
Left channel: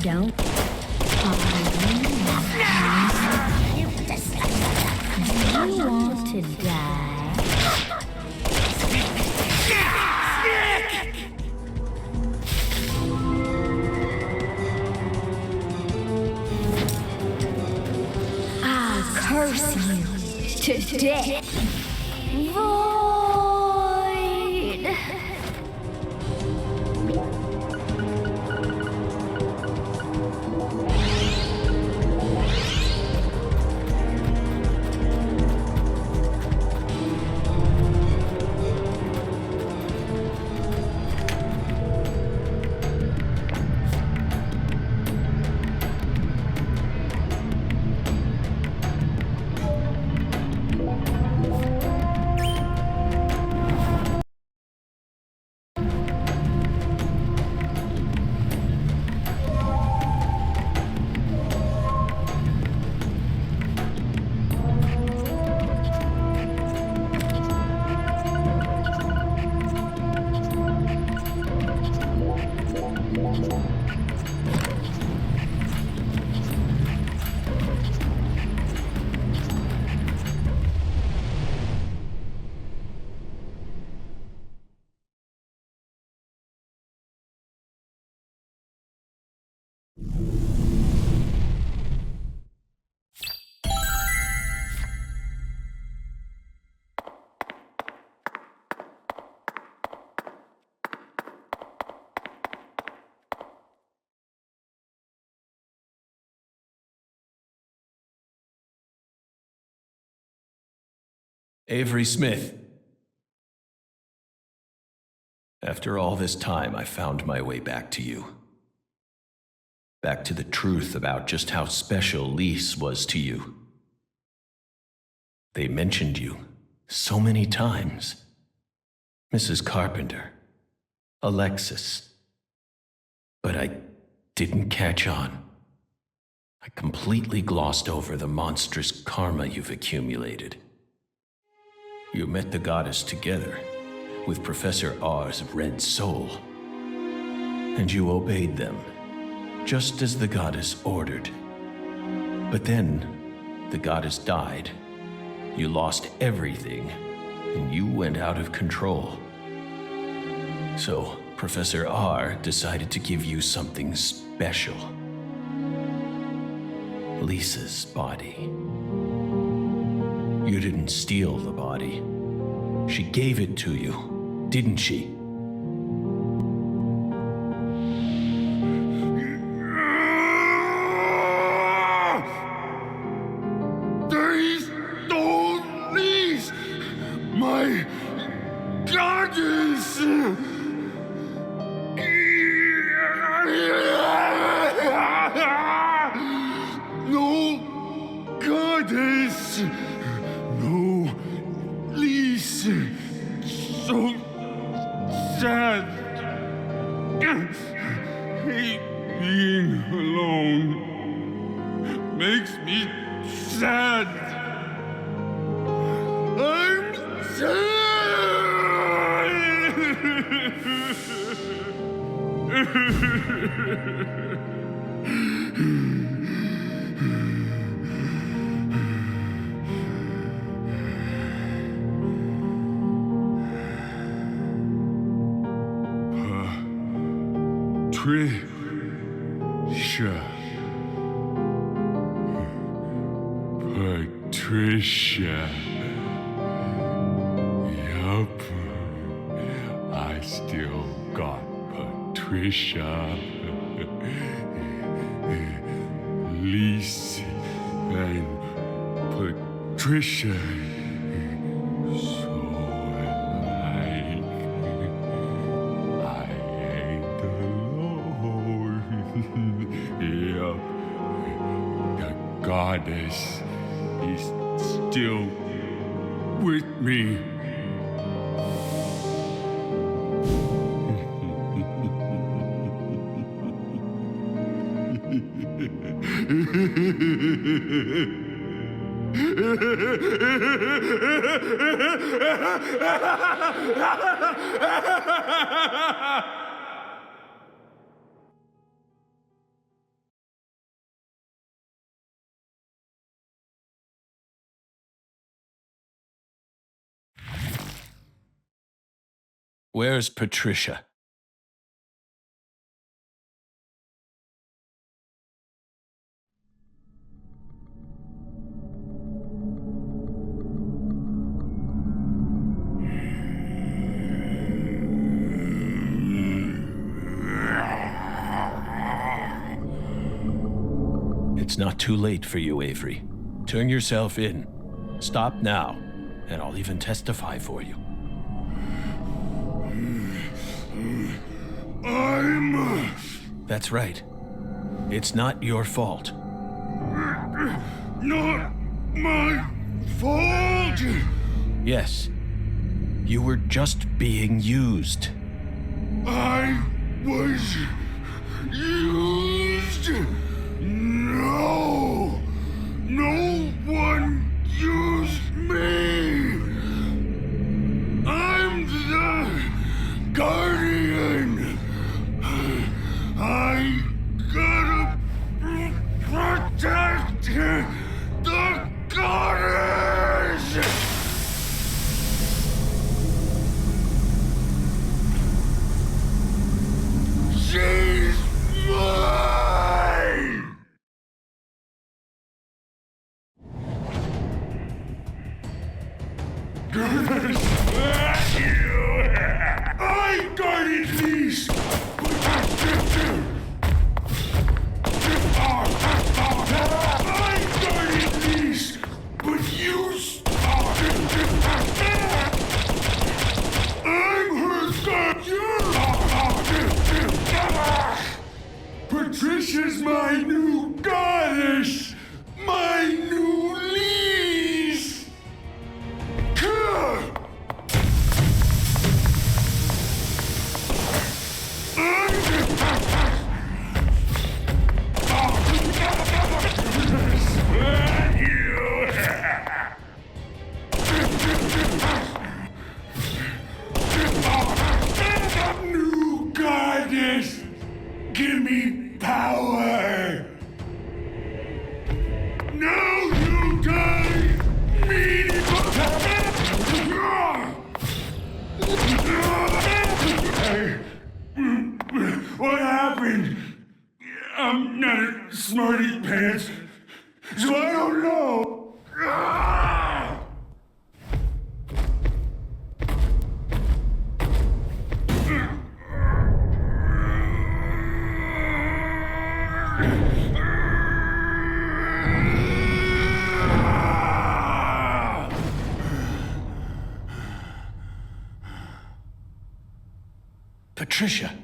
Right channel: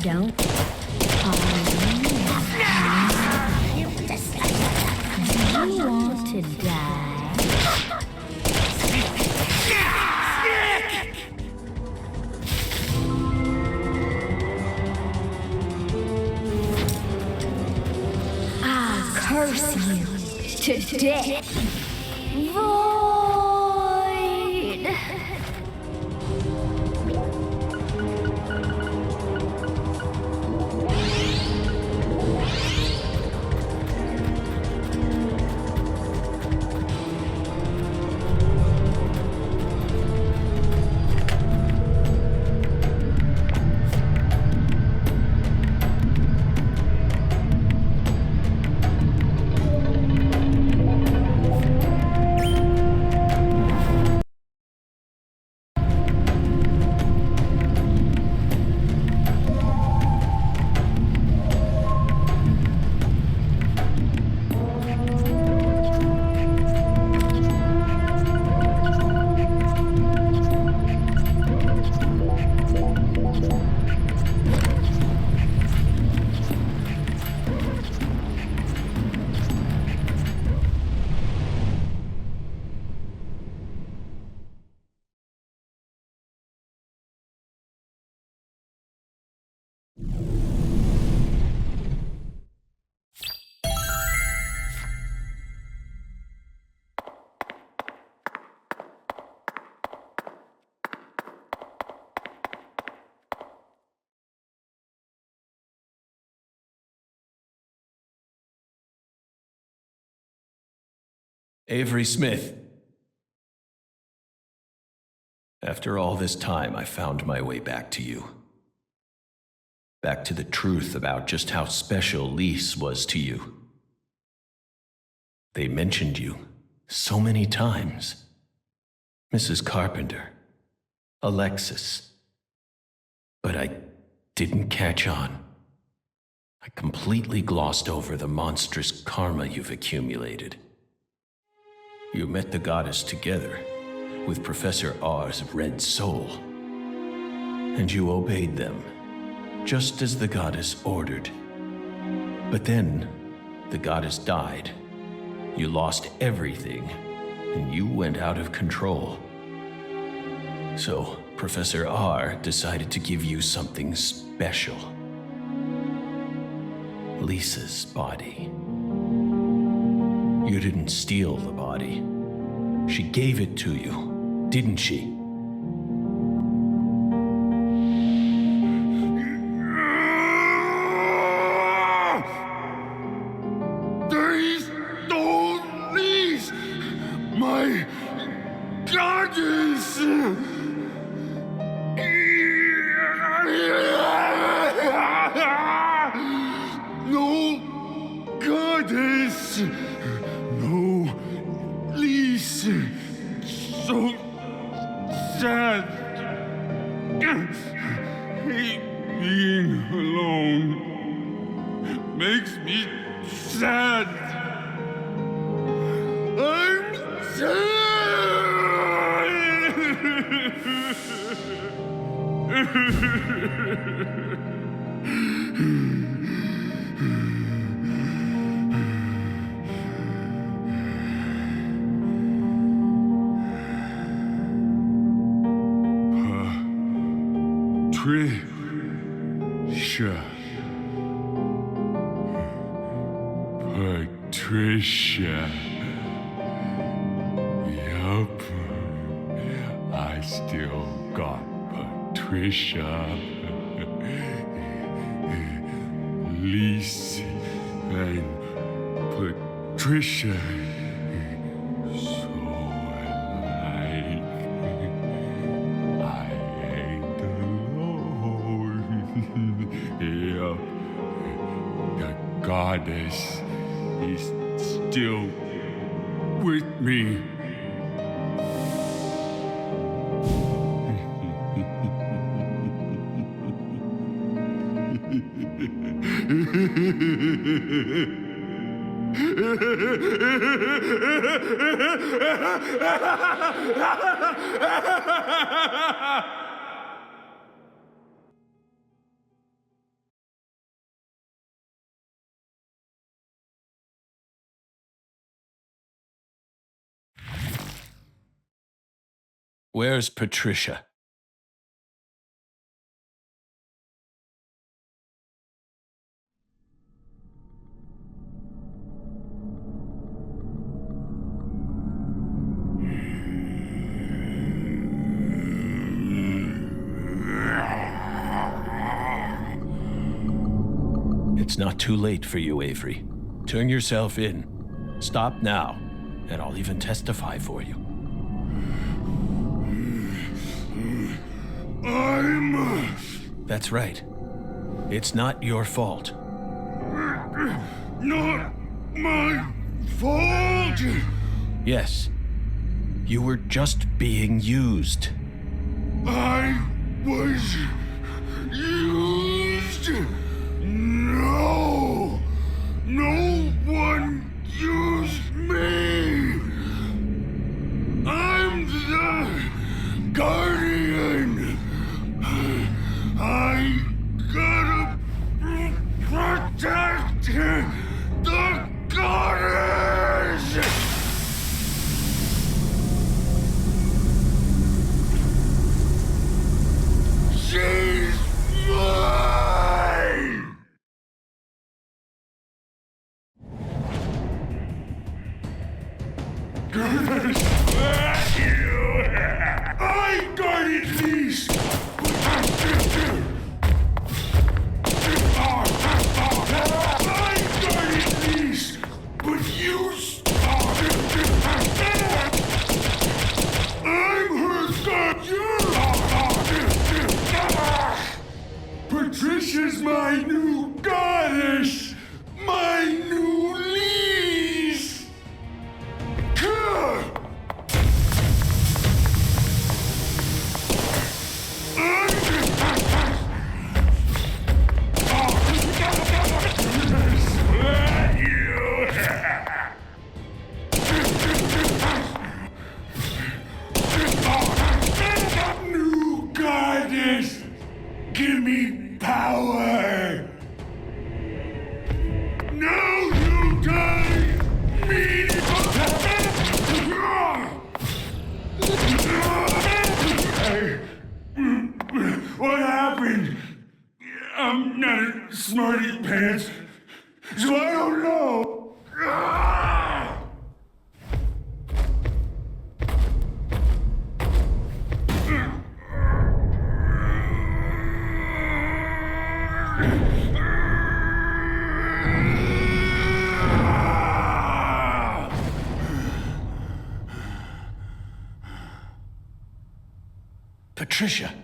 Don't. Do you want to die? curse you to death. Void. Avery Smith. After all this time, I found my way back to you. Back to the truth about just how special Lise was to you. They mentioned you so many times. Mrs. Carpenter, Alexis. But I didn't catch on. I completely glossed over the monstrous karma you've accumulated. You met the goddess together with Professor R's red soul, and you obeyed them, just as the goddess ordered. But then, the goddess died. You lost everything, and you went out of control. So, Professor R decided to give you something special. Lisa's body. You didn't steal the body. She gave it to you, didn't she? They stole Lise, my goddess! No goddess! No Lise! So sad! Hate being alone. Makes me sad. I'm Patricia. Patricia. Yup. I still got Patricia. Lise and Patricia. So alike. I ain't alone. Yup. The goddess is still with me. Where's Patricia? It's not too late for you, Avery. Turn yourself in. Stop now, and I'll even testify for you. That's right. It's not your fault. Not my fault! Yes. You were just being used. I was used? No! No one used me! I'm the Guardian! I gotta protect the goddess! She's mine! I guarded these! I guarded these! But you I'm her god! Patricia's my new goddess! My new lease! New goddess! Give me power! Now you guys need Hey, what happened? I'm not a smarty pants, so I don't know. Patricia.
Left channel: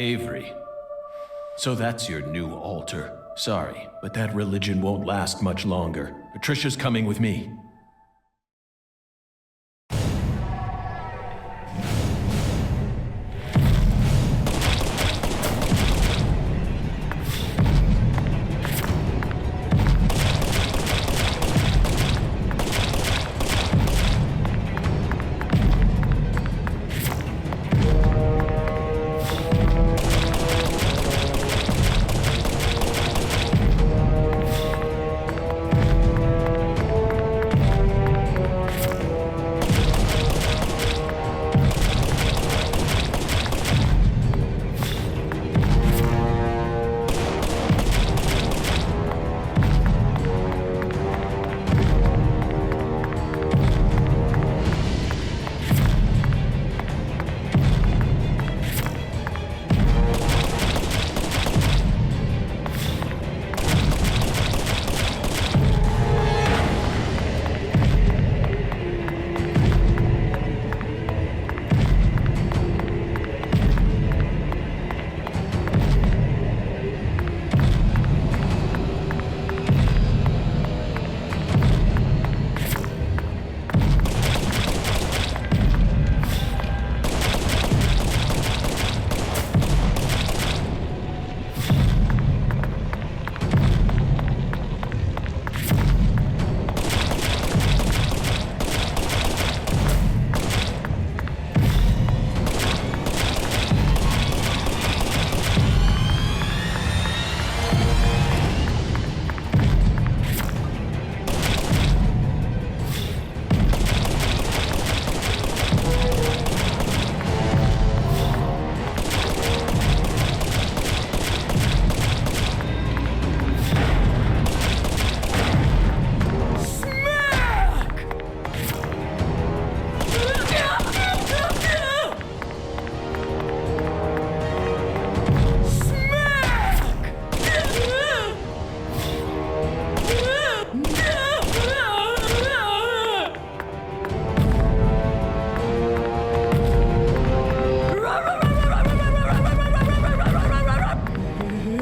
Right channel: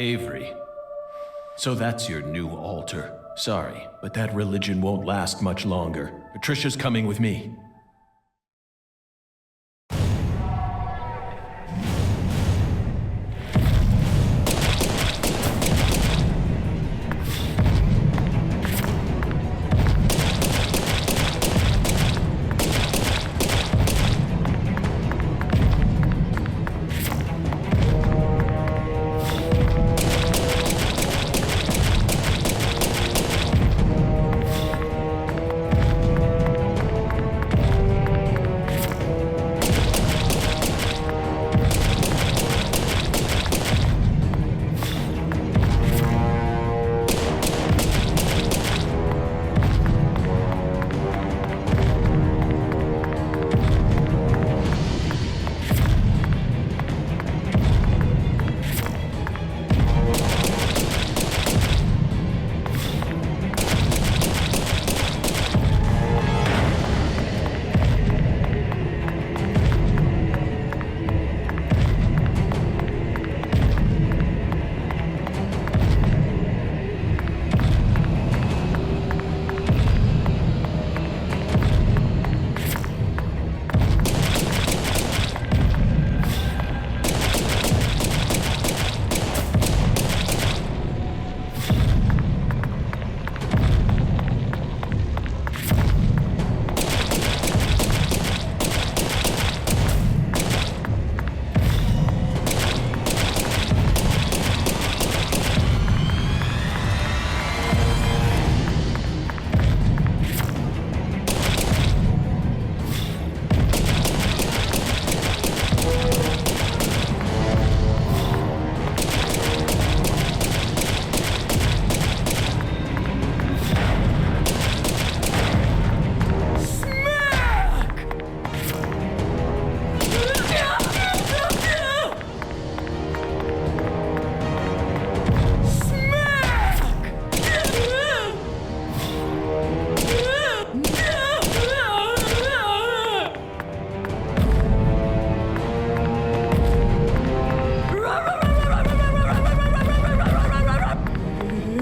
Avery. So that's your new altar. Sorry, but that religion won't last much longer. Patricia's coming with me.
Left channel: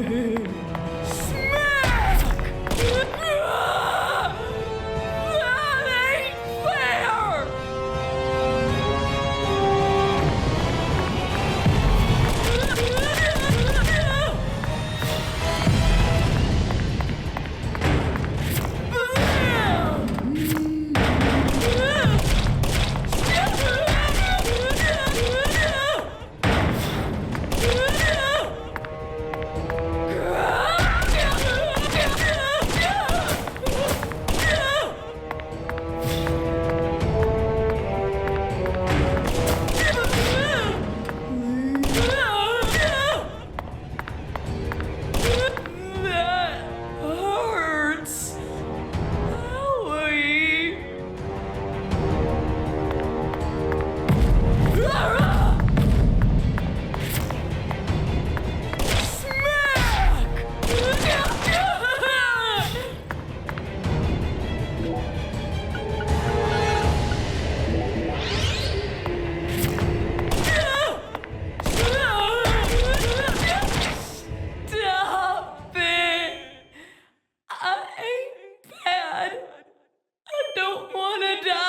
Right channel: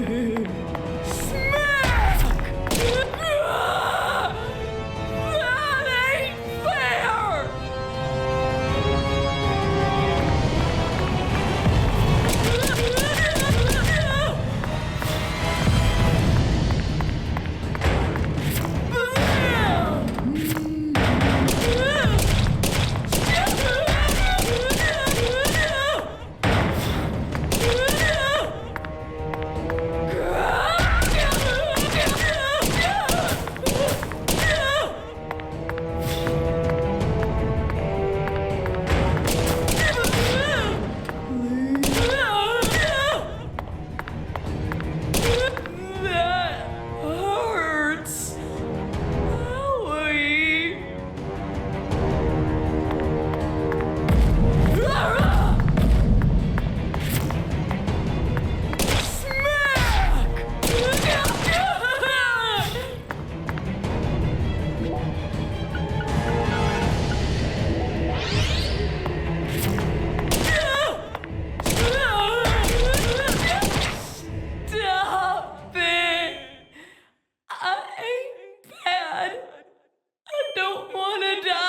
Smack! That ain't fair! That hurts. Owie. Smack! Stop it! I ain't bad. I don't want to die.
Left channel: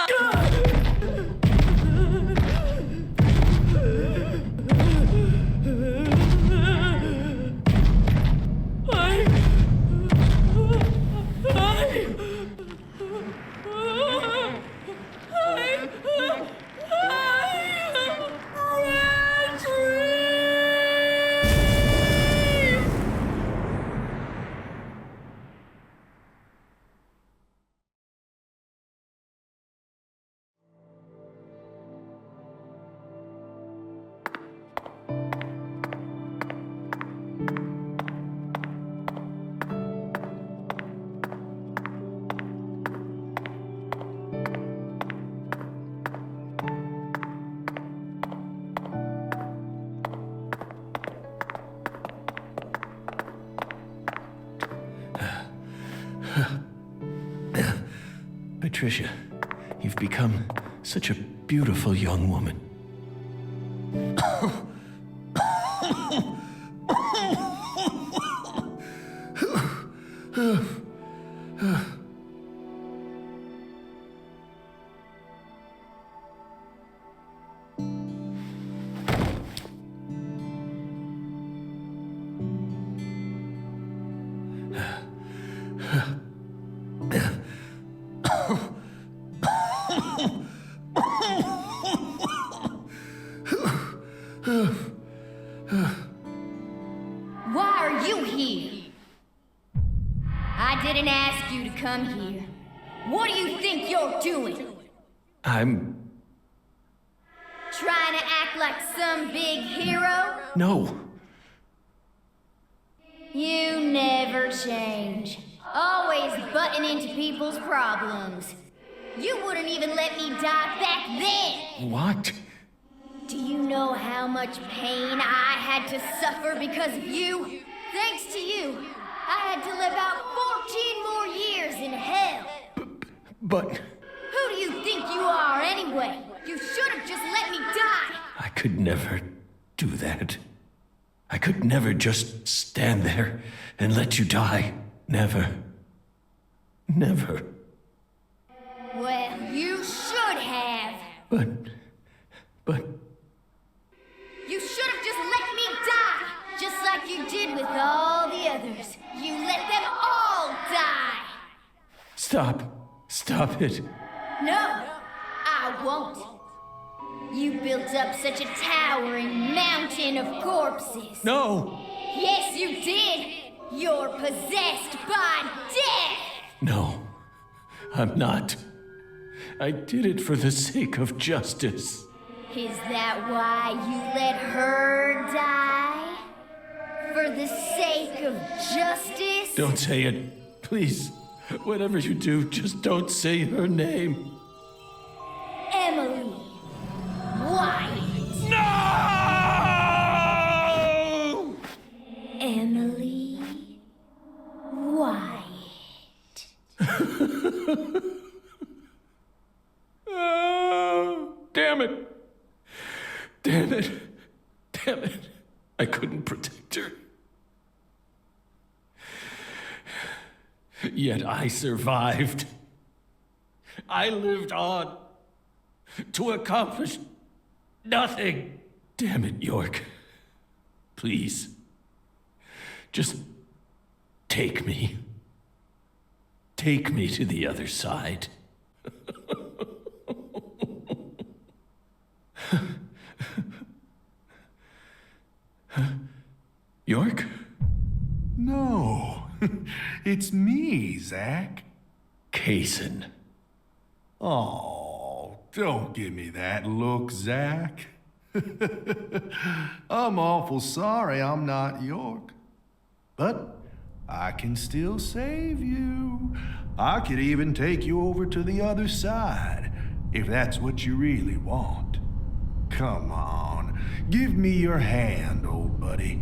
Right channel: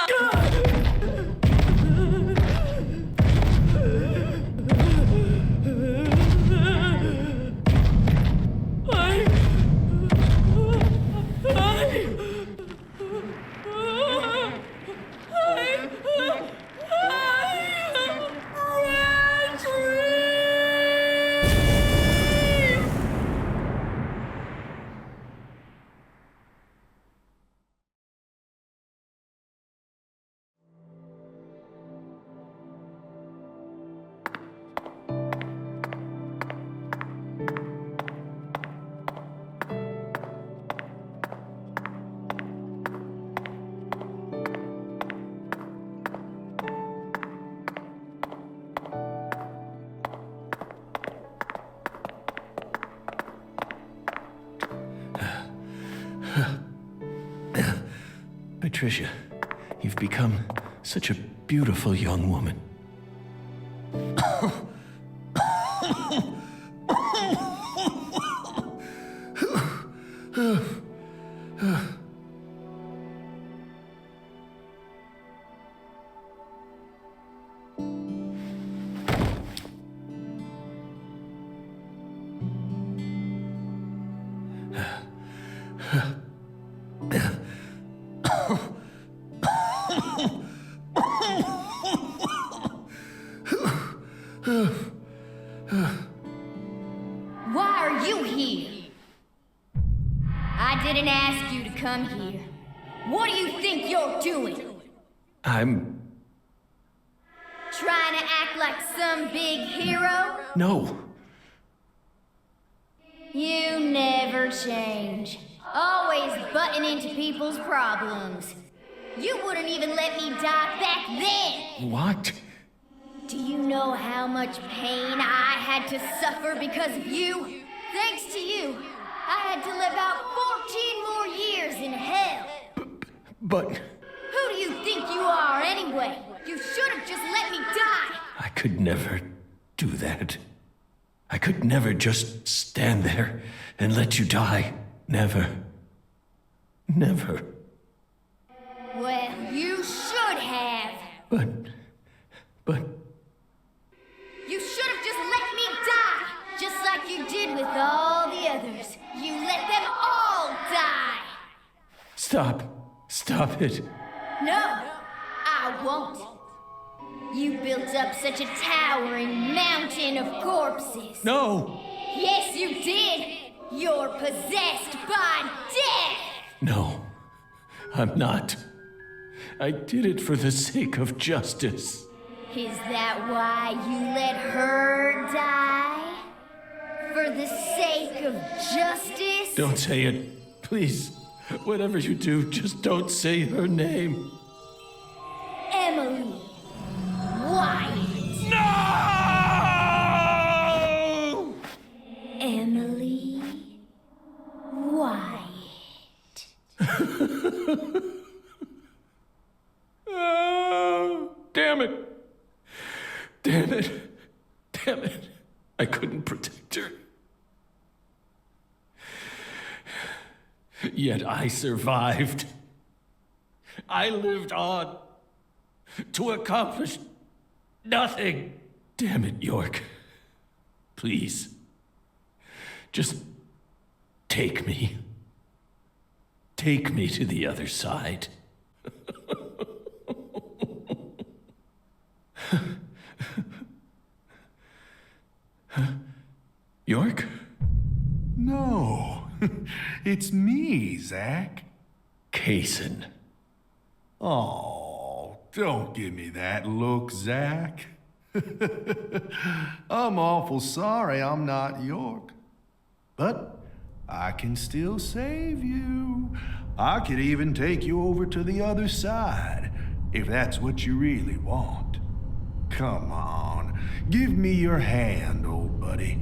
Patricia, you've become such a beautiful young woman. Why are you here? I didn't ask you to come here. What do you think you're doing? I'm... Trying to act like some big hero? No. You never change. Always butting into people's problems. You wouldn't even let me die back then! What? Do you know how much pain I had to suffer because of you? Thanks to you, I had to live out 14 more years in hell. But... Who do you think you are anyway? You should have just let me die! I could never do that. I could never just stand there and let you die. Never. Never. Well, you should have. But... You should have just let me die! Just like you did with all the others. You let them all die! Stop. Stop it. No, I won't. You built up such a towering mountain of corpses. No. Yes, you did! You're possessed by death! No. I'm not. I did it for the sake of justice. Is that why you let her die? For the sake of justice? Don't say it. Please. Whatever you do, just don't say her name. Emily Wyatt. No! Emily Wyatt. Oh, damn it. Damn it. Damn it. I couldn't protect her. Yet I survived. I lived on to accomplish nothing. Damn it, York. Please. Just take me. Take me to the other side. York? No, it's me, Zach. Kaysen. Oh, don't give me that look, Zach. I'm awful sorry I'm not York. But I can still save you. I could even take you over to the other side, if that's what you really want. Come on, give me your hand, old buddy.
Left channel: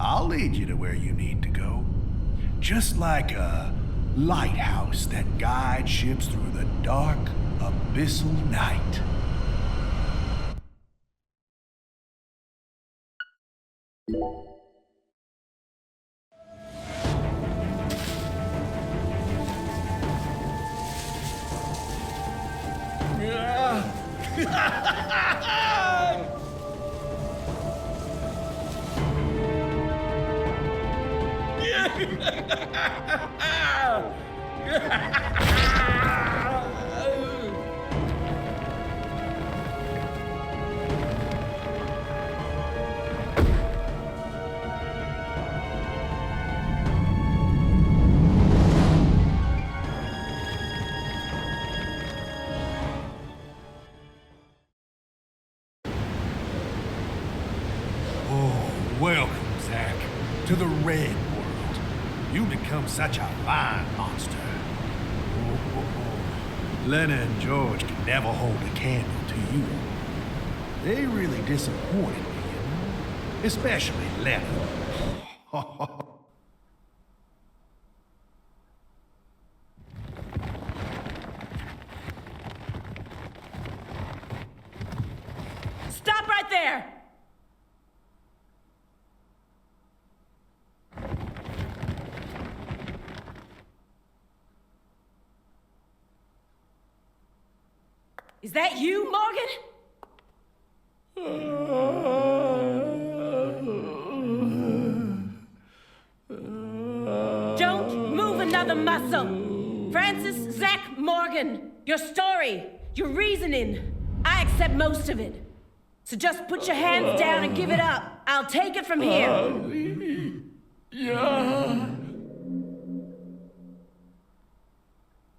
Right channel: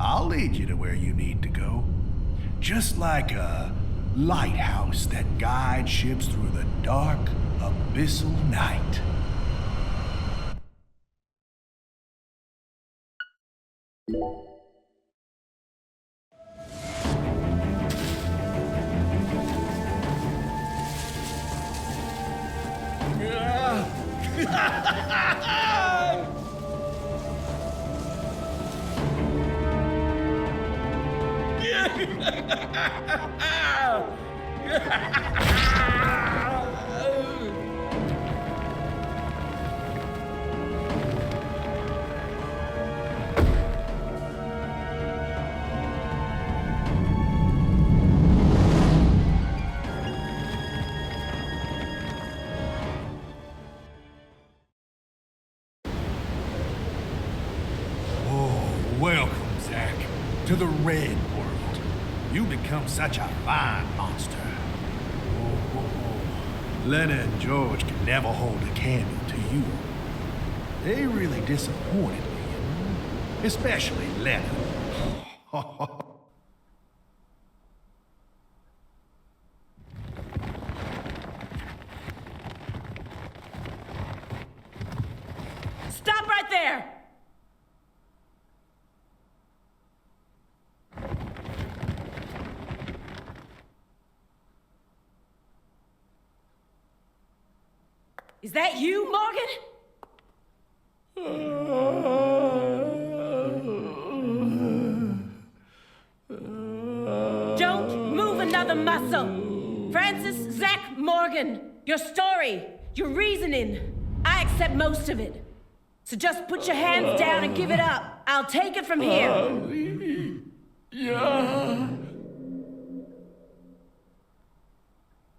I'll lead you to where you need to go. Just like a lighthouse that guides ships through the dark, abyssal night. Welcome, Zach, to the Red World. You become such a fine monster. Lena and George could never hold a candle to you. They really disappointed me, you know? Especially Lena. Stop right there! Is that you, Morgan? Don't move another muscle. Francis Zach Morgan, your story, your reasoning, I accept most of it. So just put your hands down and give it up. I'll take it from here. Yeah.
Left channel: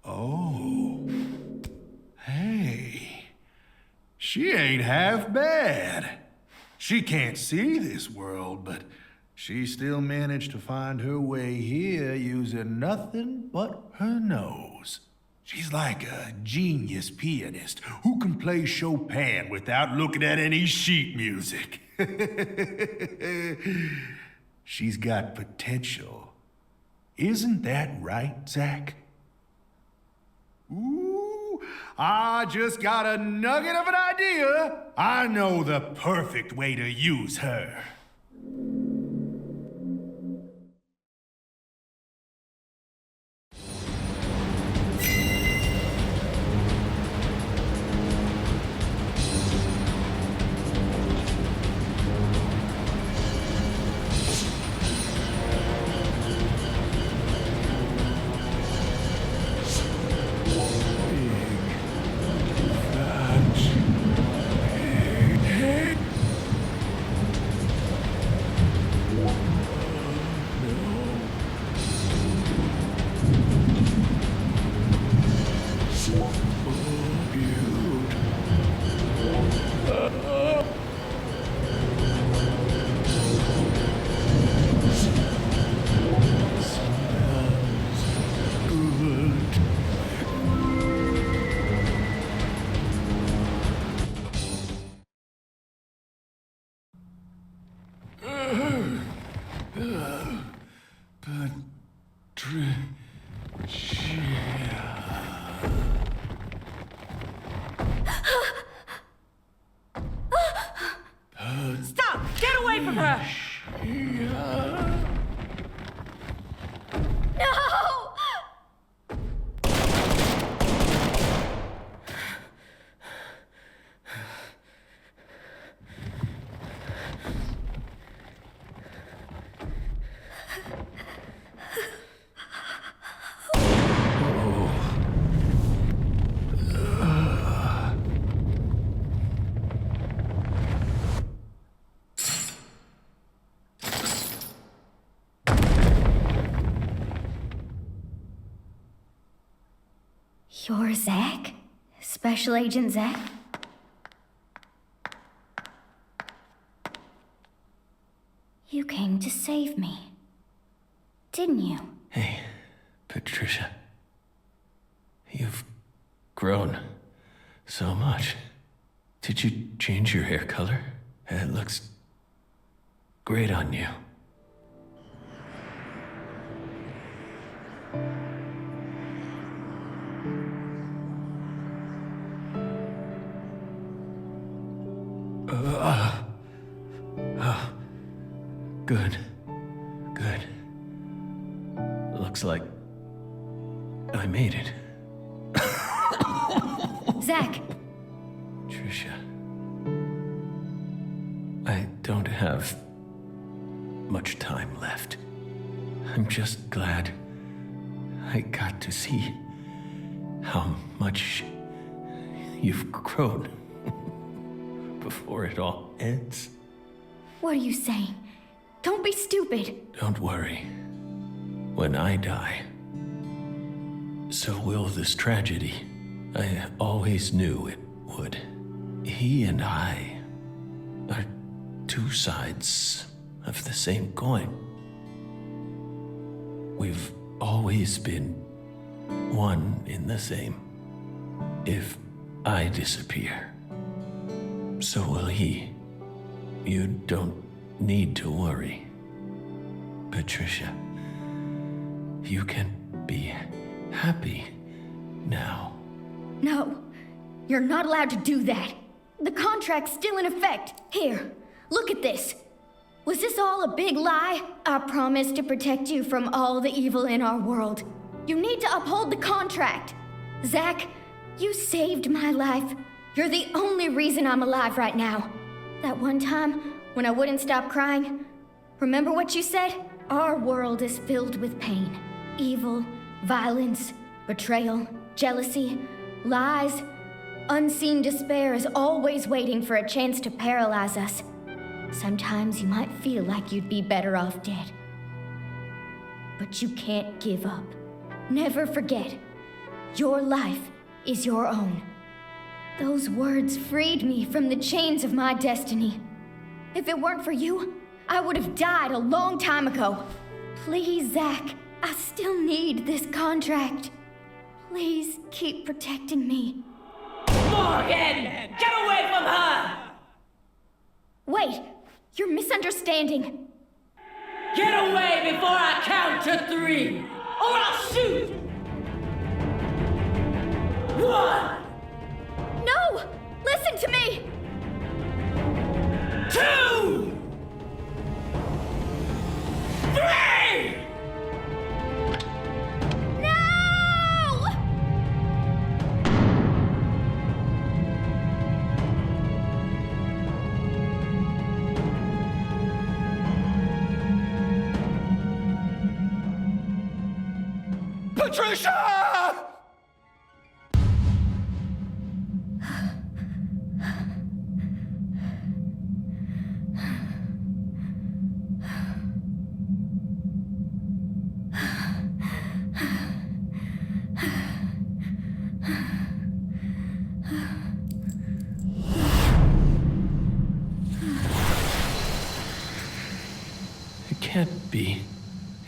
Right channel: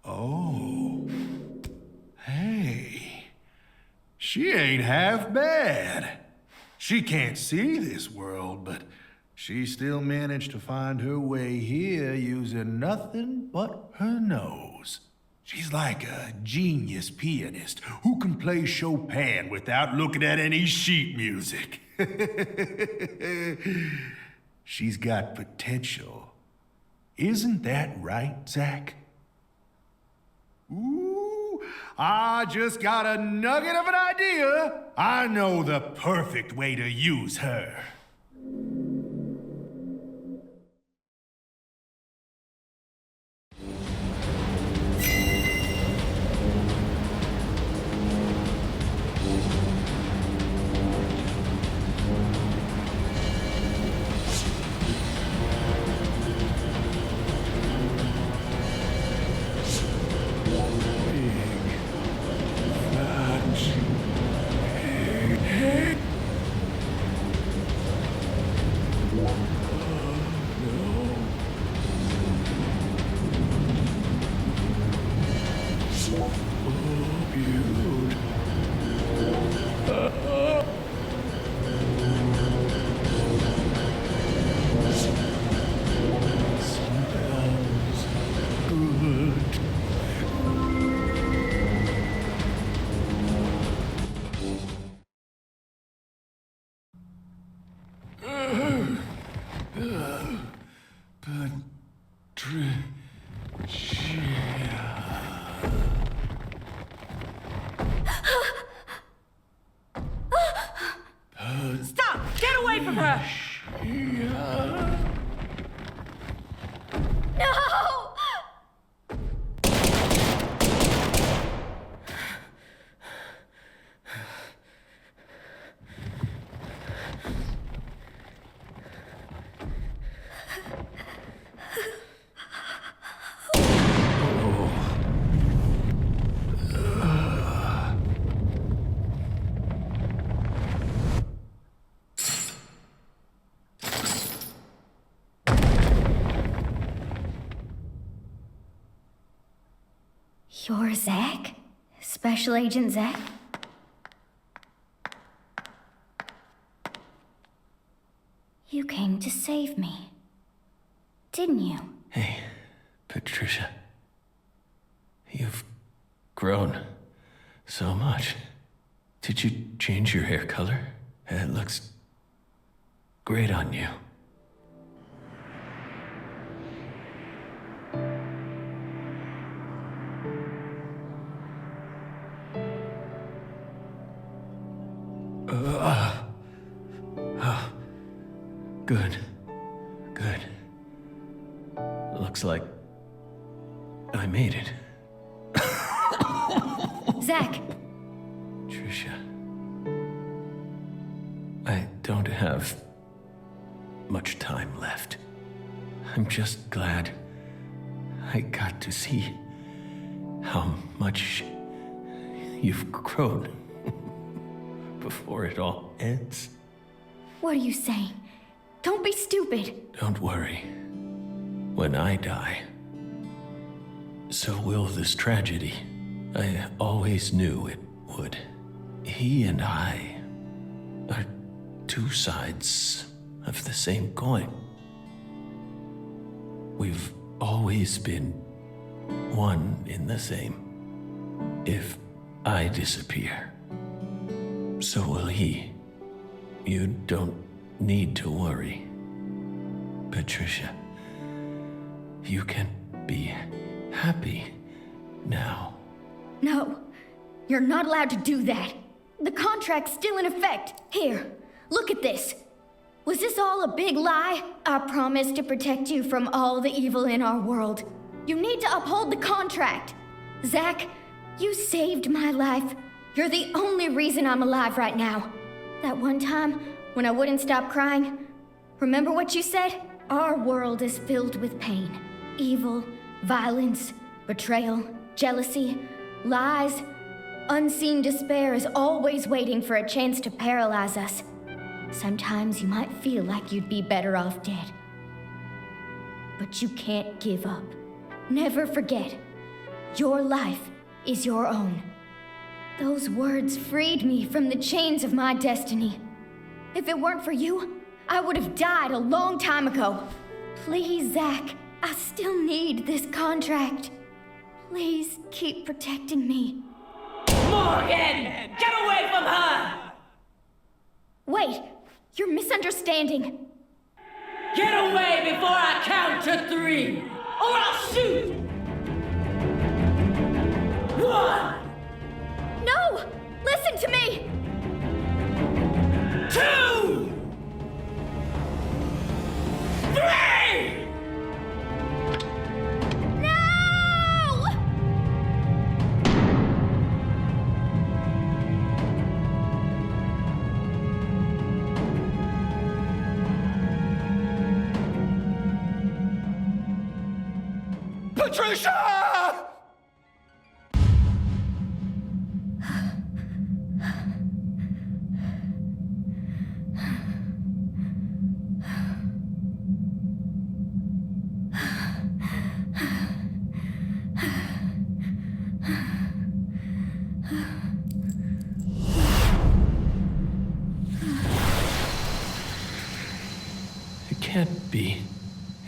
Oh. Hey. She ain't half bad. She can't see this world, but she still managed to find her way here using nothing but her nose. She's like a genius pianist who can play Chopin without looking at any sheet music. She's got potential. Isn't that right, Zach? Ooh, I just got a nugget of an idea. I know the perfect way to use her. Stop! Get away from her! No! You're Zach? Special Agent Zach? You came to save me, didn't you? Hey, Patricia. You've grown so much. Did you change your hair color? It looks great on you. Good. Good. Looks like I made it. Zach! Trisha. I don't have much time left. I'm just glad I got to see how much you've grown before it all ends. What are you saying? Don't be stupid. Don't worry. When I die, so will this tragedy. I always knew it would. He and I are two sides of the same coin. We've always been one in the same. If I disappear, so will he. You don't need to worry. Patricia, you can be happy now. No, you're not allowed to do that. The contract's still in effect. Here, look at this. Was this all a big lie? I promised to protect you from all the evil in our world. You need to uphold the contract. Zach, you saved my life. You're the only reason I'm alive right now. That one time when I wouldn't stop crying, remember what you said? Our world is filled with pain. Evil, violence, betrayal, jealousy, lies. Unseen despair is always waiting for a chance to paralyze us. Sometimes you might feel like you'd be better off dead. But you can't give up. Never forget, your life is your own. Those words freed me from the chains of my destiny. If it weren't for you, I would have died a long time ago. Please, Zach, I still need this contract. Please keep protecting me. Morgan! Get away from her! Wait, you're misunderstanding. Get away before I count to 3, or I'll shoot! 1! No! Listen to me! 2! 3! No! Patricia! It can't be.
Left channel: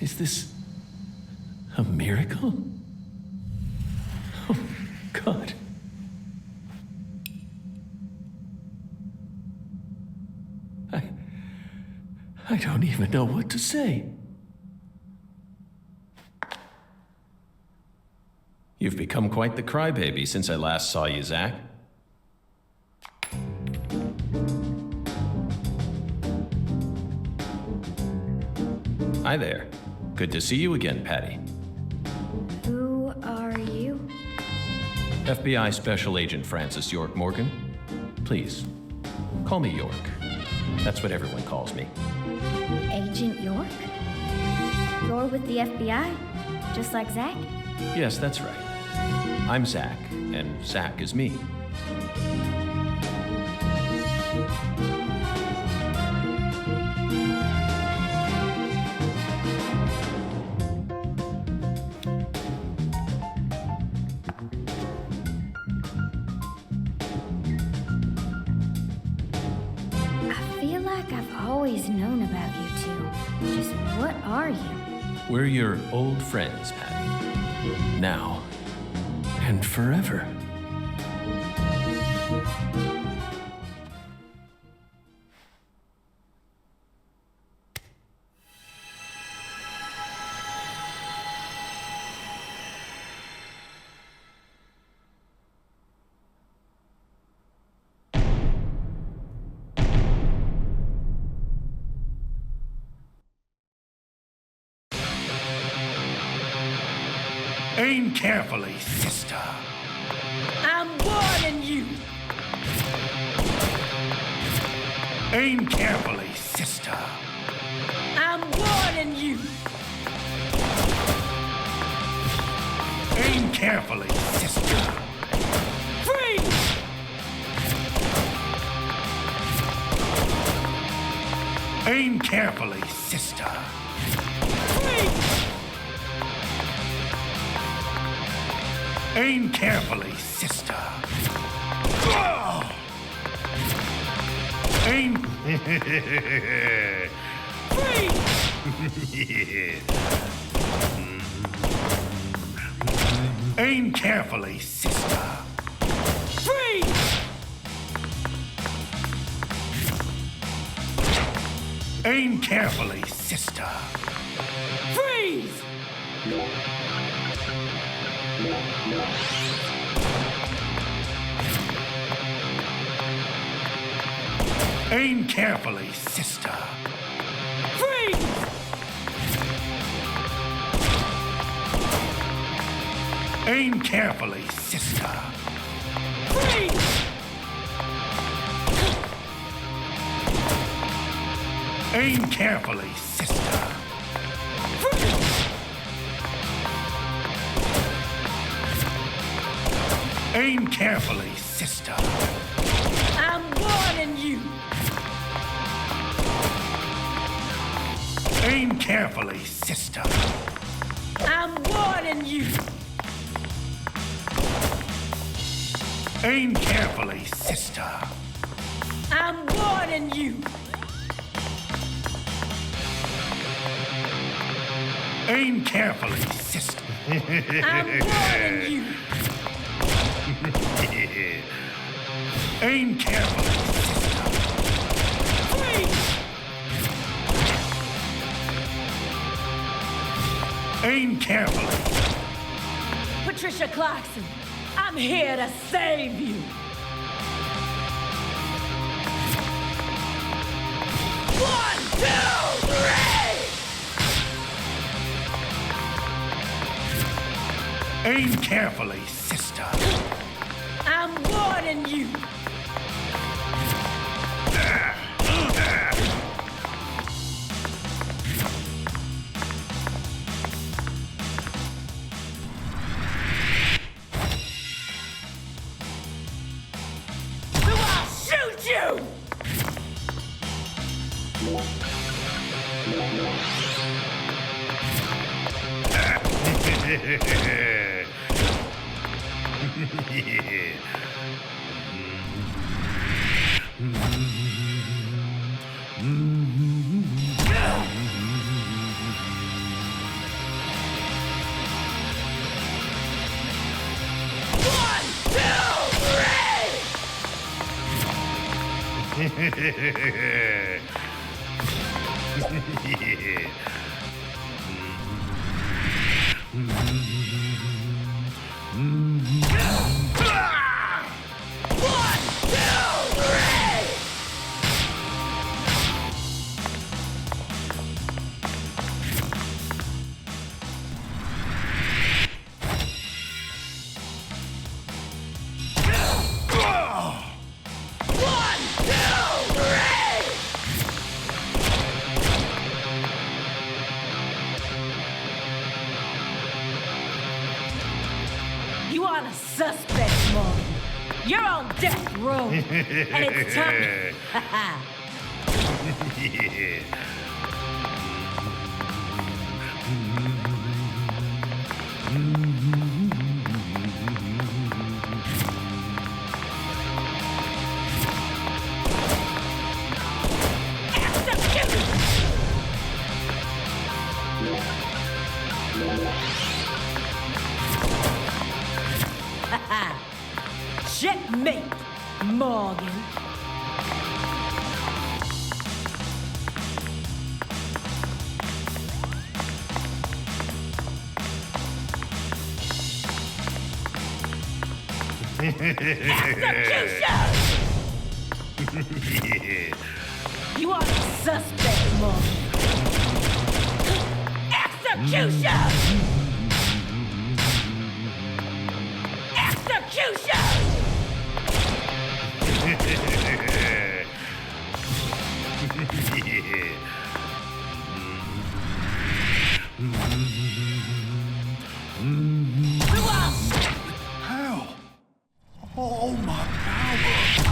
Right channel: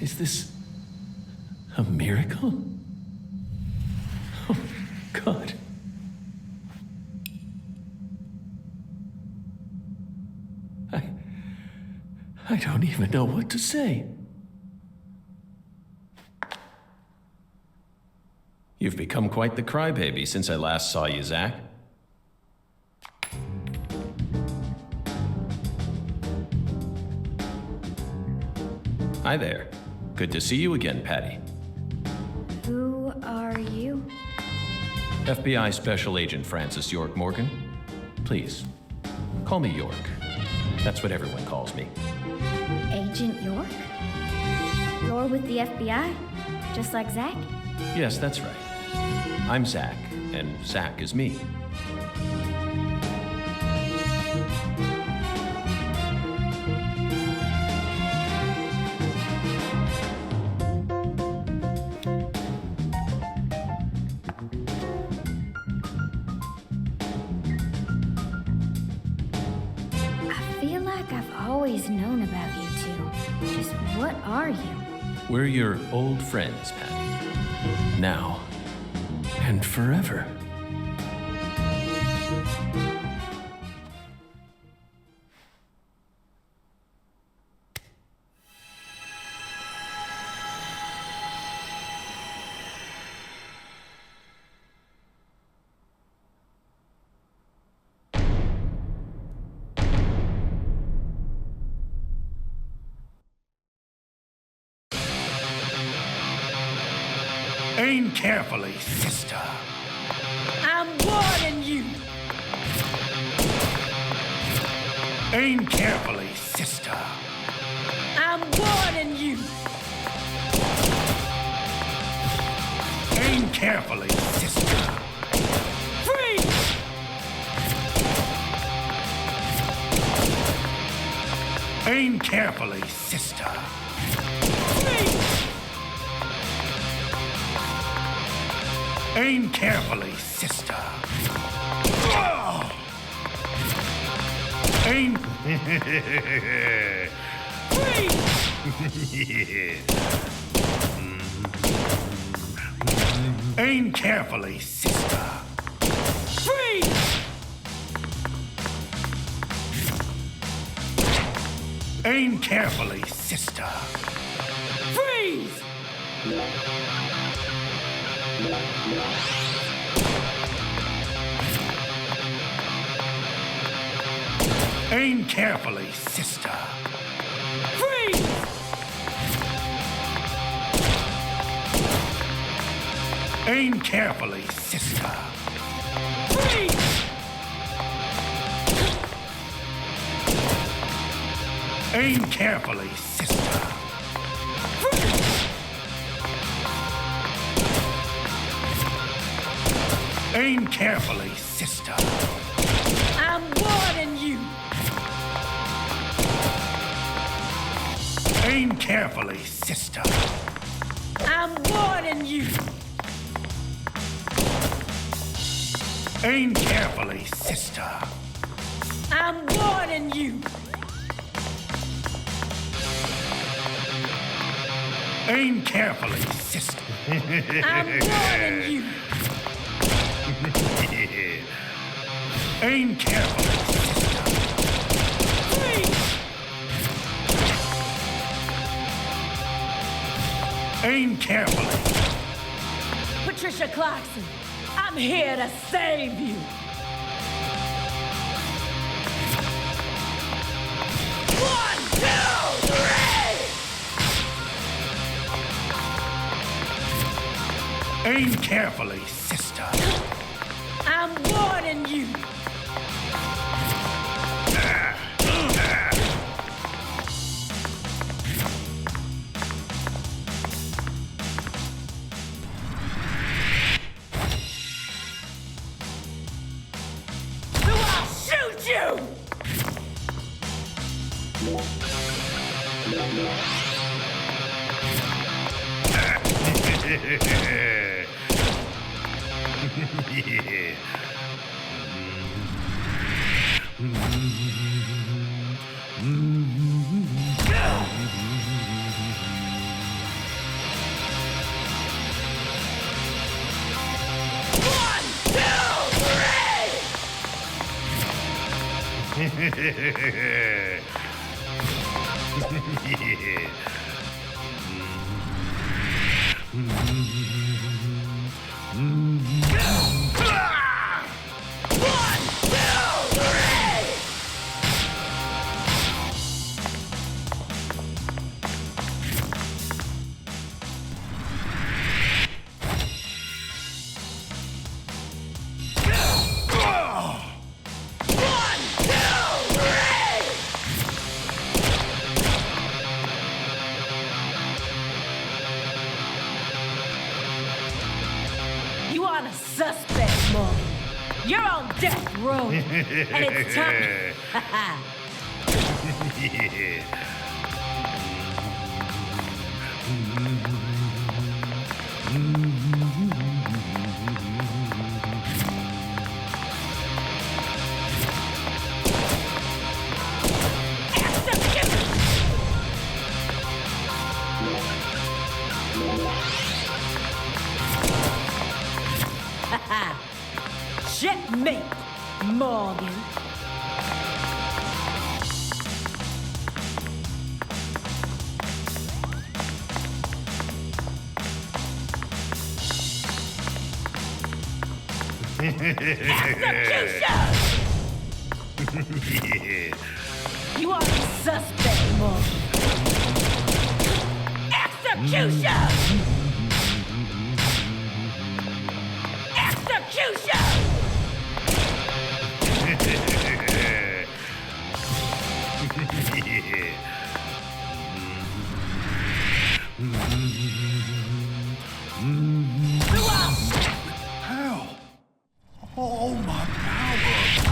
Is this a miracle? Oh, God. I don't even know what to say. You've become quite the crybaby since I last saw you, Zach. Hi there. Good to see you again, Patty. Who are you? FBI Special Agent Francis York Morgan. Please, call me York. That's what everyone calls me. Agent York? You're with the FBI? Just like Zach? Yes, that's right. I'm Zach, and Zach is me. feel like I've always known about you two. Just what are you? We're your old friends, Patty. Now and forever. Aim carefully, sister. I'm warning you. Aim carefully, sister. I'm warning you. Aim carefully, sister. Freeze! Aim carefully, sister. Freeze! Aim carefully, sister. Aim. Freeze! Aim carefully, sister. Freeze! Aim carefully, sister. Freeze! Aim carefully, sister. Freeze! Aim carefully, sister. Freeze! Aim carefully, sister. Freeze! Aim carefully, sister. I'm warning you. Aim carefully, sister. I'm warning you. Aim carefully, sister. I'm warning you. Aim carefully, sister. I'm warning you. Aim carefully, sister. Freeze! Aim carefully. Patricia Clarkson, I'm here to save you. One, two, three! Aim carefully, sister. I'm warning you. So I'll shoot you! One, two, three! One, two, three! One, two, three! You aren't a suspect, Morgan. You're on death row. And it's time. me, Morgan. Execution! You are a suspect, Morgan. Execution! Execution! Who else? Hell! All my power!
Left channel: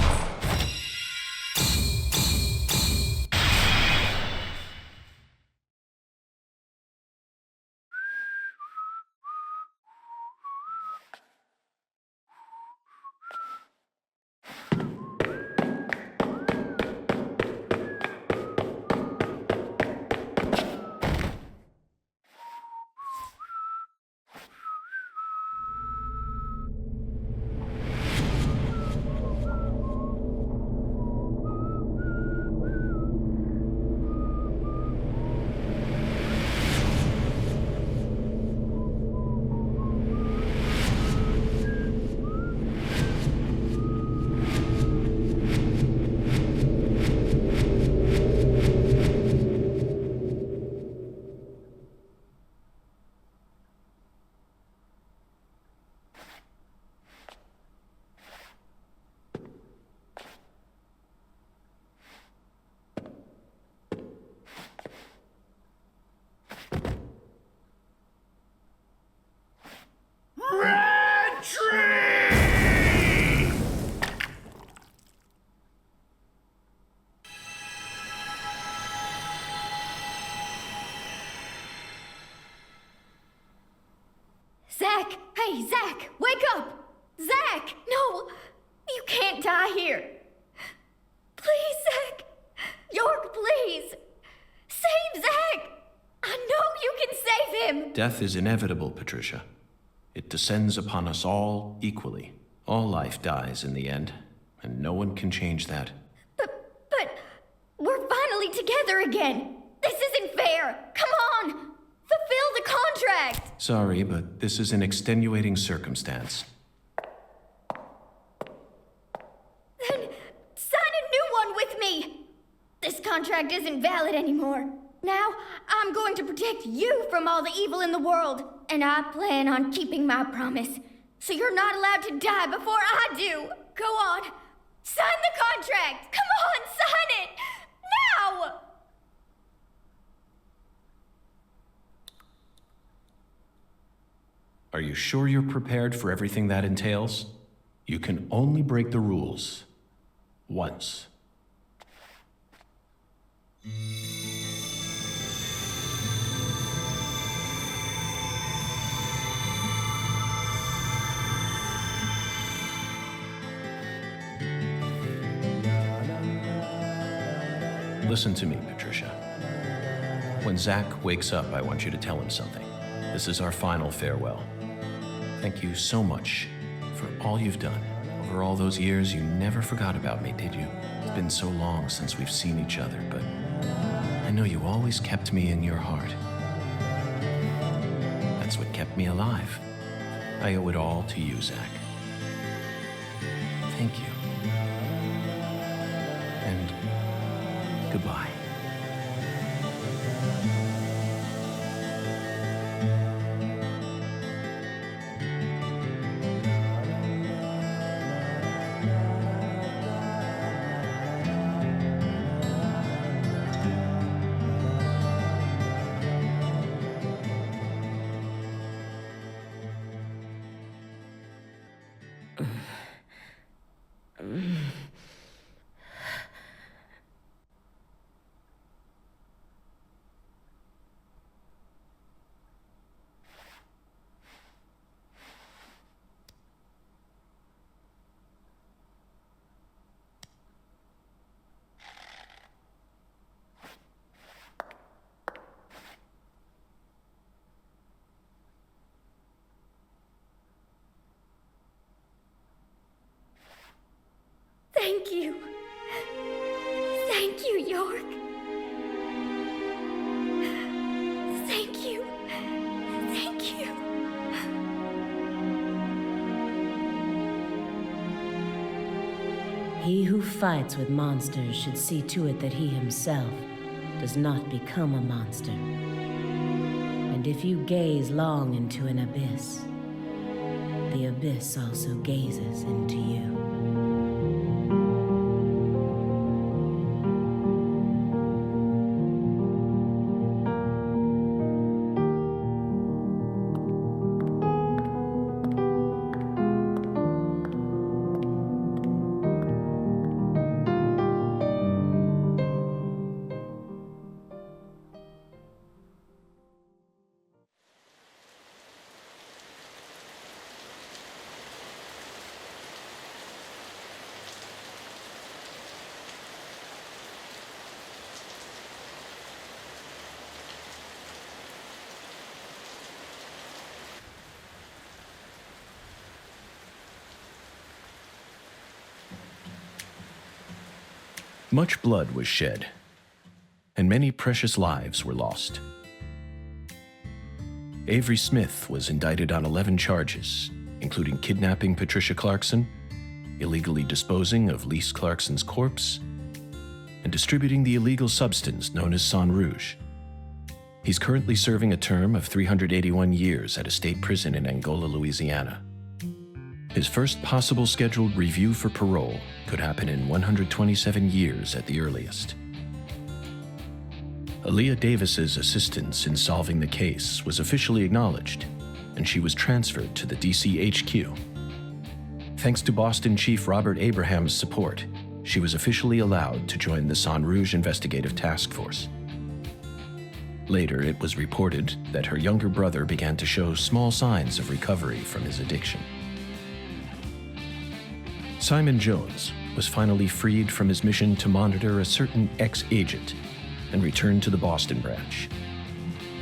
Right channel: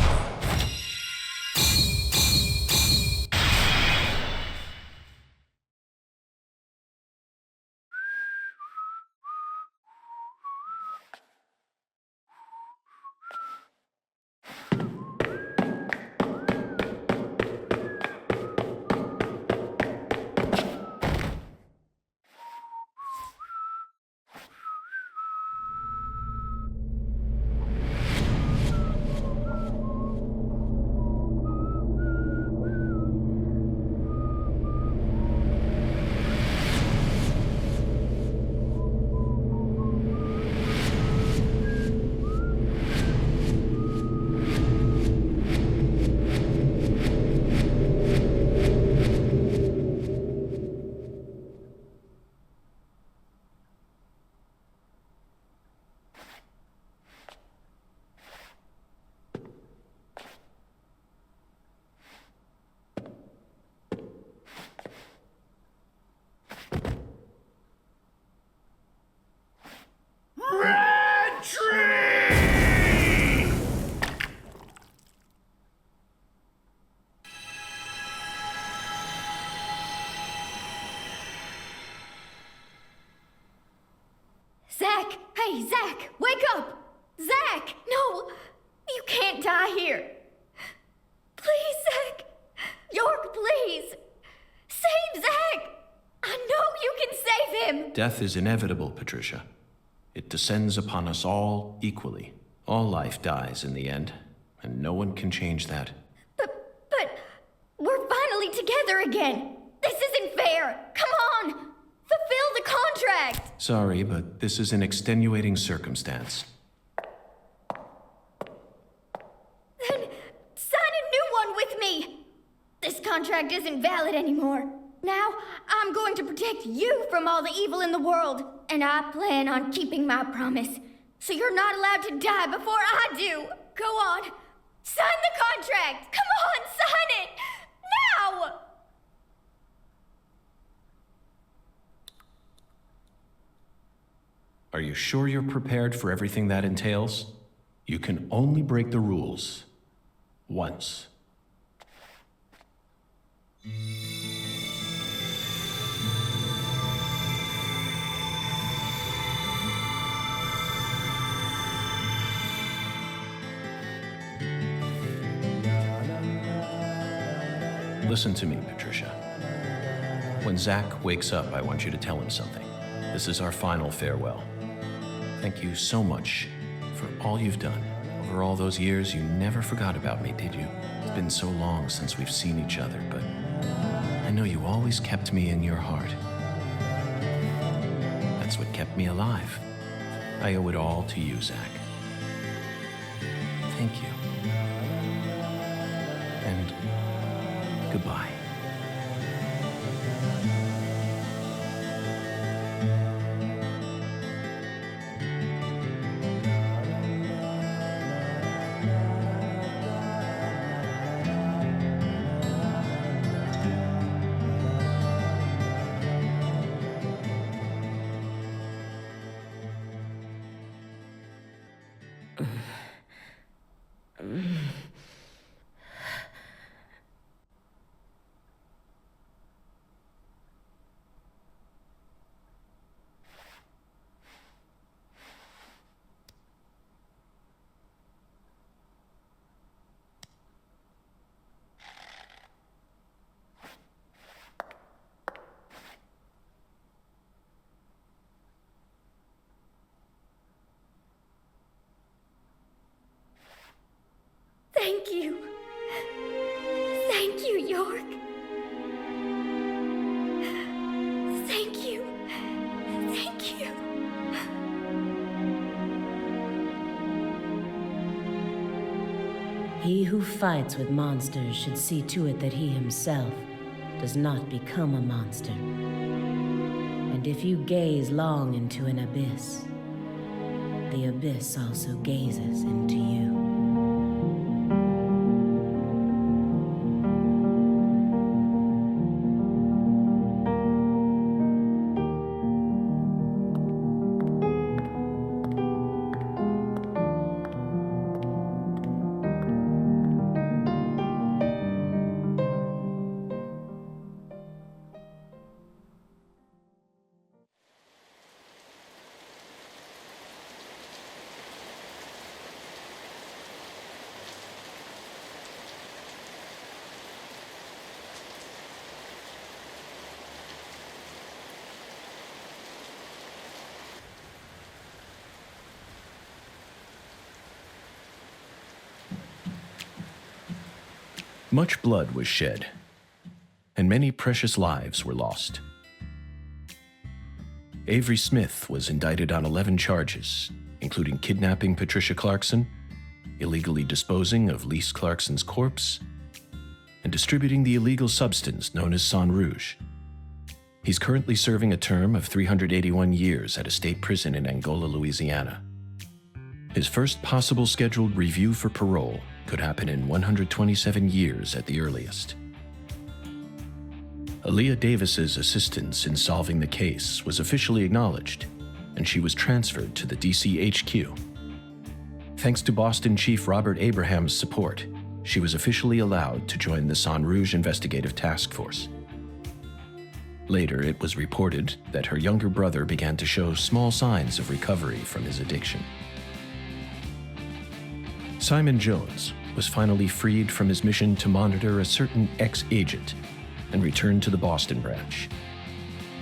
Red Tree! Zach! Hey, Zach! Wake up! Zach! No! You can't die here! Please, Zach! York, please! Save Zach! I know you can save him! Death is inevitable, Patricia. It descends upon us all equally. All life dies in the end, and no one can change that. But we're finally together again! This isn't fair! Come on! Fulfill the contract! Sorry, but this is an extenuating circumstance. Then sign a new one with me! This contract isn't valid anymore. Now, I'm going to protect you from all the evil in the world, and I plan on keeping my promise. So you're not allowed to die before I do. Go on. Sign the contract! Come on, sign it! Now! Are you sure you're prepared for everything that entails? You can only break the rules once. Listen to me, Patricia. When Zach wakes up, I want you to tell him something. This is our final farewell. Thank you so much for all you've done. Over all those years, you never forgot about me, did you? It's been so long since we've seen each other, but I know you always kept me in your heart. That's what kept me alive. I owe it all to you, Zach. Thank you. And goodbye. Thank you. Thank you, York. Thank you. Thank you. He who fights with monsters should see to it that he himself does not become a monster. And if you gaze long into an abyss, the abyss also gazes into you. Much blood was shed, and many precious lives were lost. Avery Smith was indicted on 11 charges, including kidnapping Patricia Clarkson, illegally disposing of Lise Clarkson's corpse, and distributing the illegal substance known as Sang Rouge. He's currently serving a term of 381 years at a state prison in Angola, Louisiana. His first possible scheduled review for parole could happen in 127 years at the earliest. Aaliyah Davis's assistance in solving the case was officially acknowledged, and she was transferred to the DC HQ. Thanks to Boston Chief Robert Abraham's support, she was officially allowed to join the Sang Rouge Investigative Task Force. Later, it was reported that her younger brother began to show small signs of recovery from his addiction. Simon Jones was finally freed from his mission to monitor a certain ex-agent and returned to the Boston branch.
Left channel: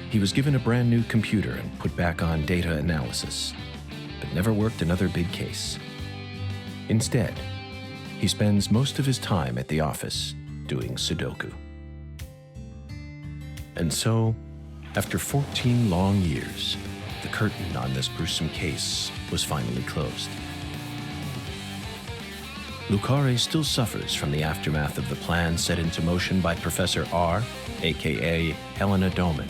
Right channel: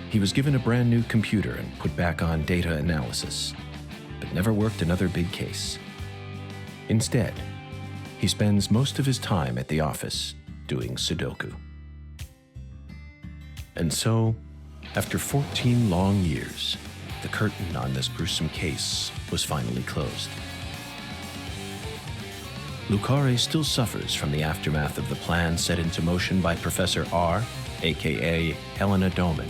He was given a brand new computer and put back on data analysis, but never worked another big case. Instead, he spends most of his time at the office doing Sudoku. And so, after 14 long years, the curtain on this gruesome case was finally closed. Lucare still suffers from the aftermath of the plan set into motion by Professor R, aka Helena Doman.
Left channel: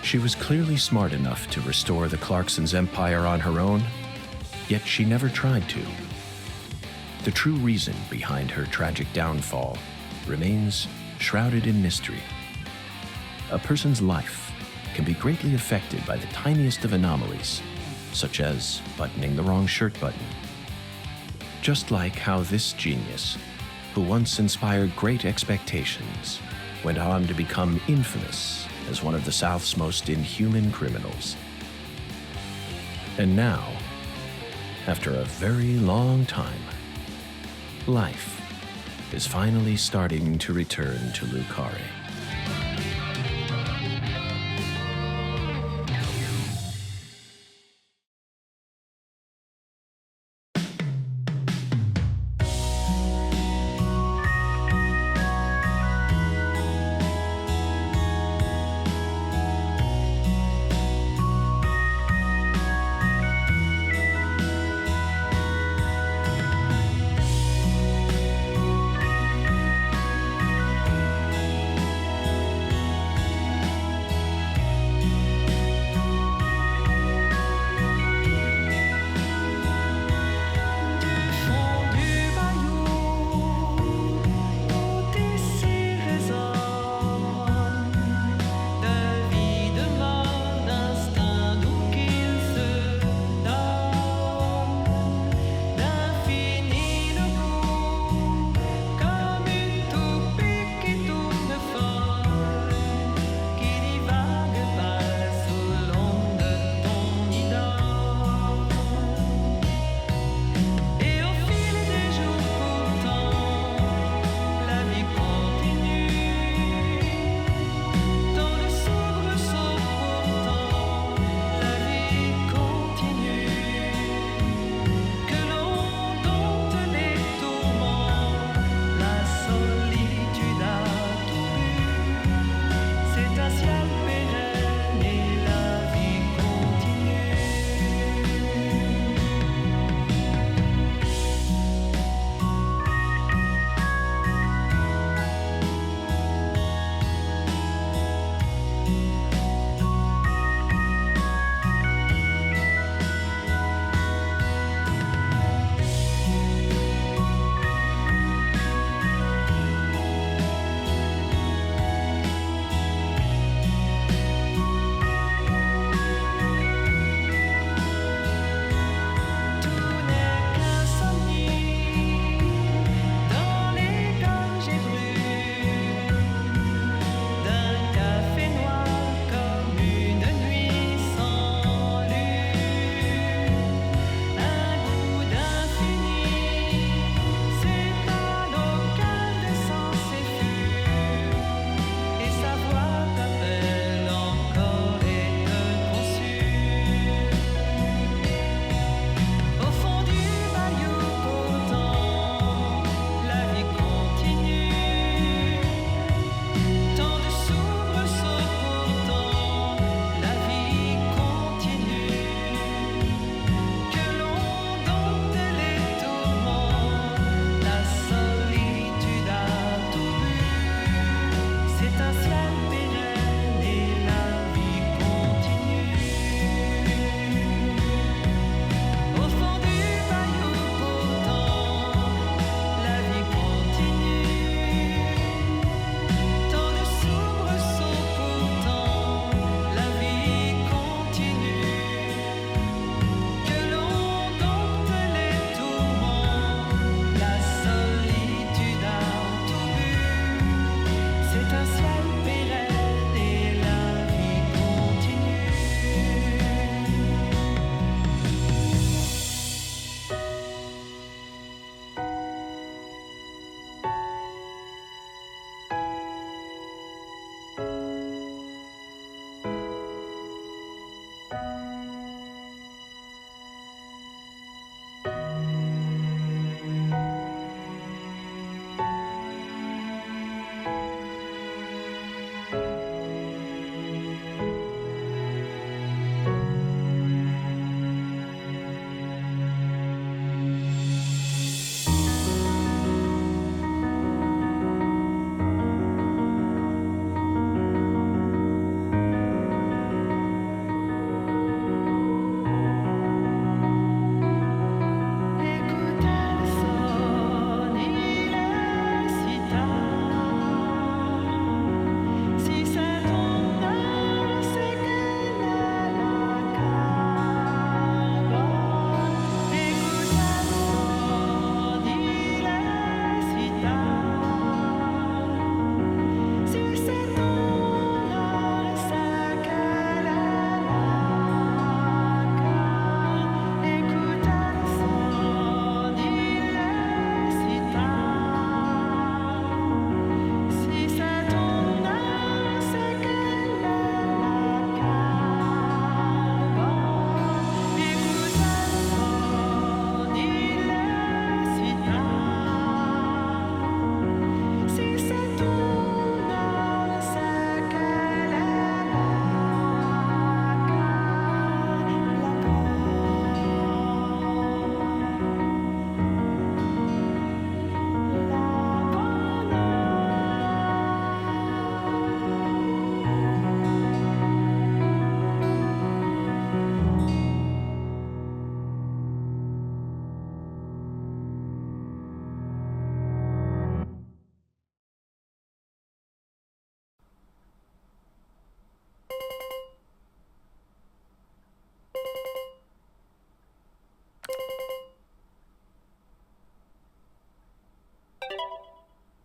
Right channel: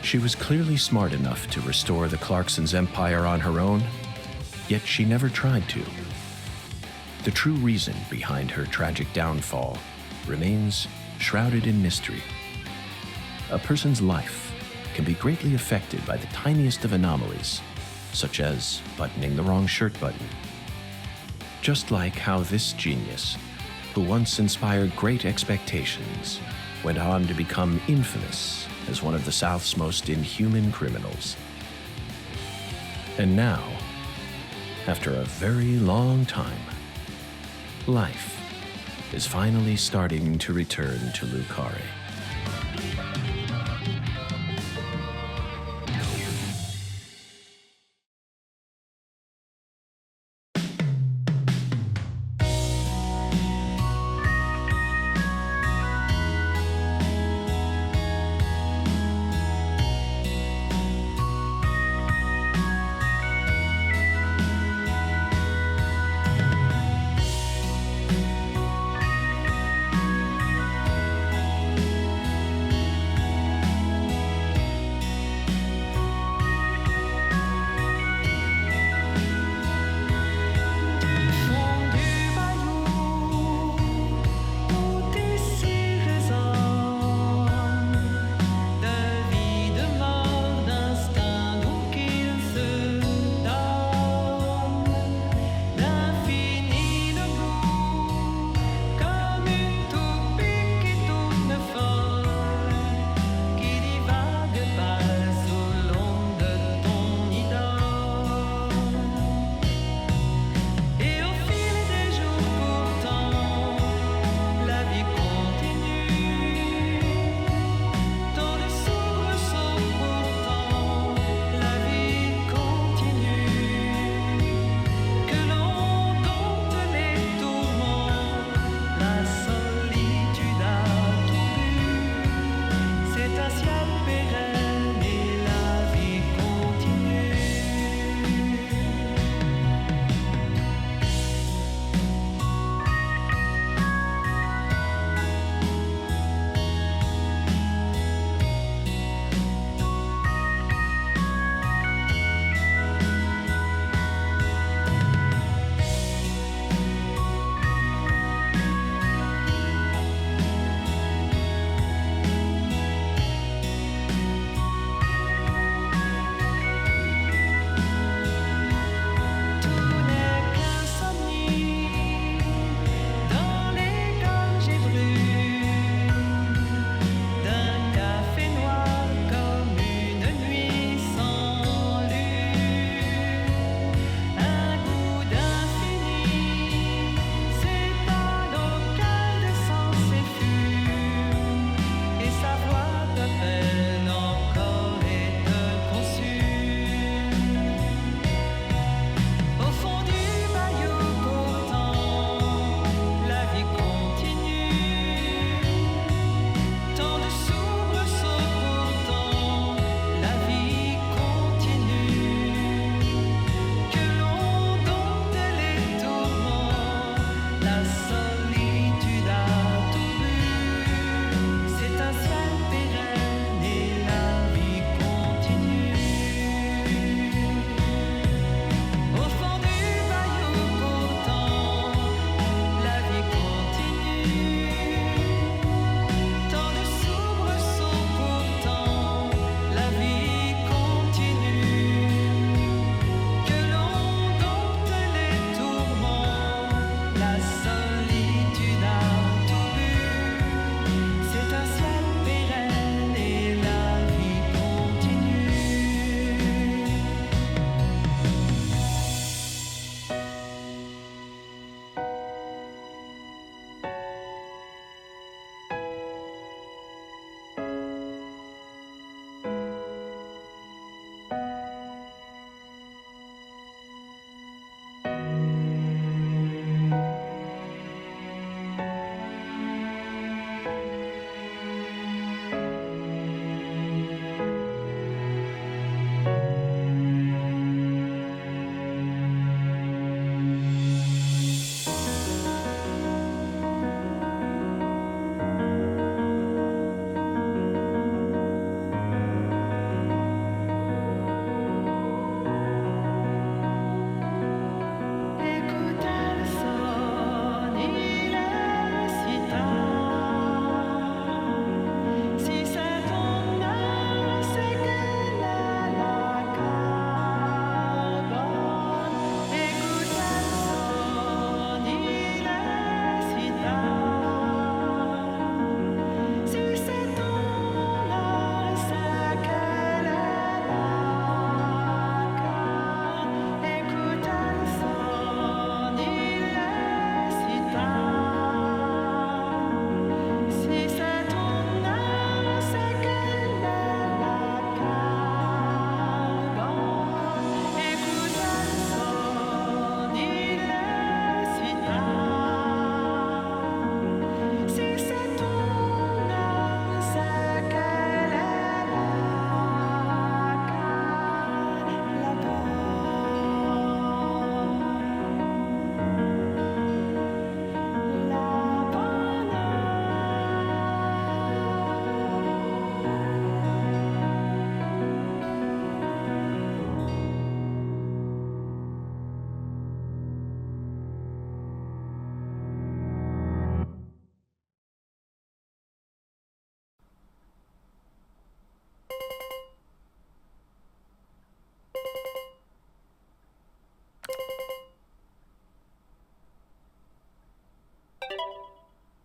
She was clearly smart enough to restore the Clarksons' empire on her own, yet she never tried to. The true reason behind her tragic downfall remains shrouded in mystery. A person's life can be greatly affected by the tiniest of anomalies, such as buttoning the wrong shirt button. Just like how this genius, who once inspired great expectations, went on to become infamous as one of the South's most inhuman criminals. And now, after a very long time, life is finally starting to return to Lucare.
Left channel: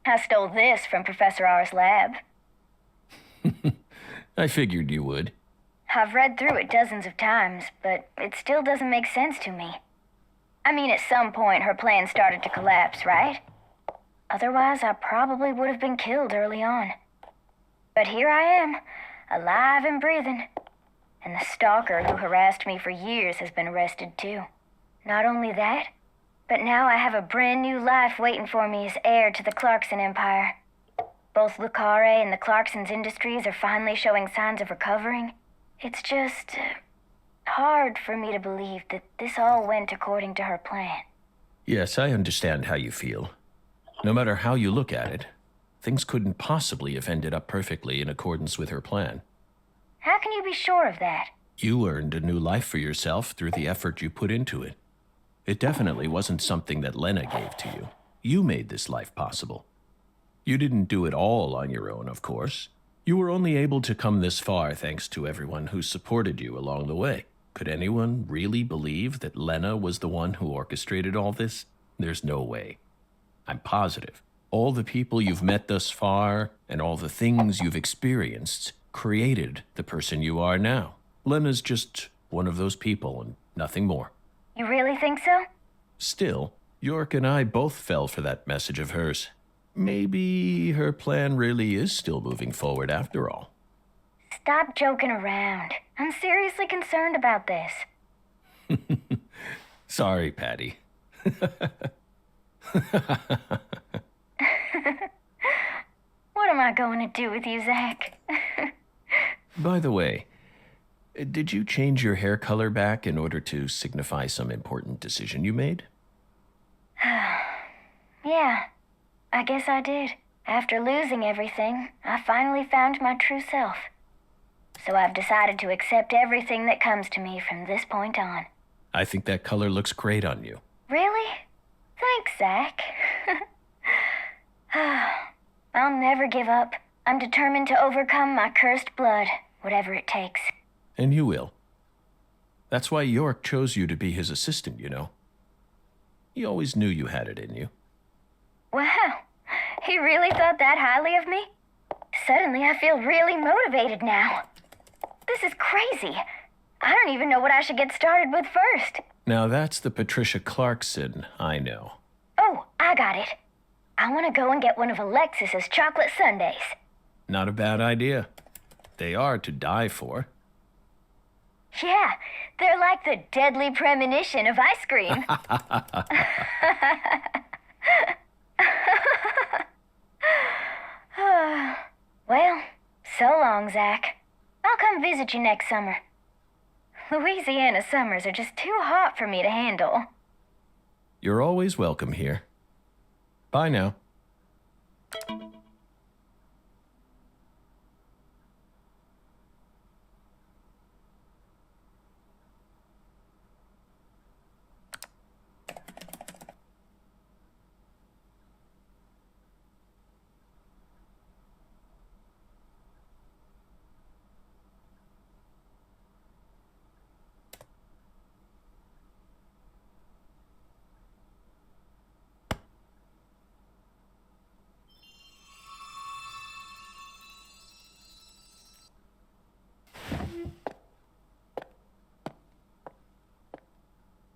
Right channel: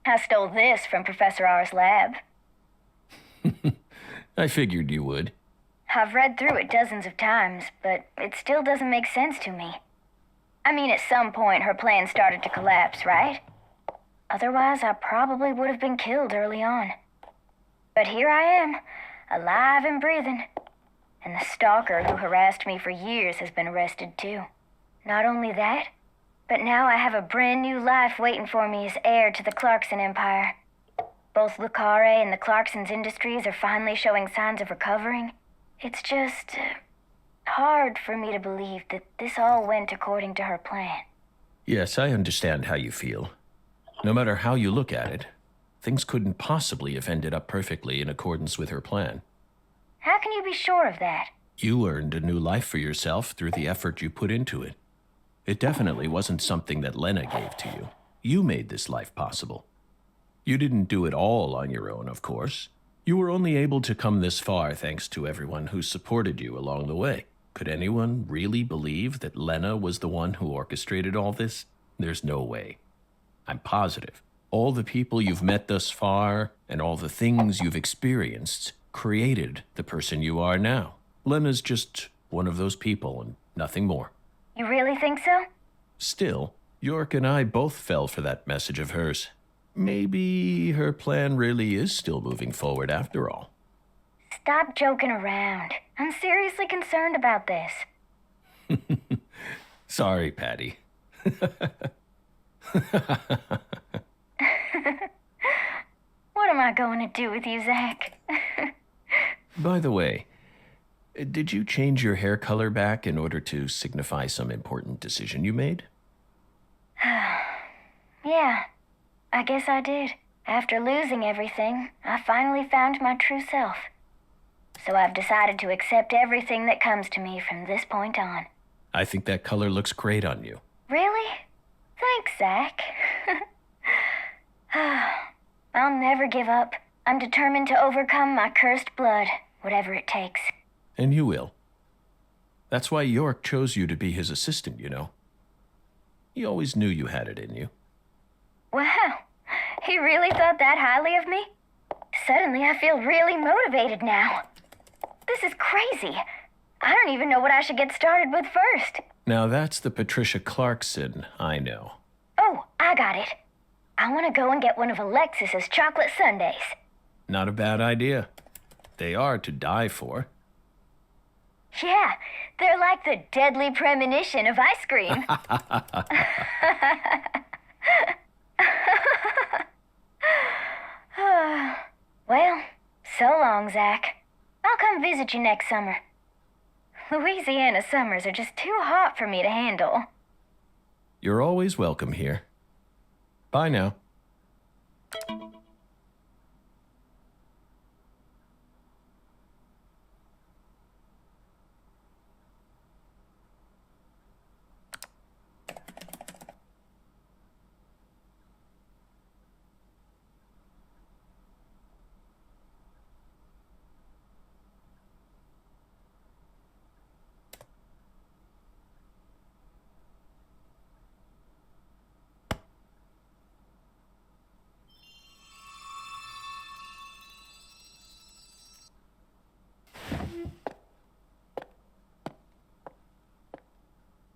I stole this from Professor R's lab. I figured you would. I've read through it dozens of times, but it still doesn't make sense to me. I mean, at some point her plan started to collapse, right? Otherwise, I probably would have been killed early on. But here I am, alive and breathing. And the stalker who harassed me for years has been arrested too. Not only that, but now I have a brand new life waiting for me as heir to the Clarkson Empire. Both Lucare and the Clarkson's industries are finally showing signs of recovering. It's just hard for me to believe that this all went according to her plan. Yes, I understand how you feel. No matter how you look at it, things couldn't possibly have ended up perfectly in accordance with her plan. How can you be sure of that? You earned a new life for yourself through the effort you put into it. It definitely wasn't something that Lena gave to you. You made this life possible. You didn't do it all on your own, of course. You were only able to come this far thanks to everyone who supported you along the way. Could anyone really believe that Lena was the one who orchestrated all this? There's no way. I'm positive. All the people you've met thus far and all the things you've experienced created the person you are now. Lena's just one of those people and nothing more. You really think so? Still, York and I both fell for that message of hers. Maybe her plan really is still moving forward after all. Stop joking around. I'm seriously concerned about this. Sorry, Patty. What am I going to do with you, Zach? By the way, did you change your hair color back in order to signify some important decision you made? Yeah, I guess I did. After losing everything, I finally found my true self. So I've decided to accept everything that comes to me from this point on. I think that color looks great on you. Really? Thanks, Zach. I'll never give up. I'm determined to overcome my cursed blood, whatever it takes. And you will. That's why York chose you to be his assistant, you know. He always knew you had it in you. Wow, he really thought that highly of me? Suddenly I feel really motivated now. This is crazy. I don't even know what I should get started with first. Now that's the Patricia Clarkson I know. Oh, I got it. I want to go and get one of Alexis's chocolate sundaes. Not a bad idea. They are to die for. Yeah, they're like the deadly premonition of ice cream. Well, so long, Zach. I'll come visit you next summer. Louisiana summers are just too hot for me to handle. You're always welcome here. Bye now.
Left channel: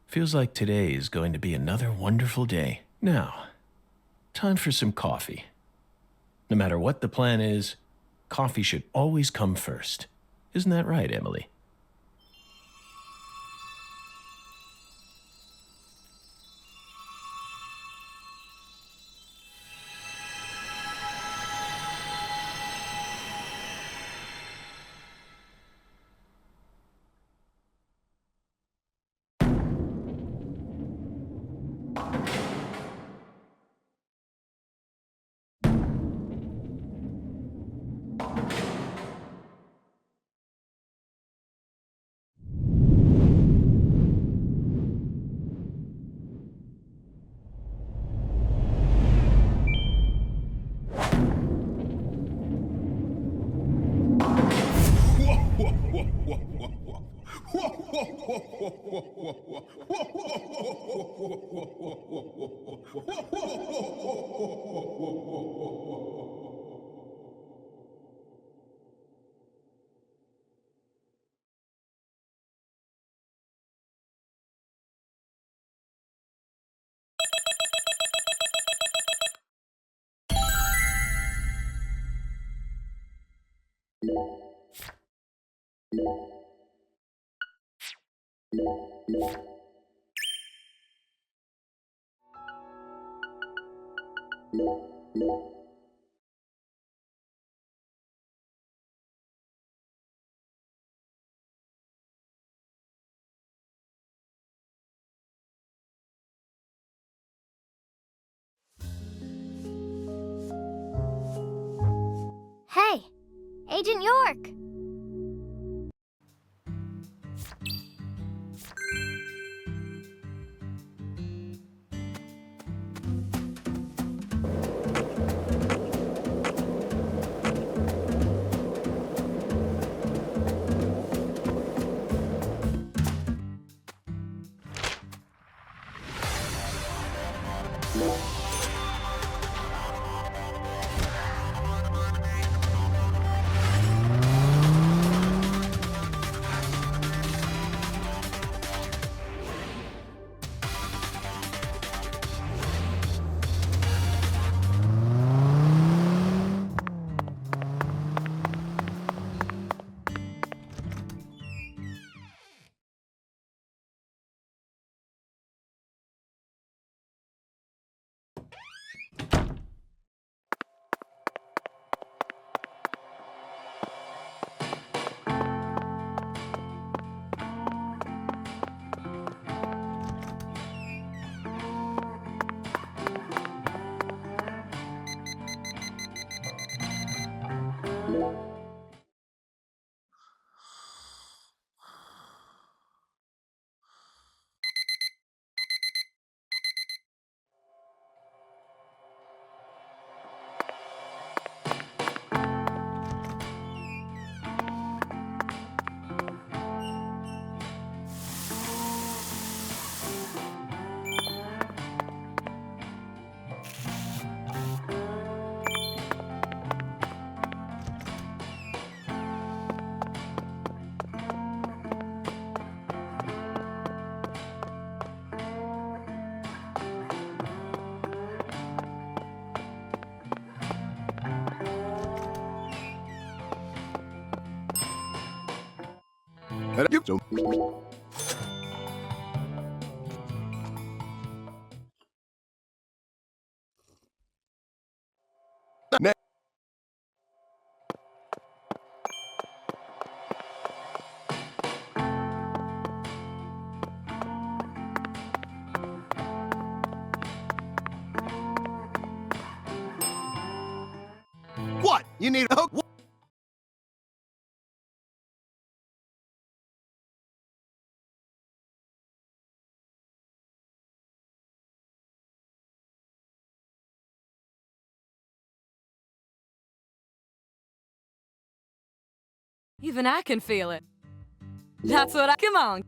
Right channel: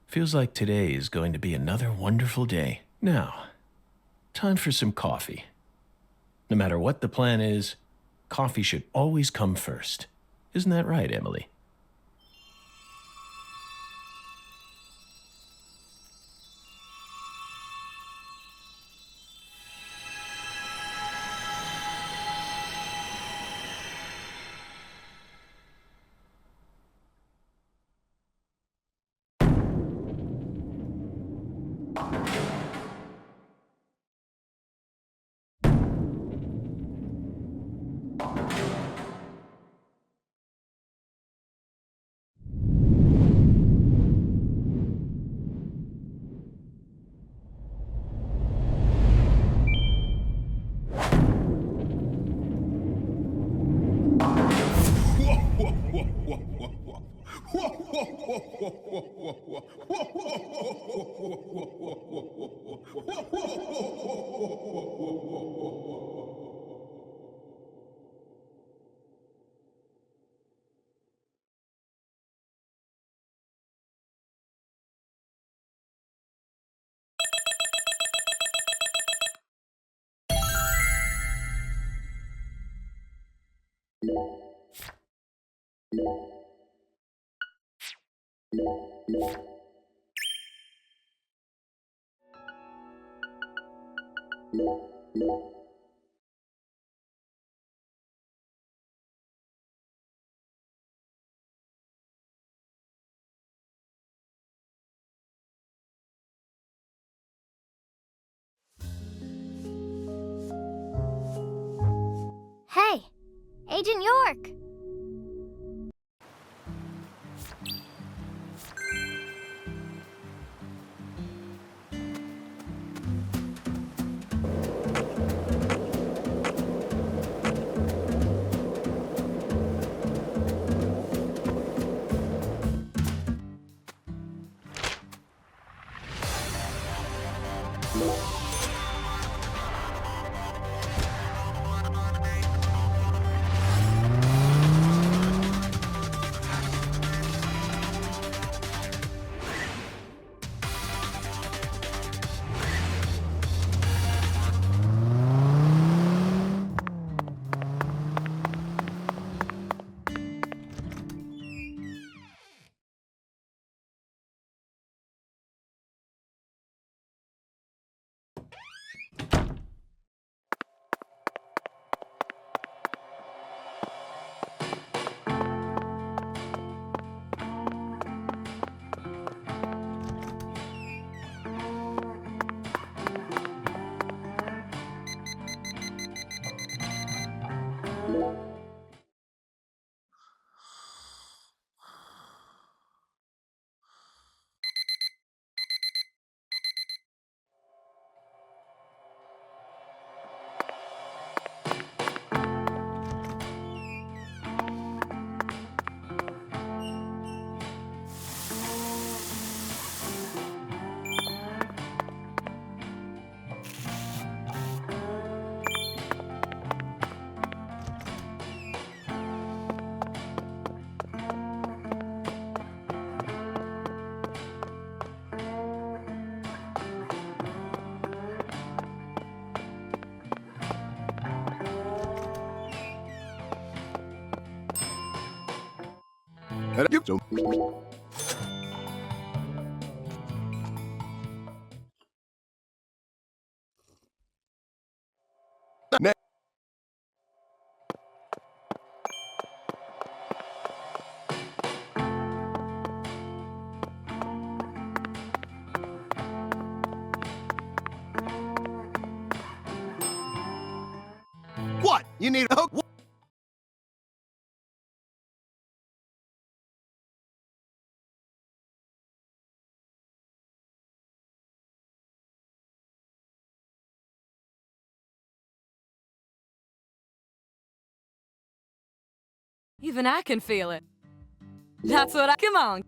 Feels like today is going to be another wonderful day. Now, time for some coffee. No matter what the plan is, coffee should always come first. Isn't that right, Emily? Hey, Agent York! What? You need a hook? Even I can feel it. That's what I... Come on.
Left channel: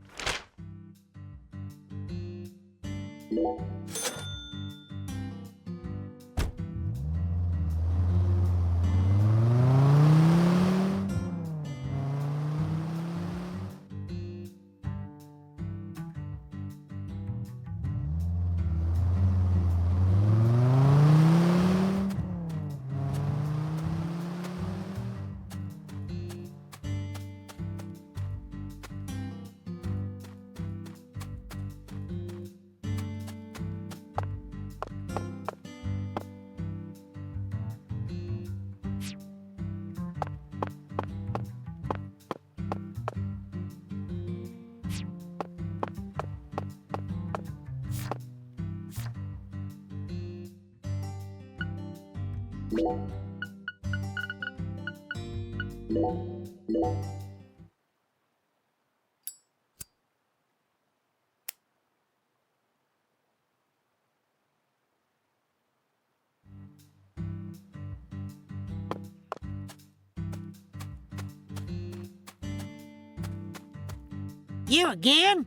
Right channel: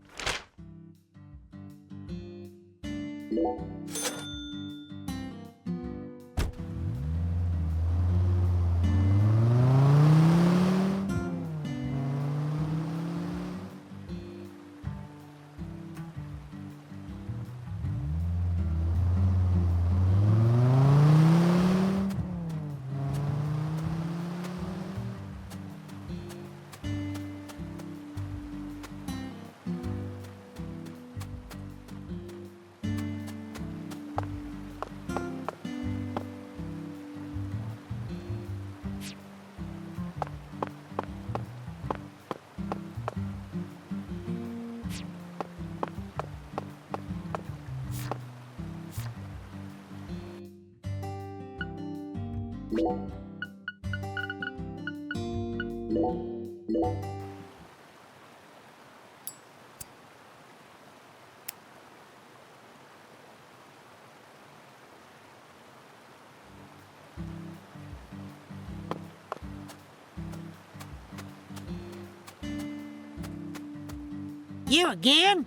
You again?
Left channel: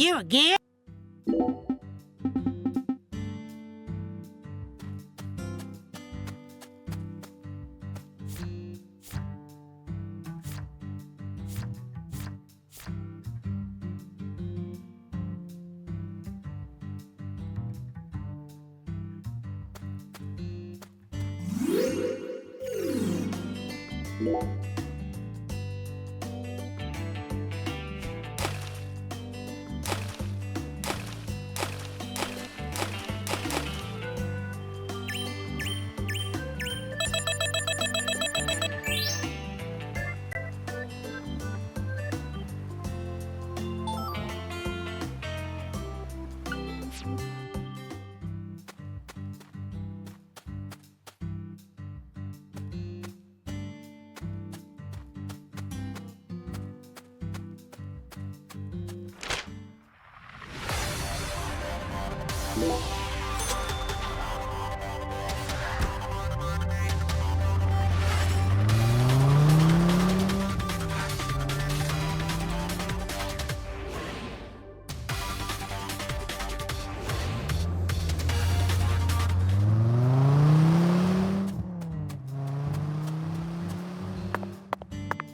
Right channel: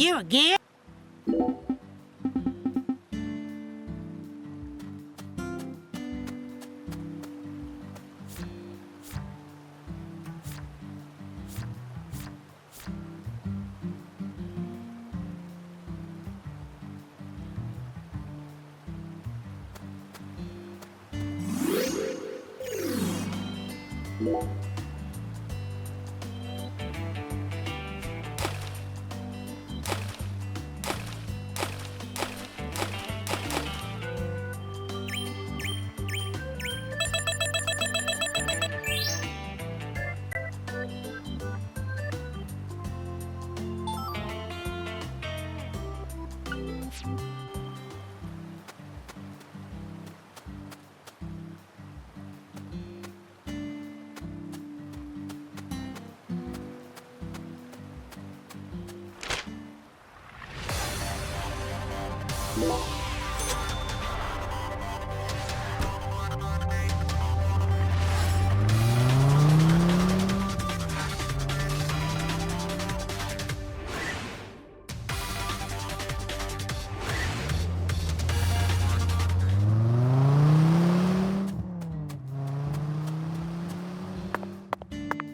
You again?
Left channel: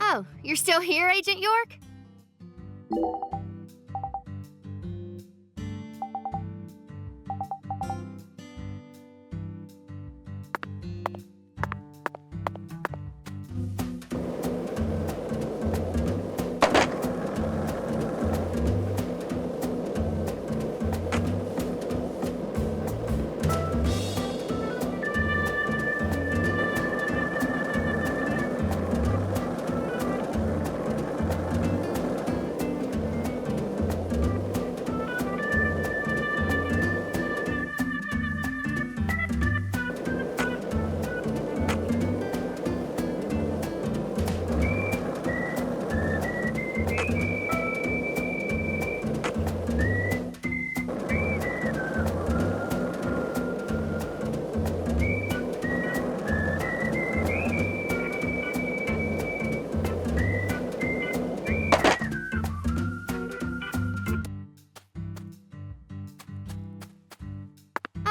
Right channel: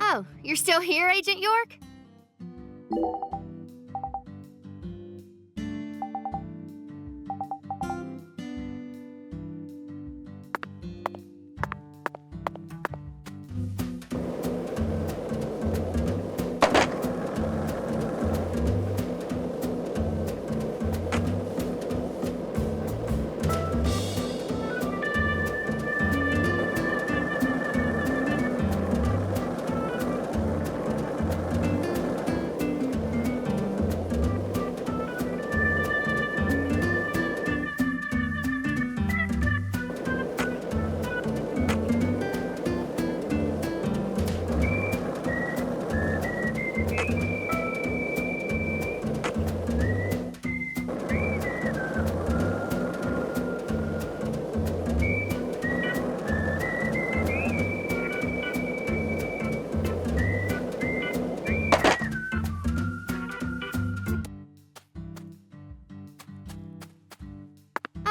Oh, you're still here, Agent York?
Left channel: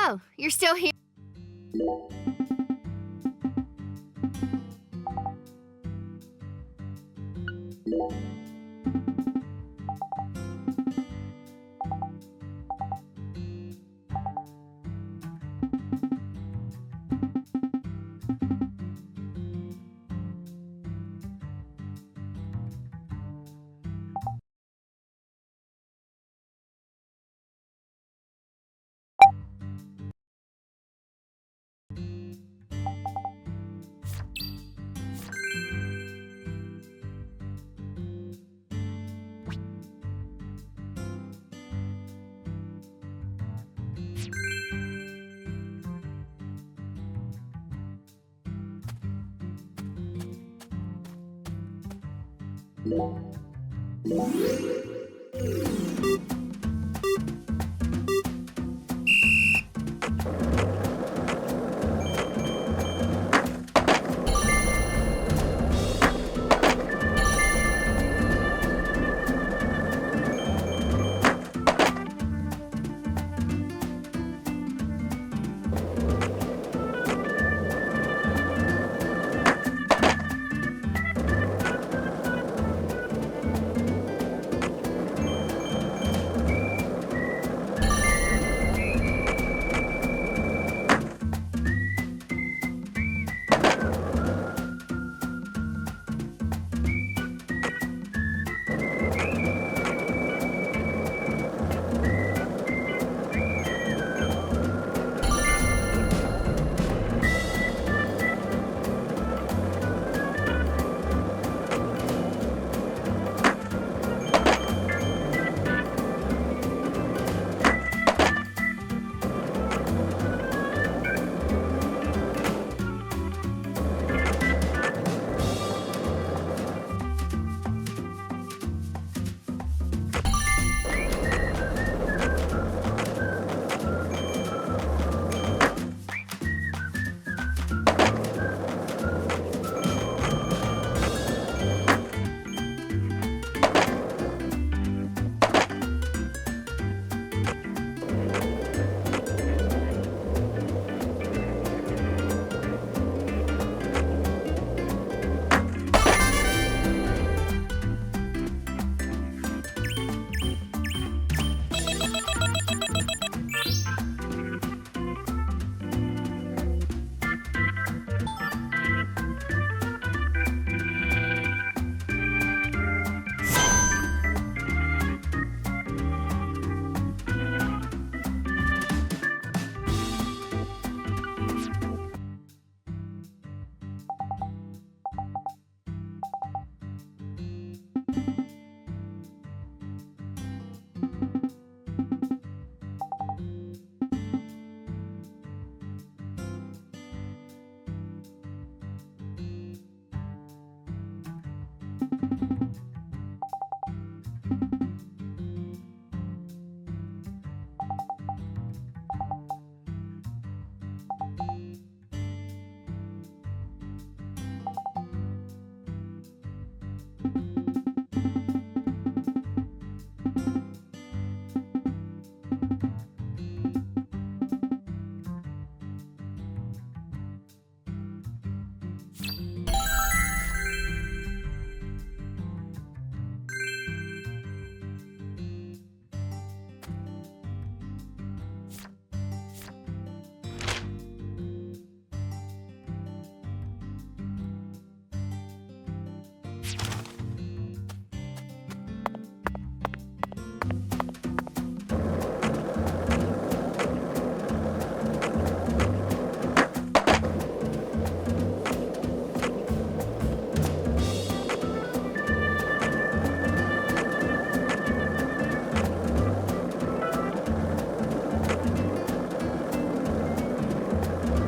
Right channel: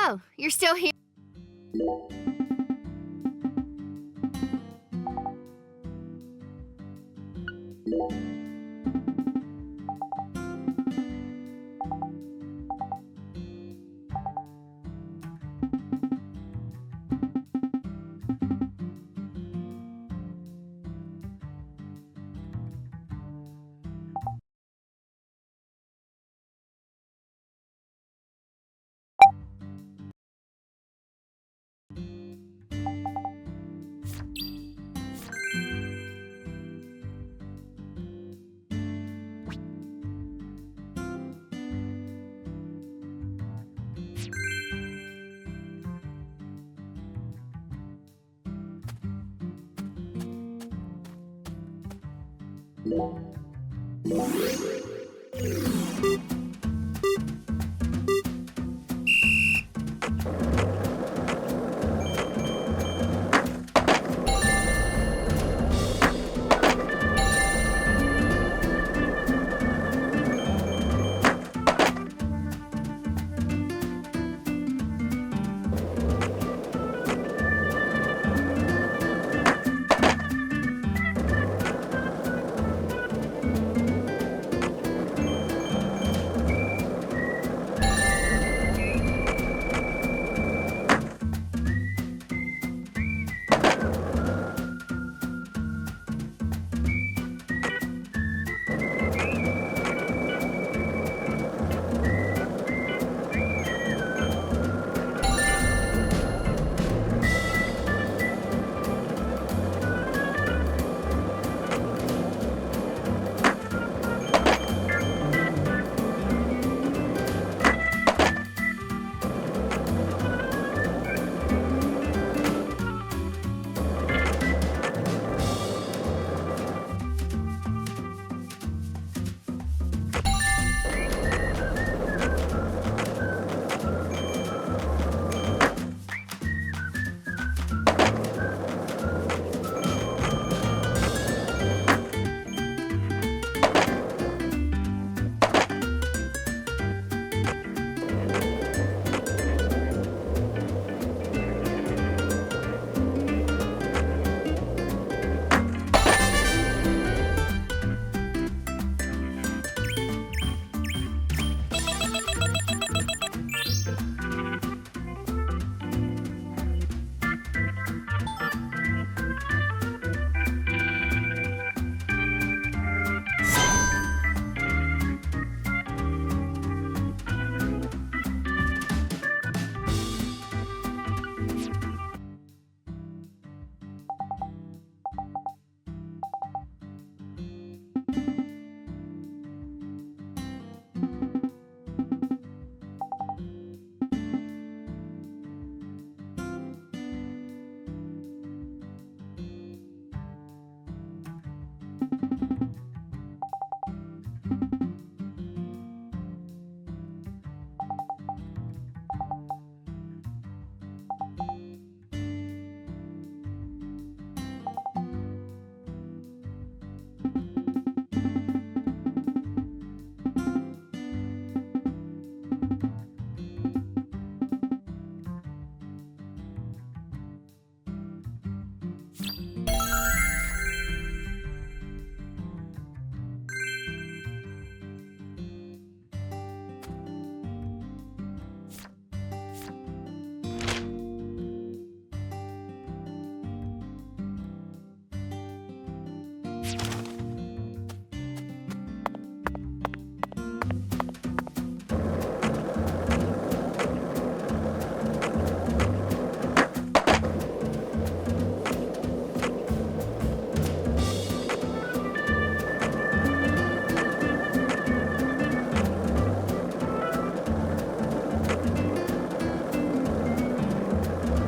Oh, you're still here?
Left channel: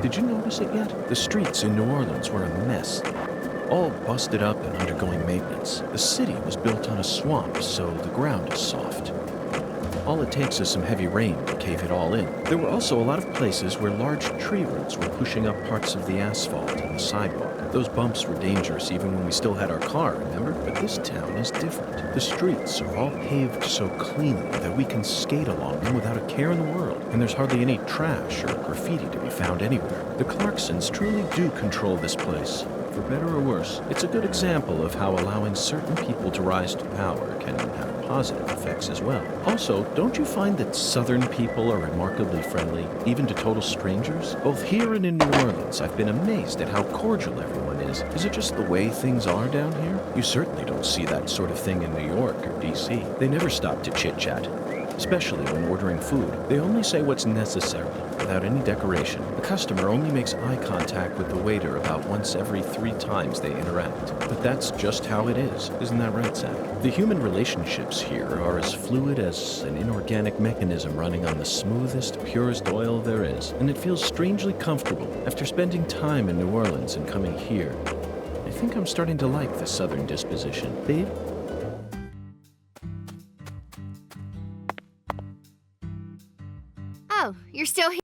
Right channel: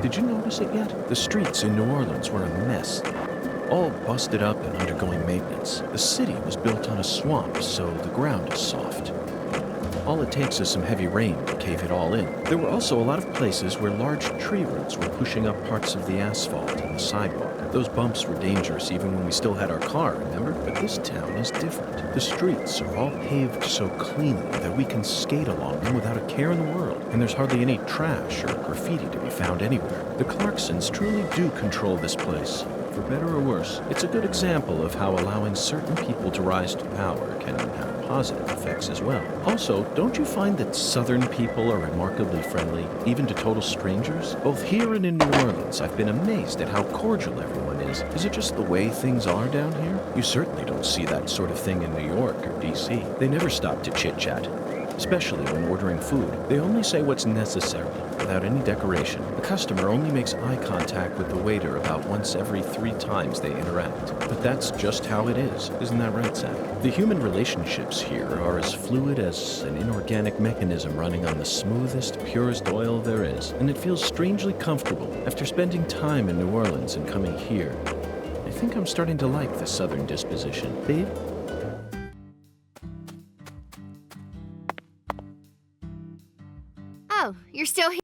Did you notice it yet? The streets in New Orleans were a mess. All busted up and undergoing maintenance. The city was built on a swamp, so the ground is soft. All it takes is some heavy rain to cave it all in. There were also a lot of places where large tree roots were pushing up parts of the asphalt and the sidewalk. Those bumps were dangerous even when we still had our car, remember? But this town is different. The streets are all paved so cleanly that we can skate along them without a care in the world. And there's hardly any trash or graffiti to be found anywhere. The Clarksons truly do control this place. For better or worse, it's a good example of how allowing certain people to rise to power can have positive effects as well. Also, don't you find that Southern people are remarkably friendly, even to total strangers? Both here and in New Orleans, I've been amazed at how cordial everyone is. Is it just the way things are down here? You certainly don't see that sort of thing in New York or D.C. They never stop to chit-chat, especially when ordering food. They only say what's necessary, without any decoration. The customer only makes eye contact with the waiter about once every 3 times they interact. But that's just how it is. Isn't that right, Zach? The human relationships here are as fluid as an inorganic mechanism running on the smoothest, purest oil there is. And it feels strangely comfortable. After spending time in New Orleans and coming here, I think I'm starting to like the Southern disposition. Babe? Oh, you're still here.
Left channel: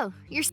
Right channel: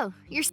Oh, you're...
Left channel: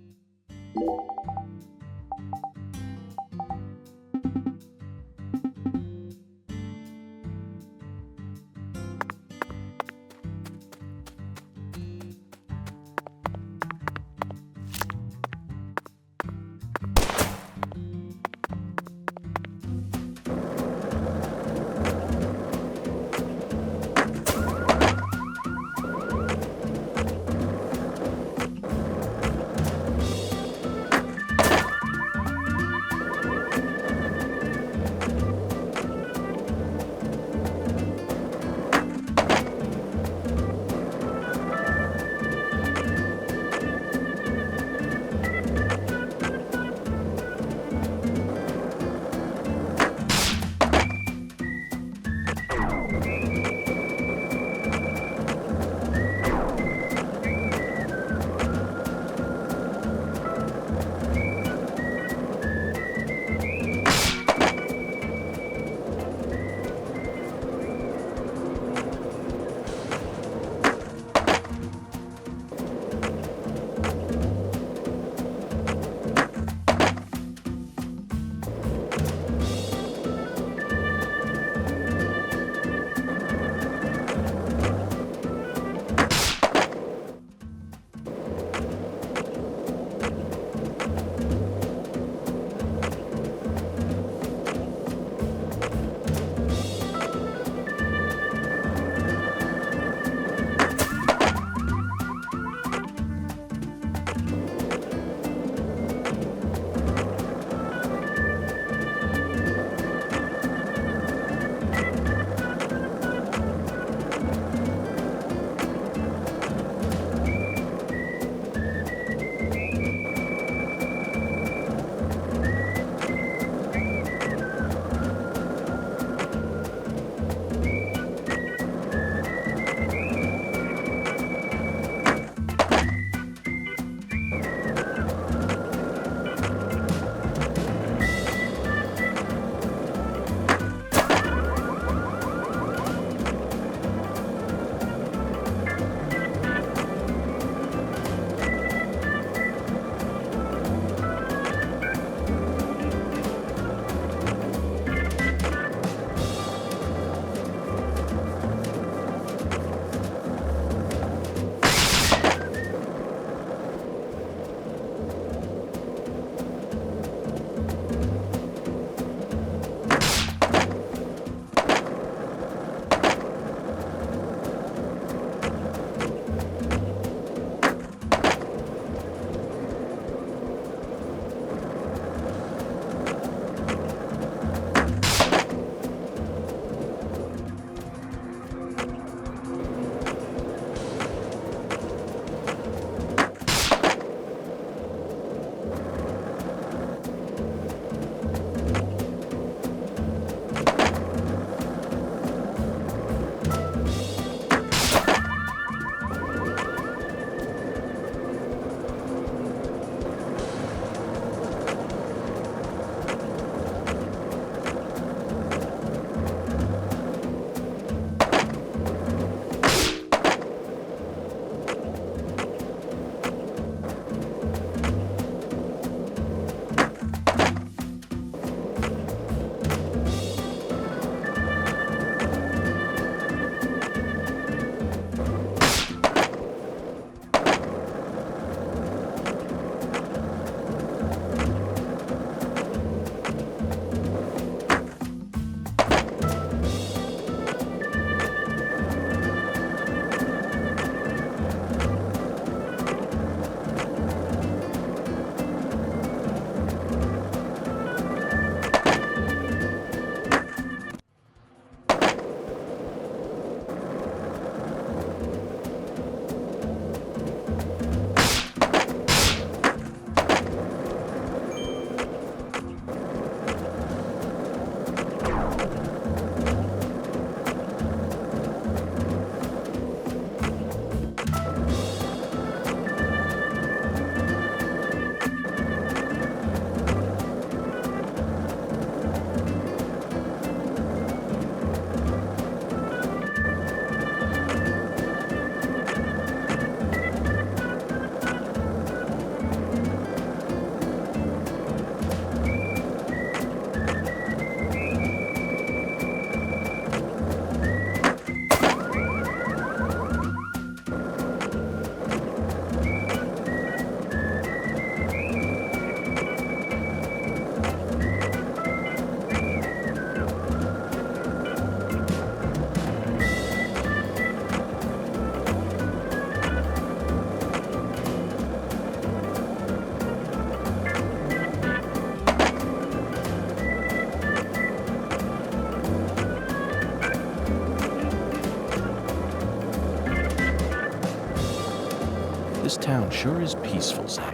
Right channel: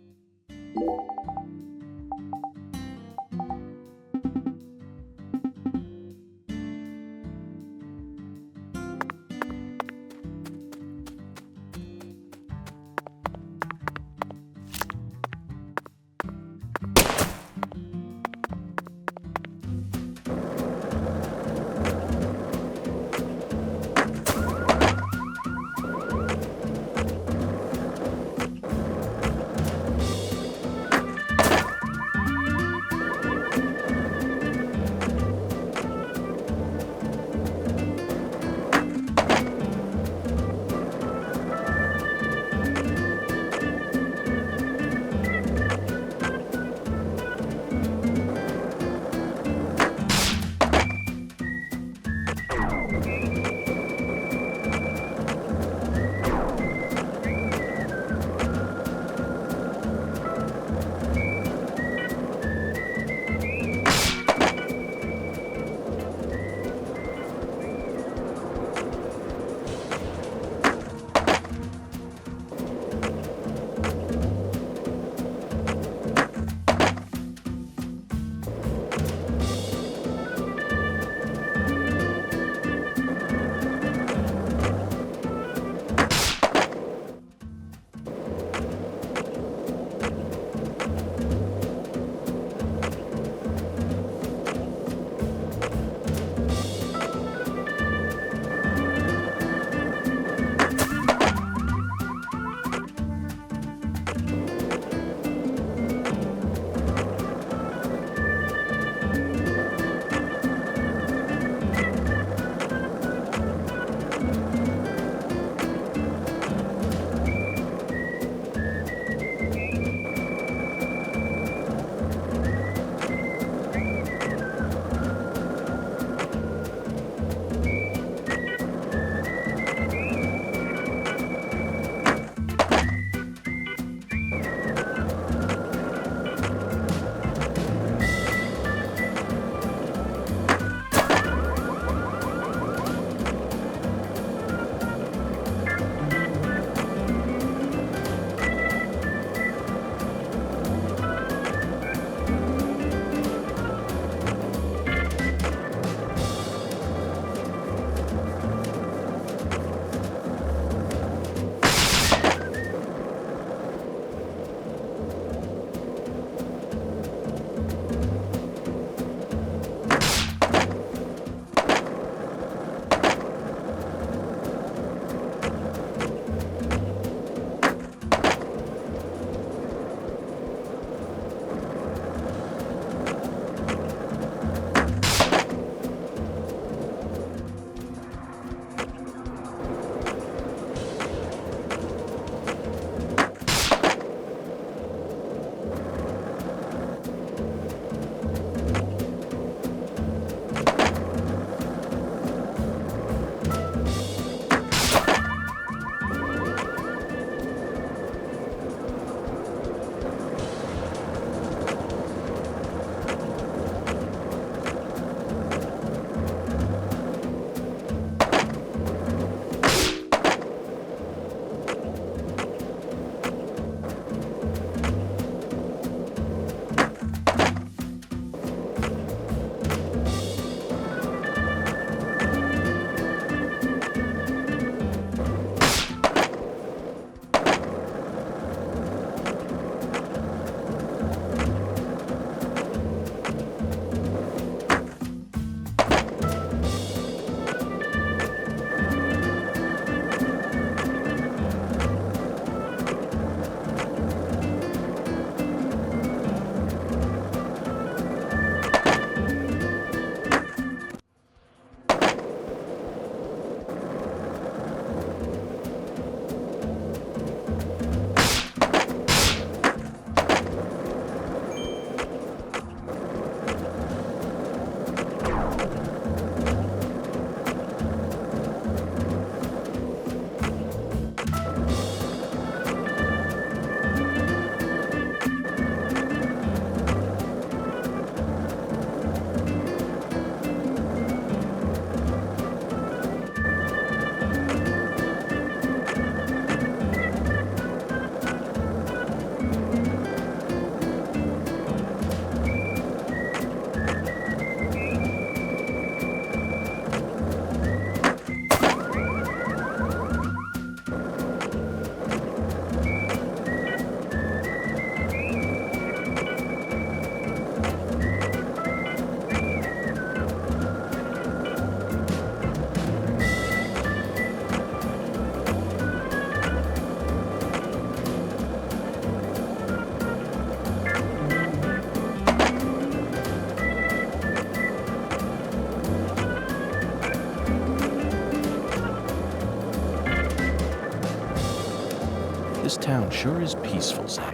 This town sure is peaceful, Zach.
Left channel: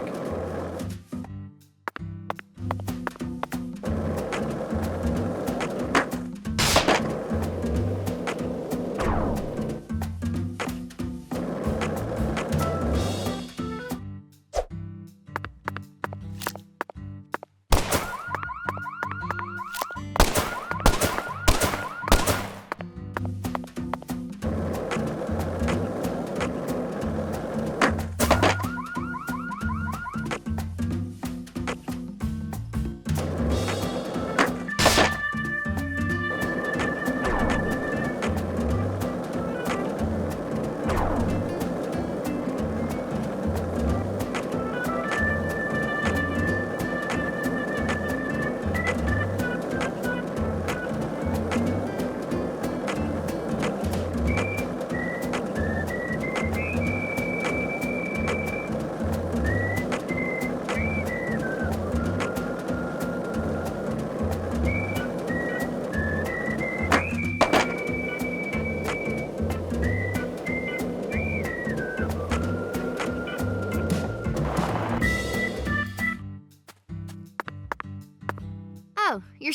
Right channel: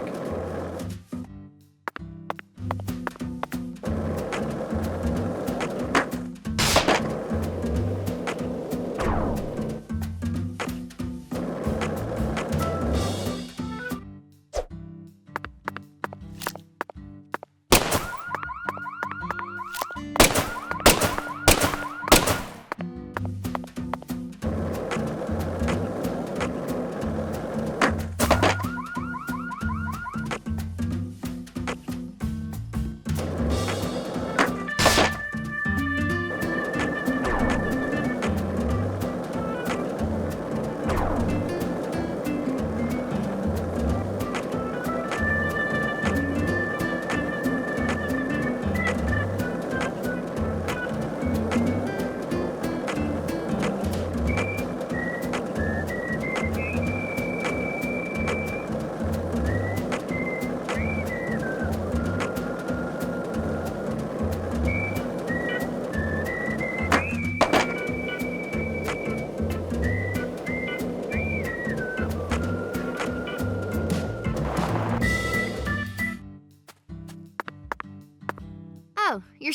Oh, you're...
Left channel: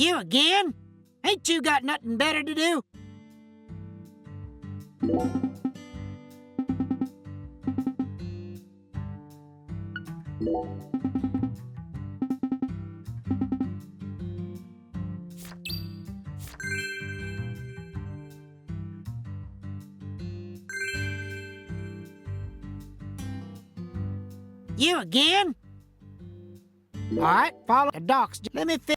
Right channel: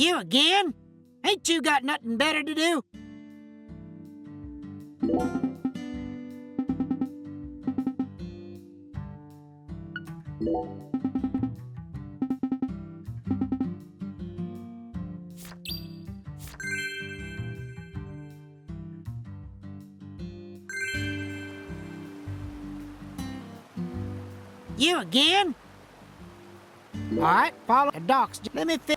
You again? Ain't you got nothing better to do? You again? All right, follow the docks. Let me fix.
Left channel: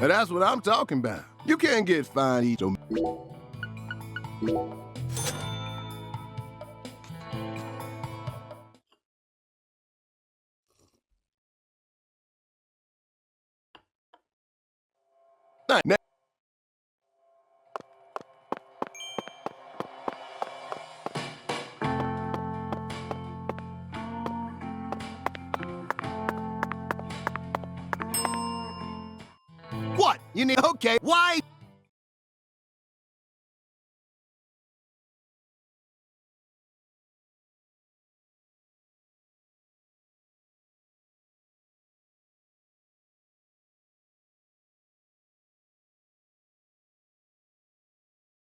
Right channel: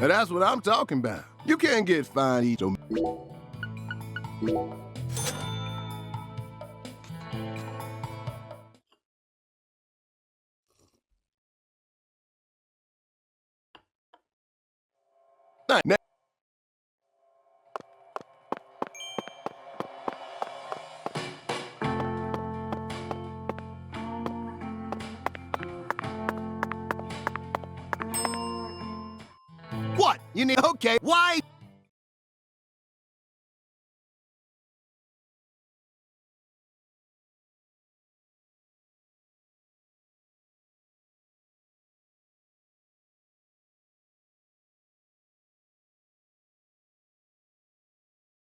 Now that's what I'm talking about. You can't get fined each. Now, what? You need, okay, why?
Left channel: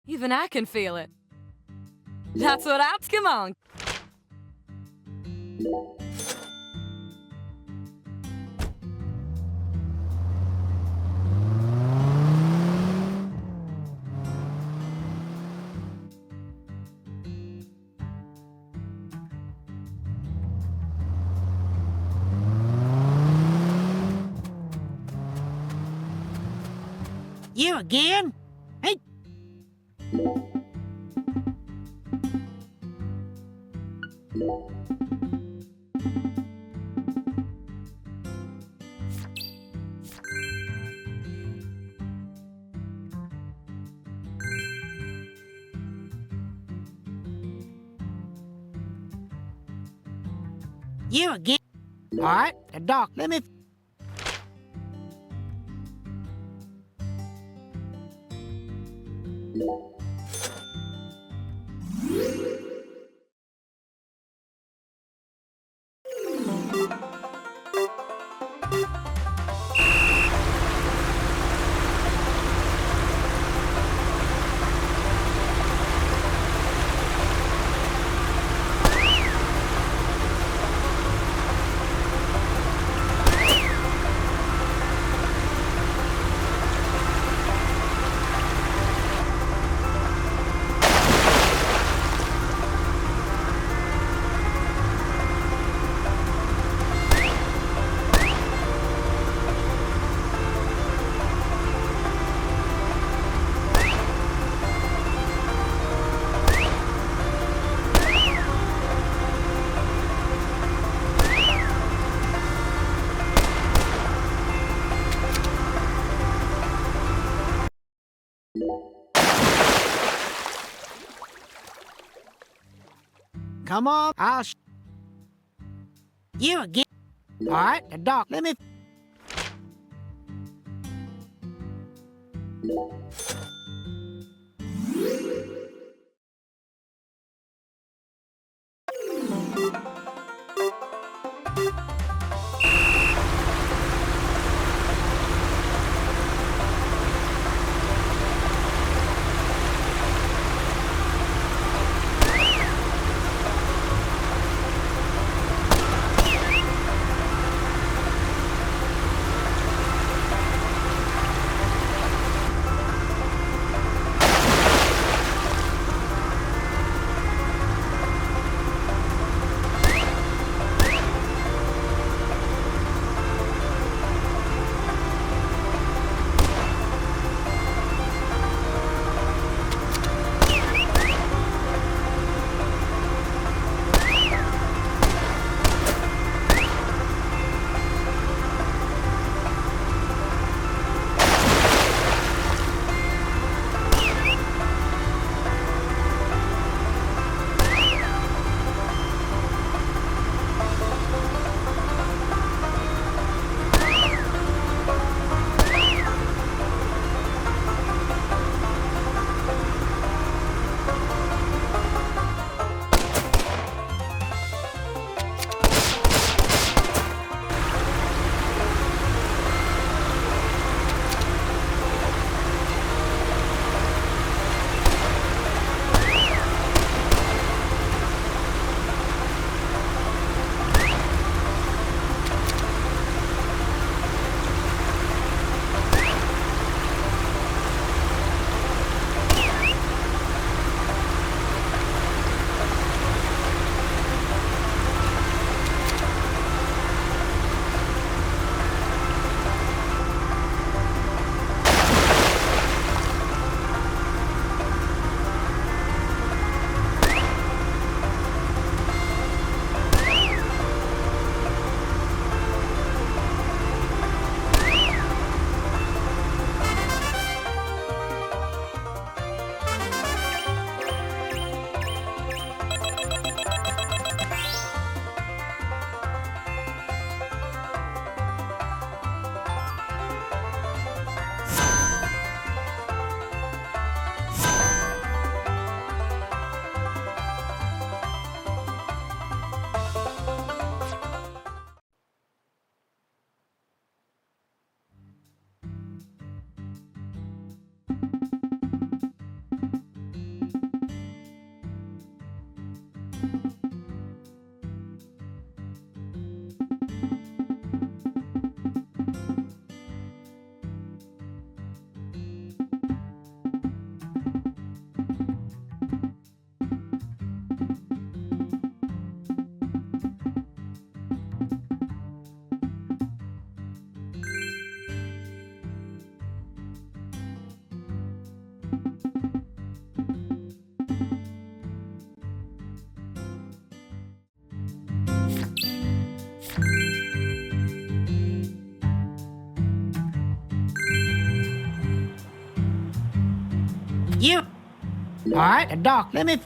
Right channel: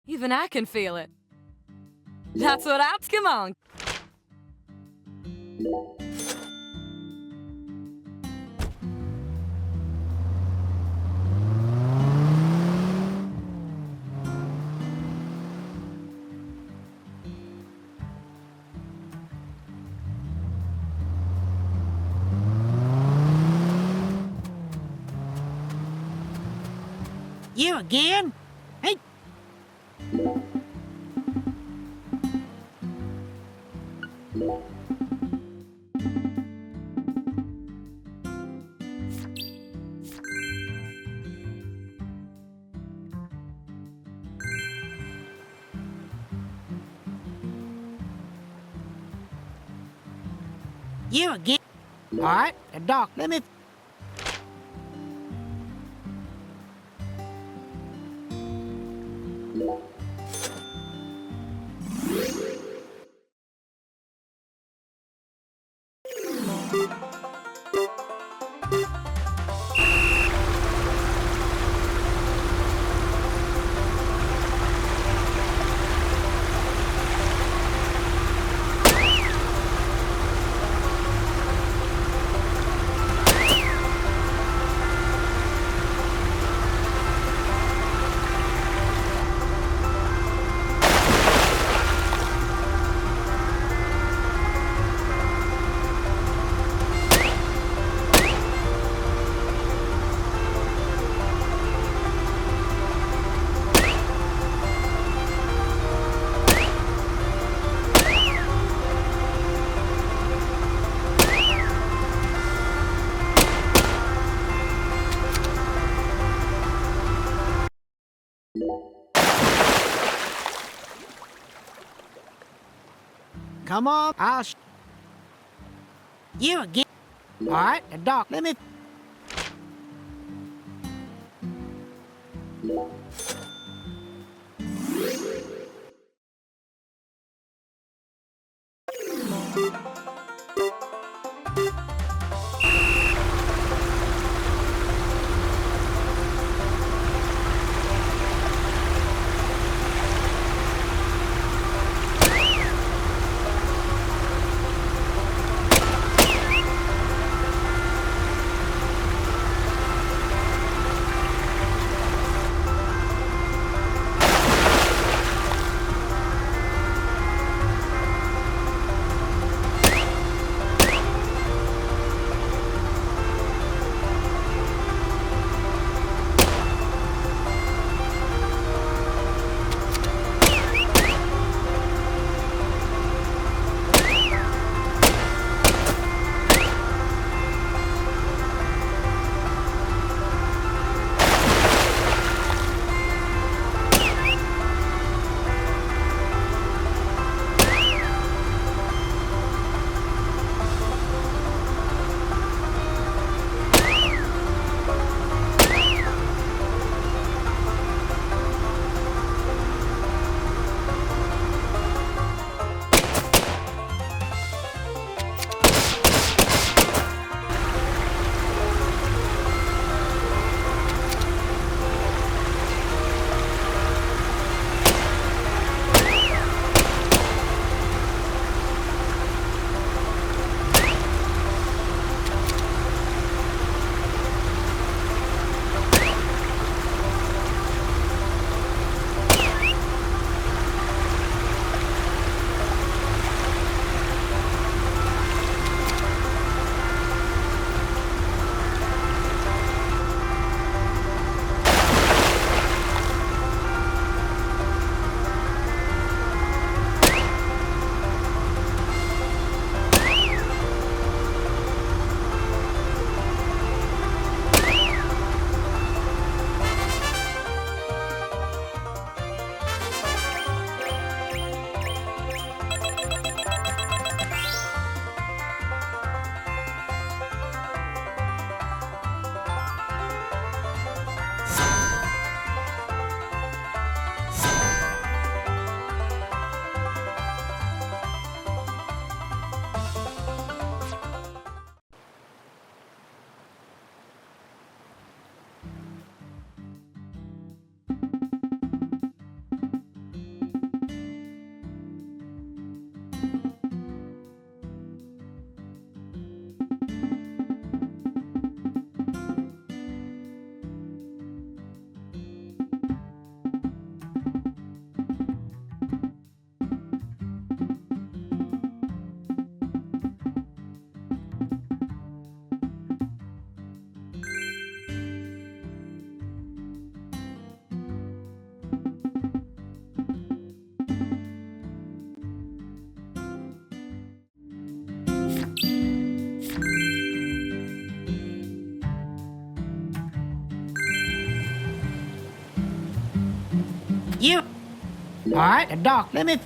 Even I can feel it. That's what I'm. Come on. You again? Hey. You again? All right, Doc, let me... Come on, You again? All right, Doc, let me... You. All right, Doc, let me.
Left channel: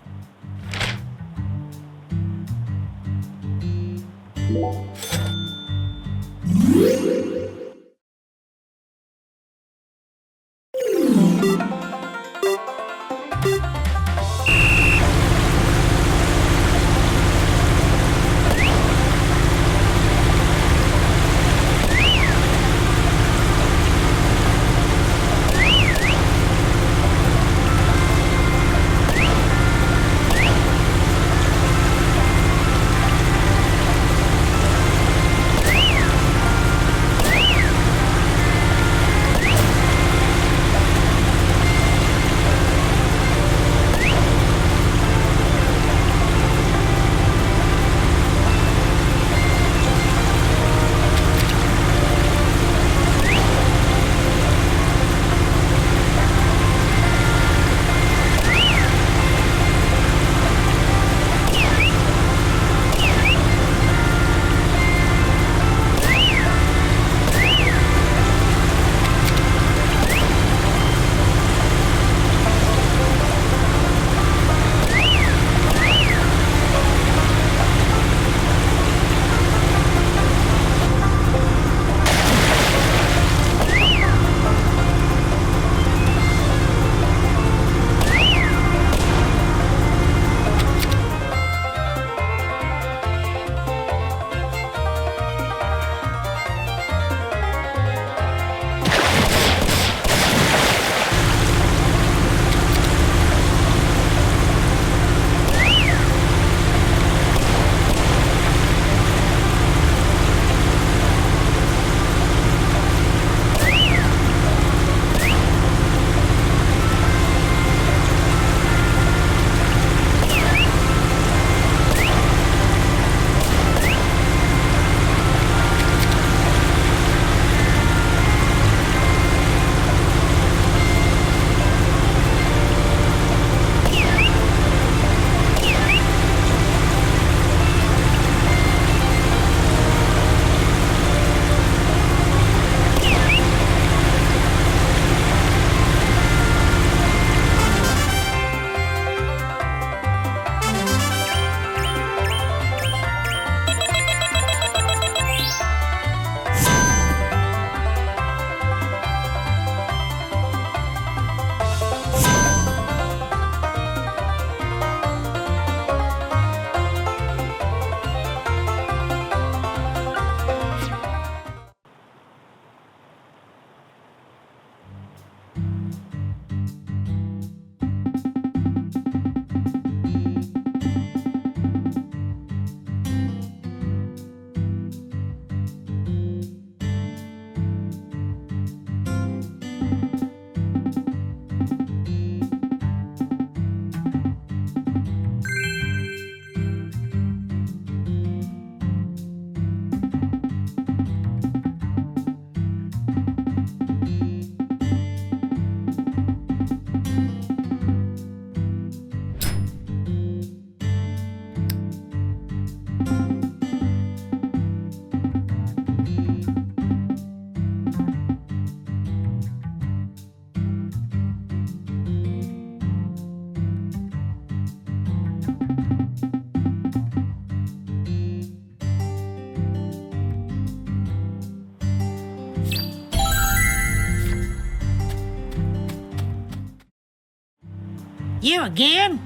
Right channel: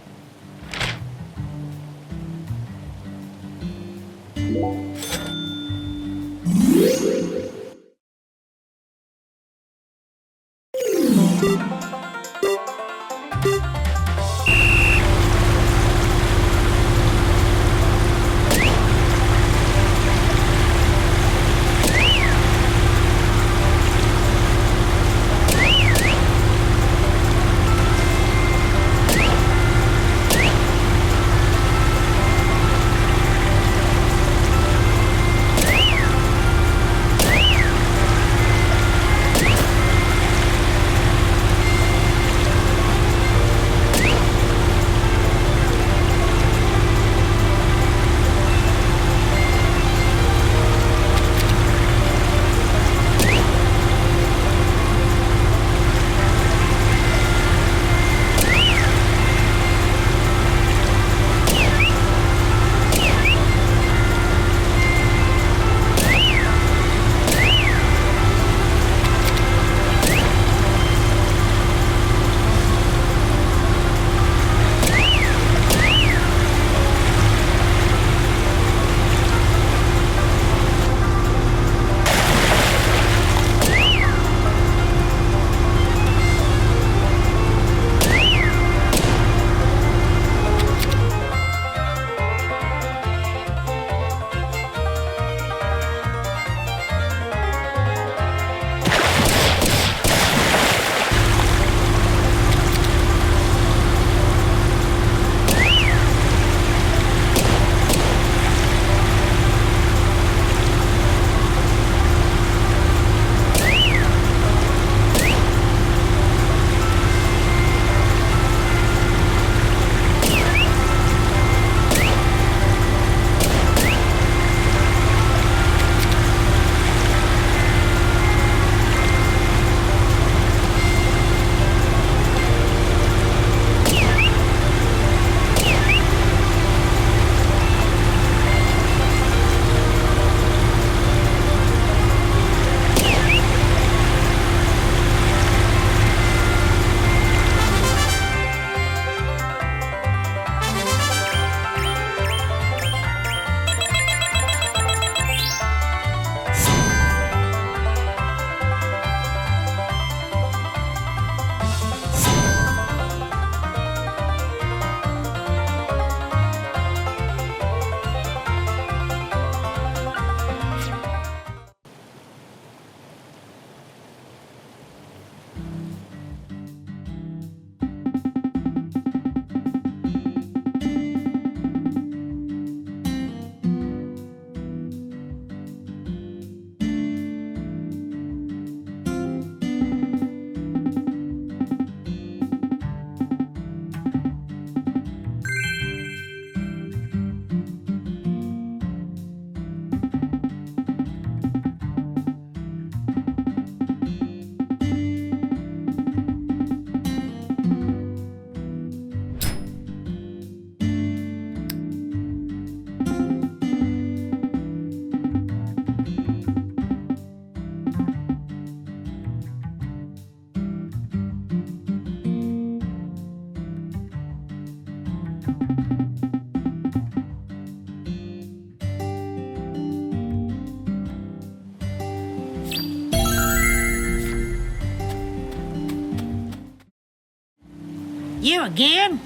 You again?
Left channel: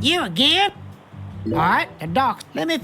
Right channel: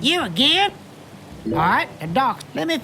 You again? All right, Doc, let me...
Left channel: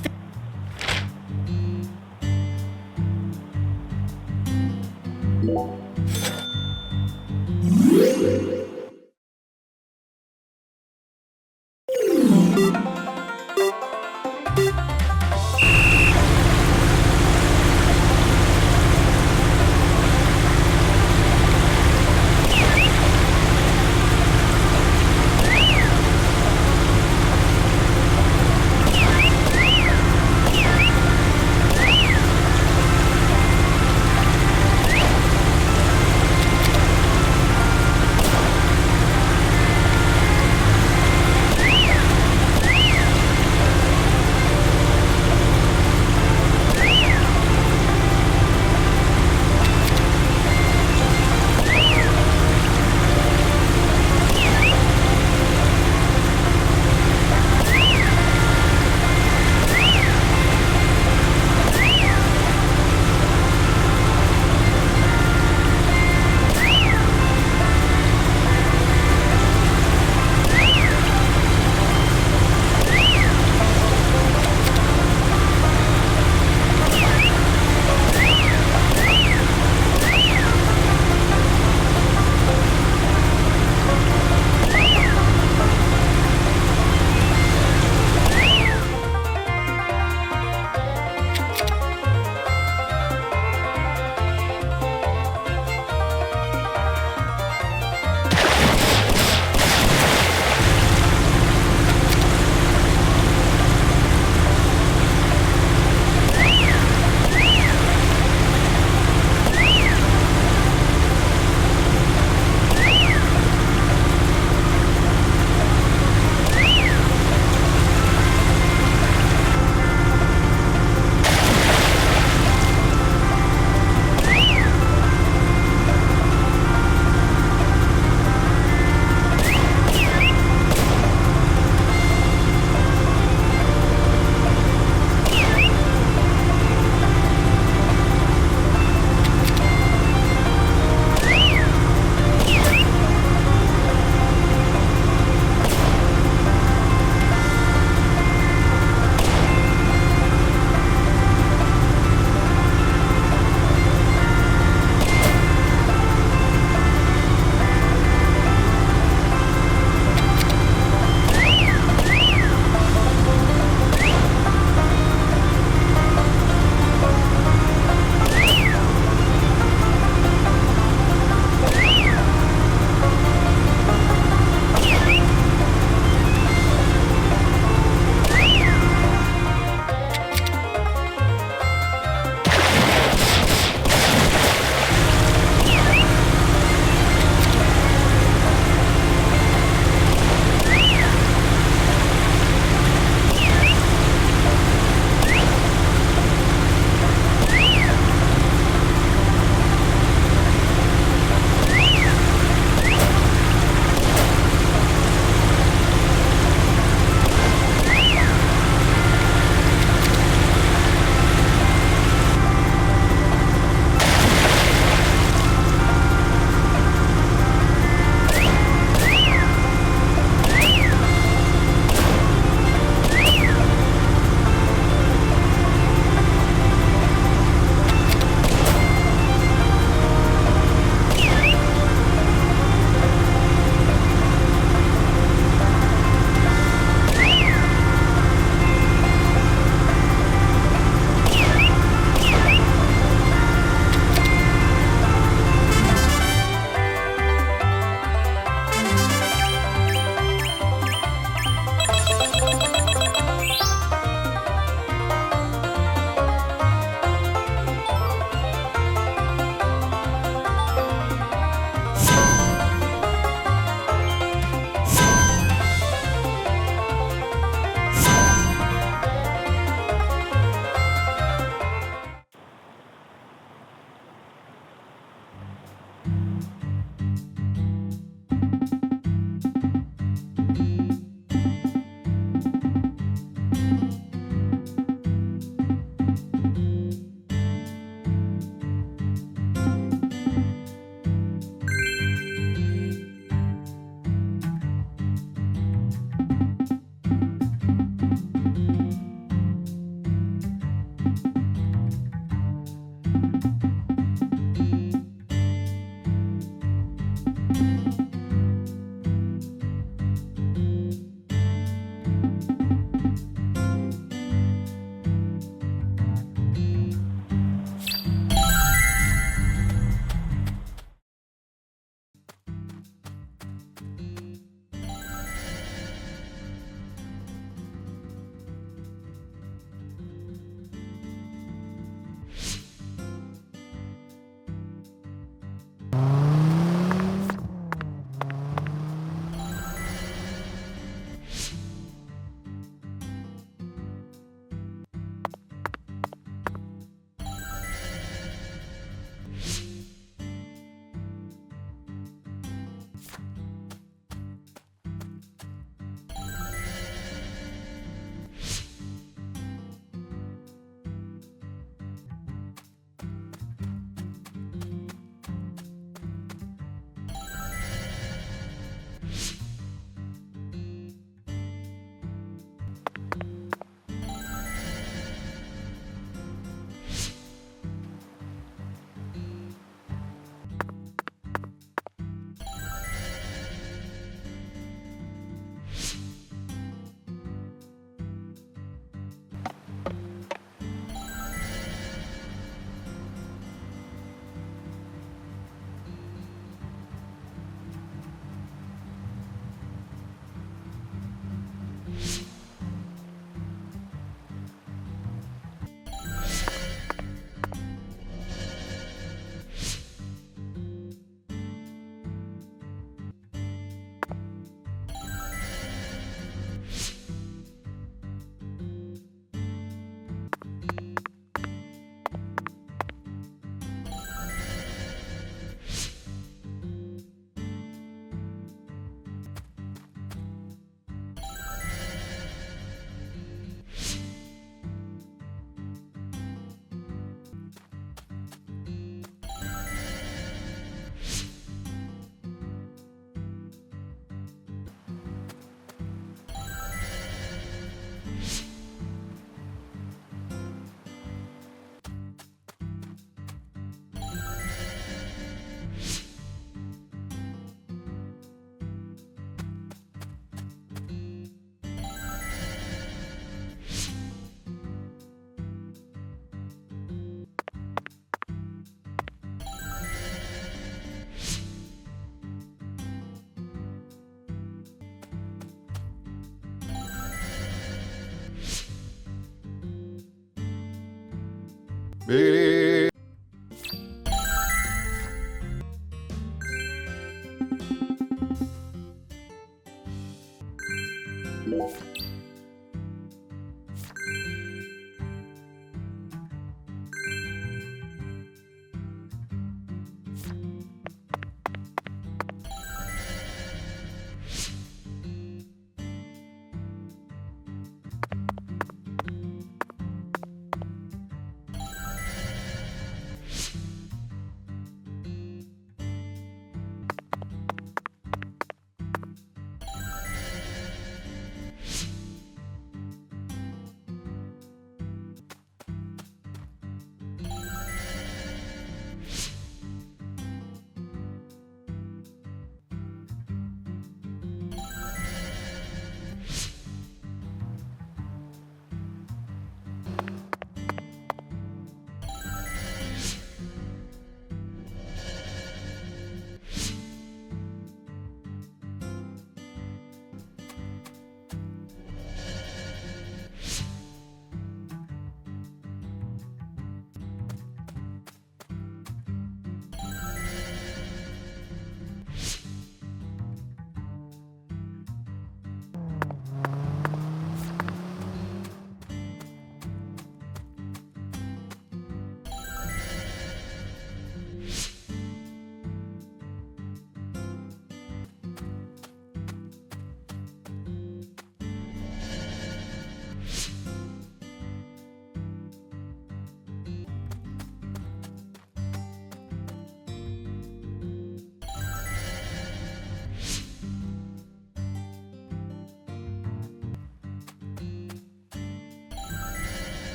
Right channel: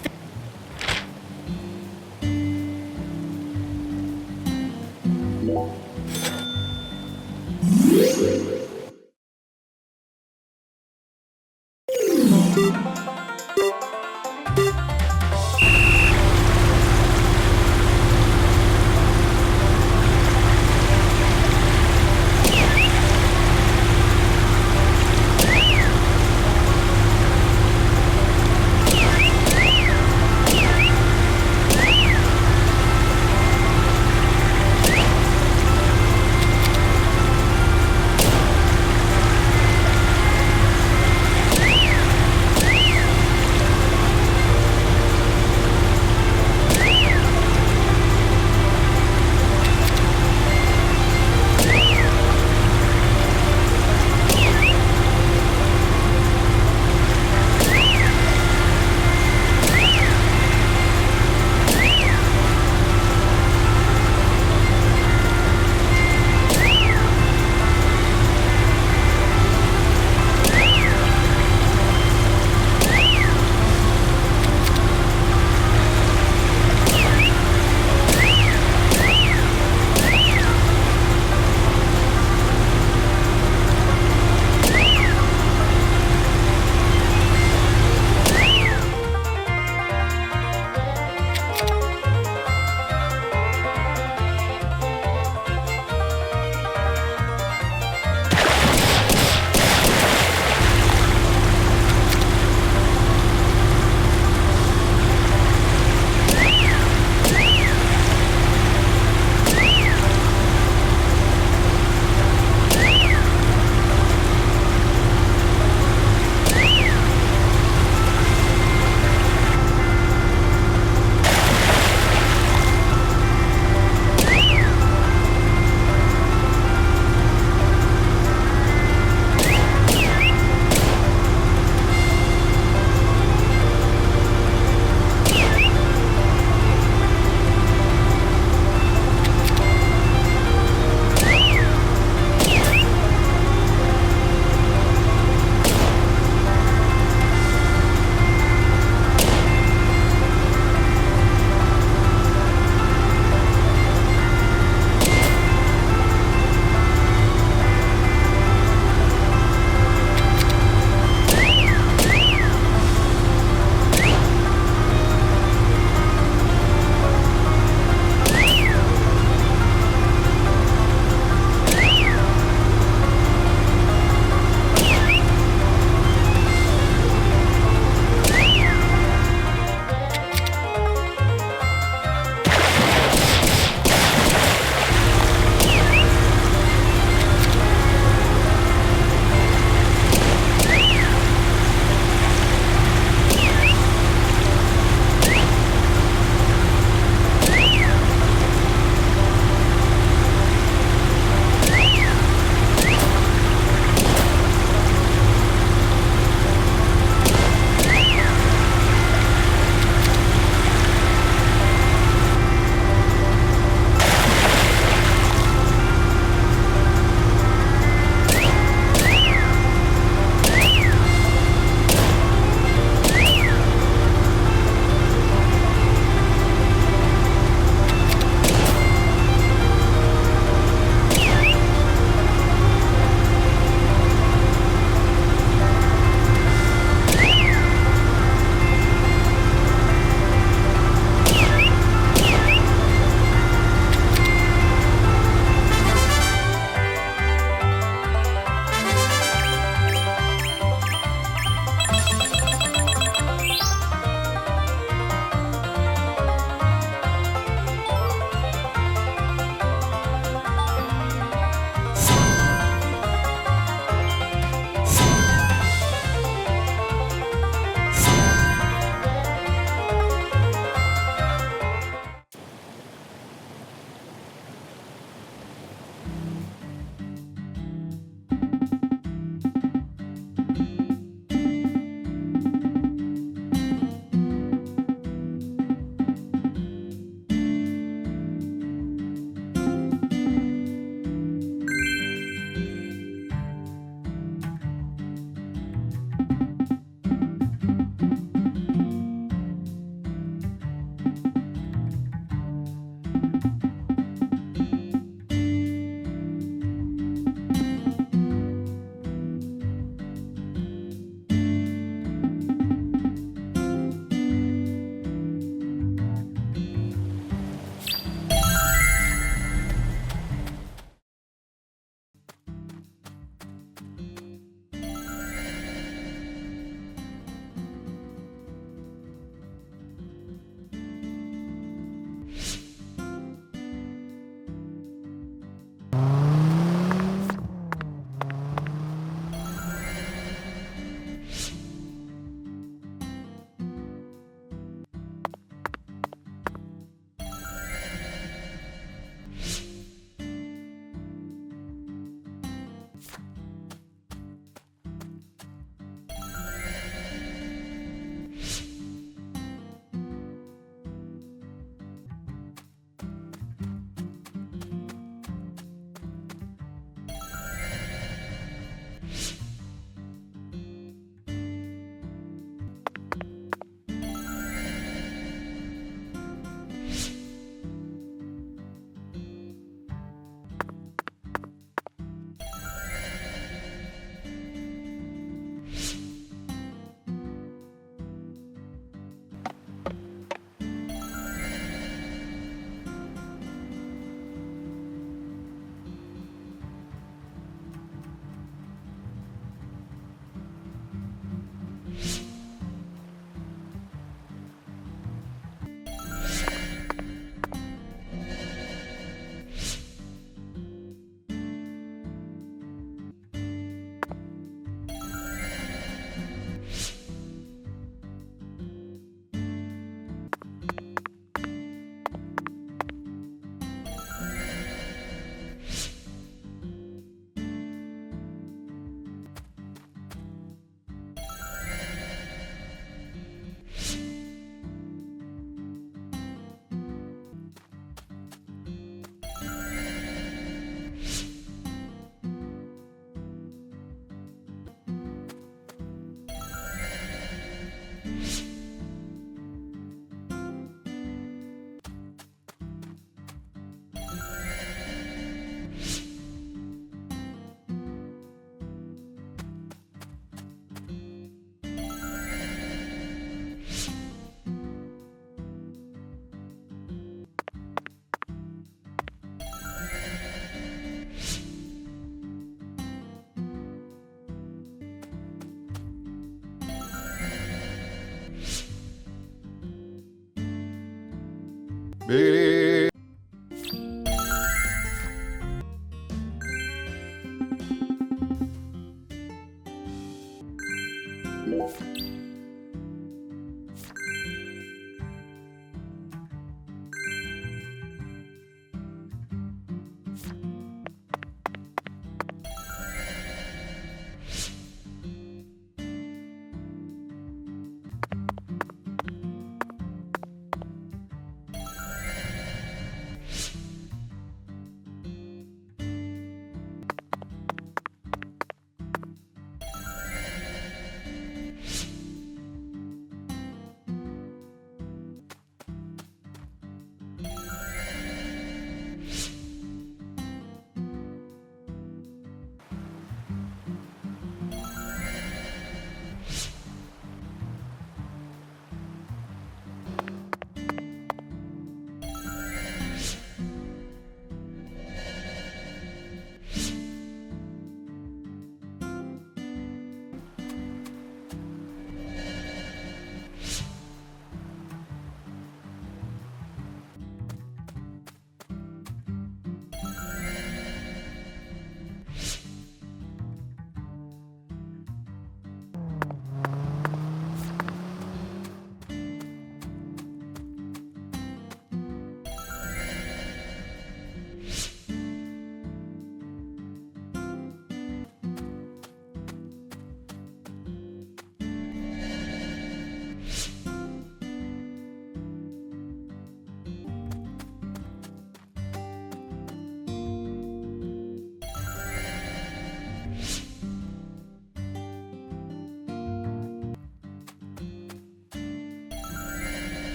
Big.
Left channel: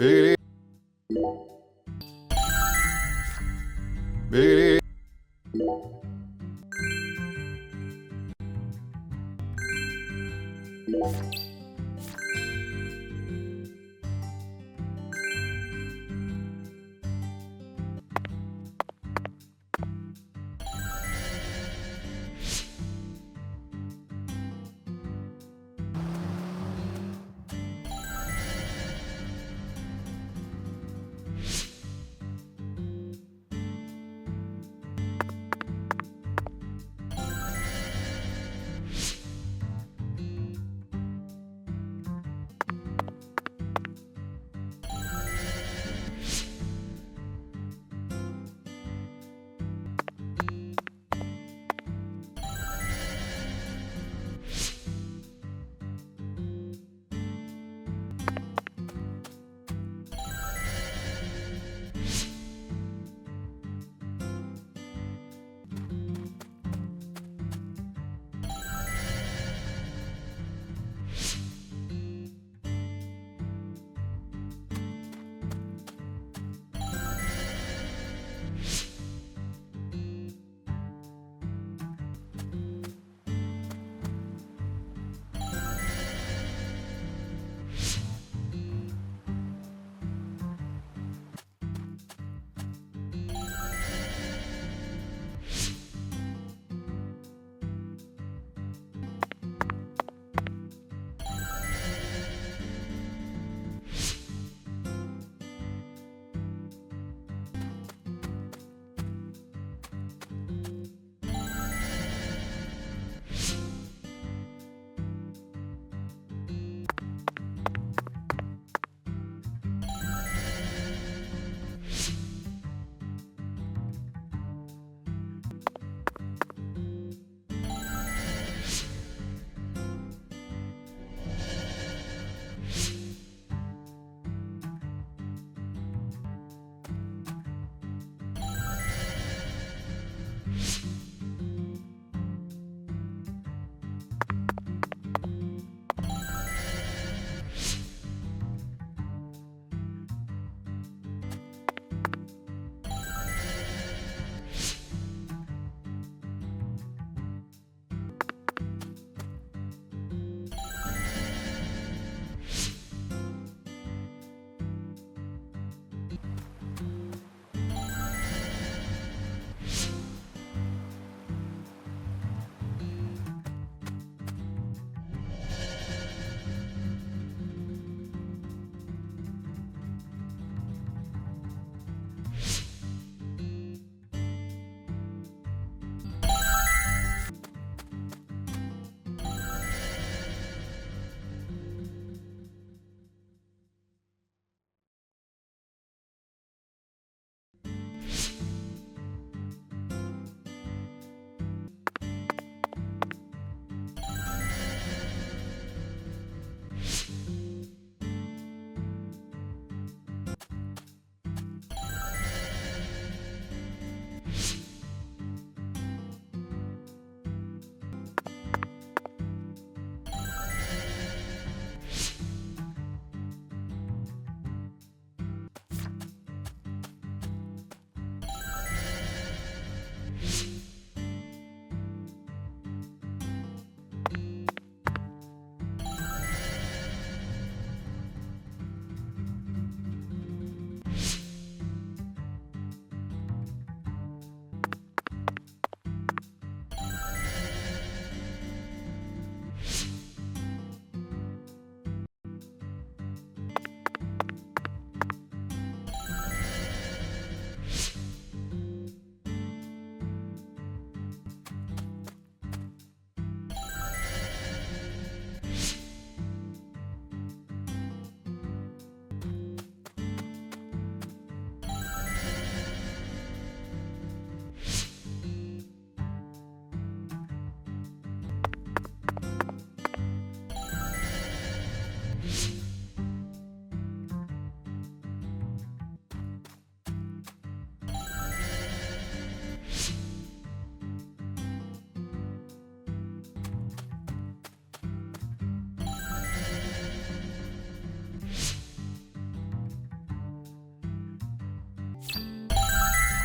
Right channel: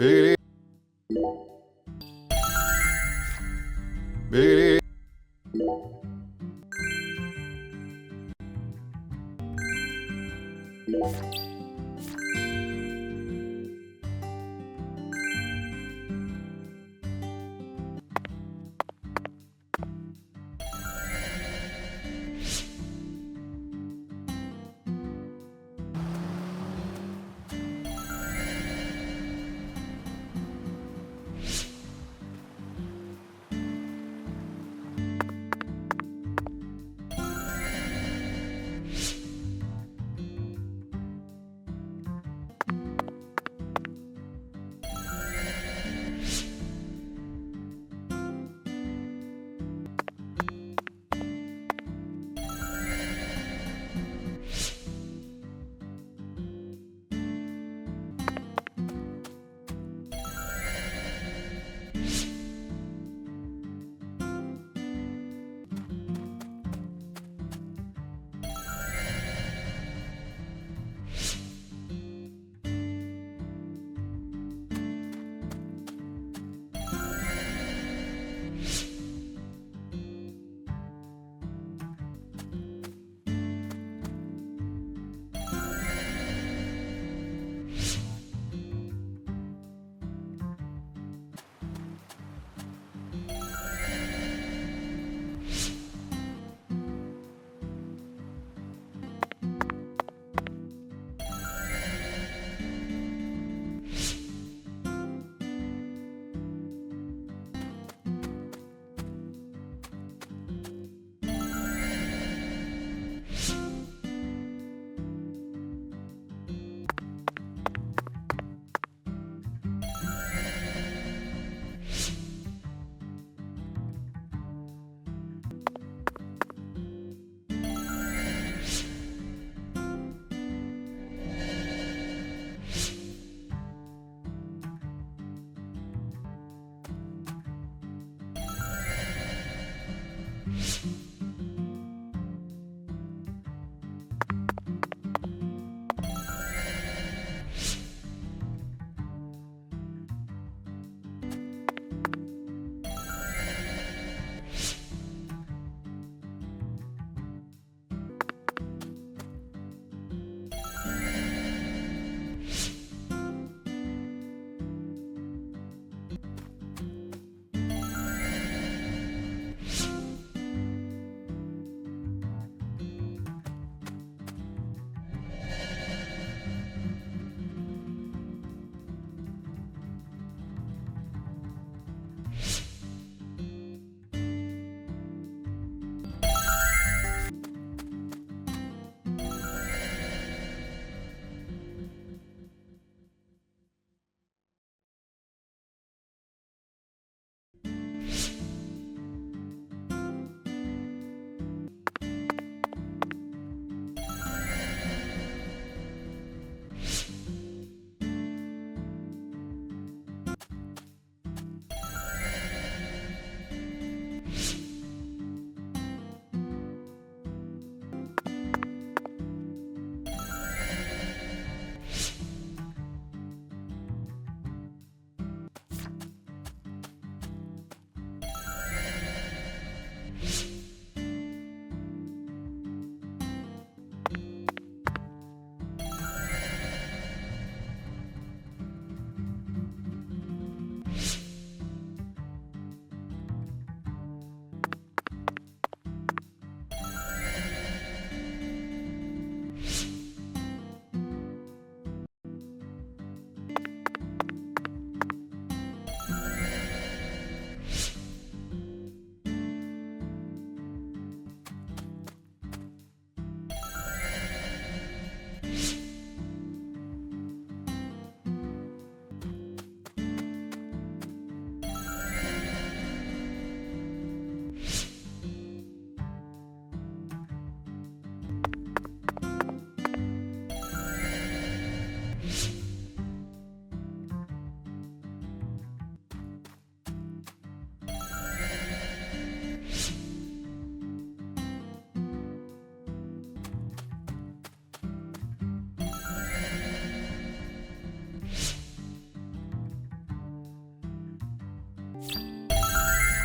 Big. Big.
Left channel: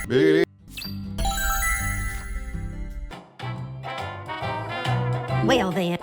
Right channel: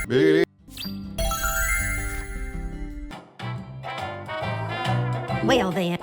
Big Well then.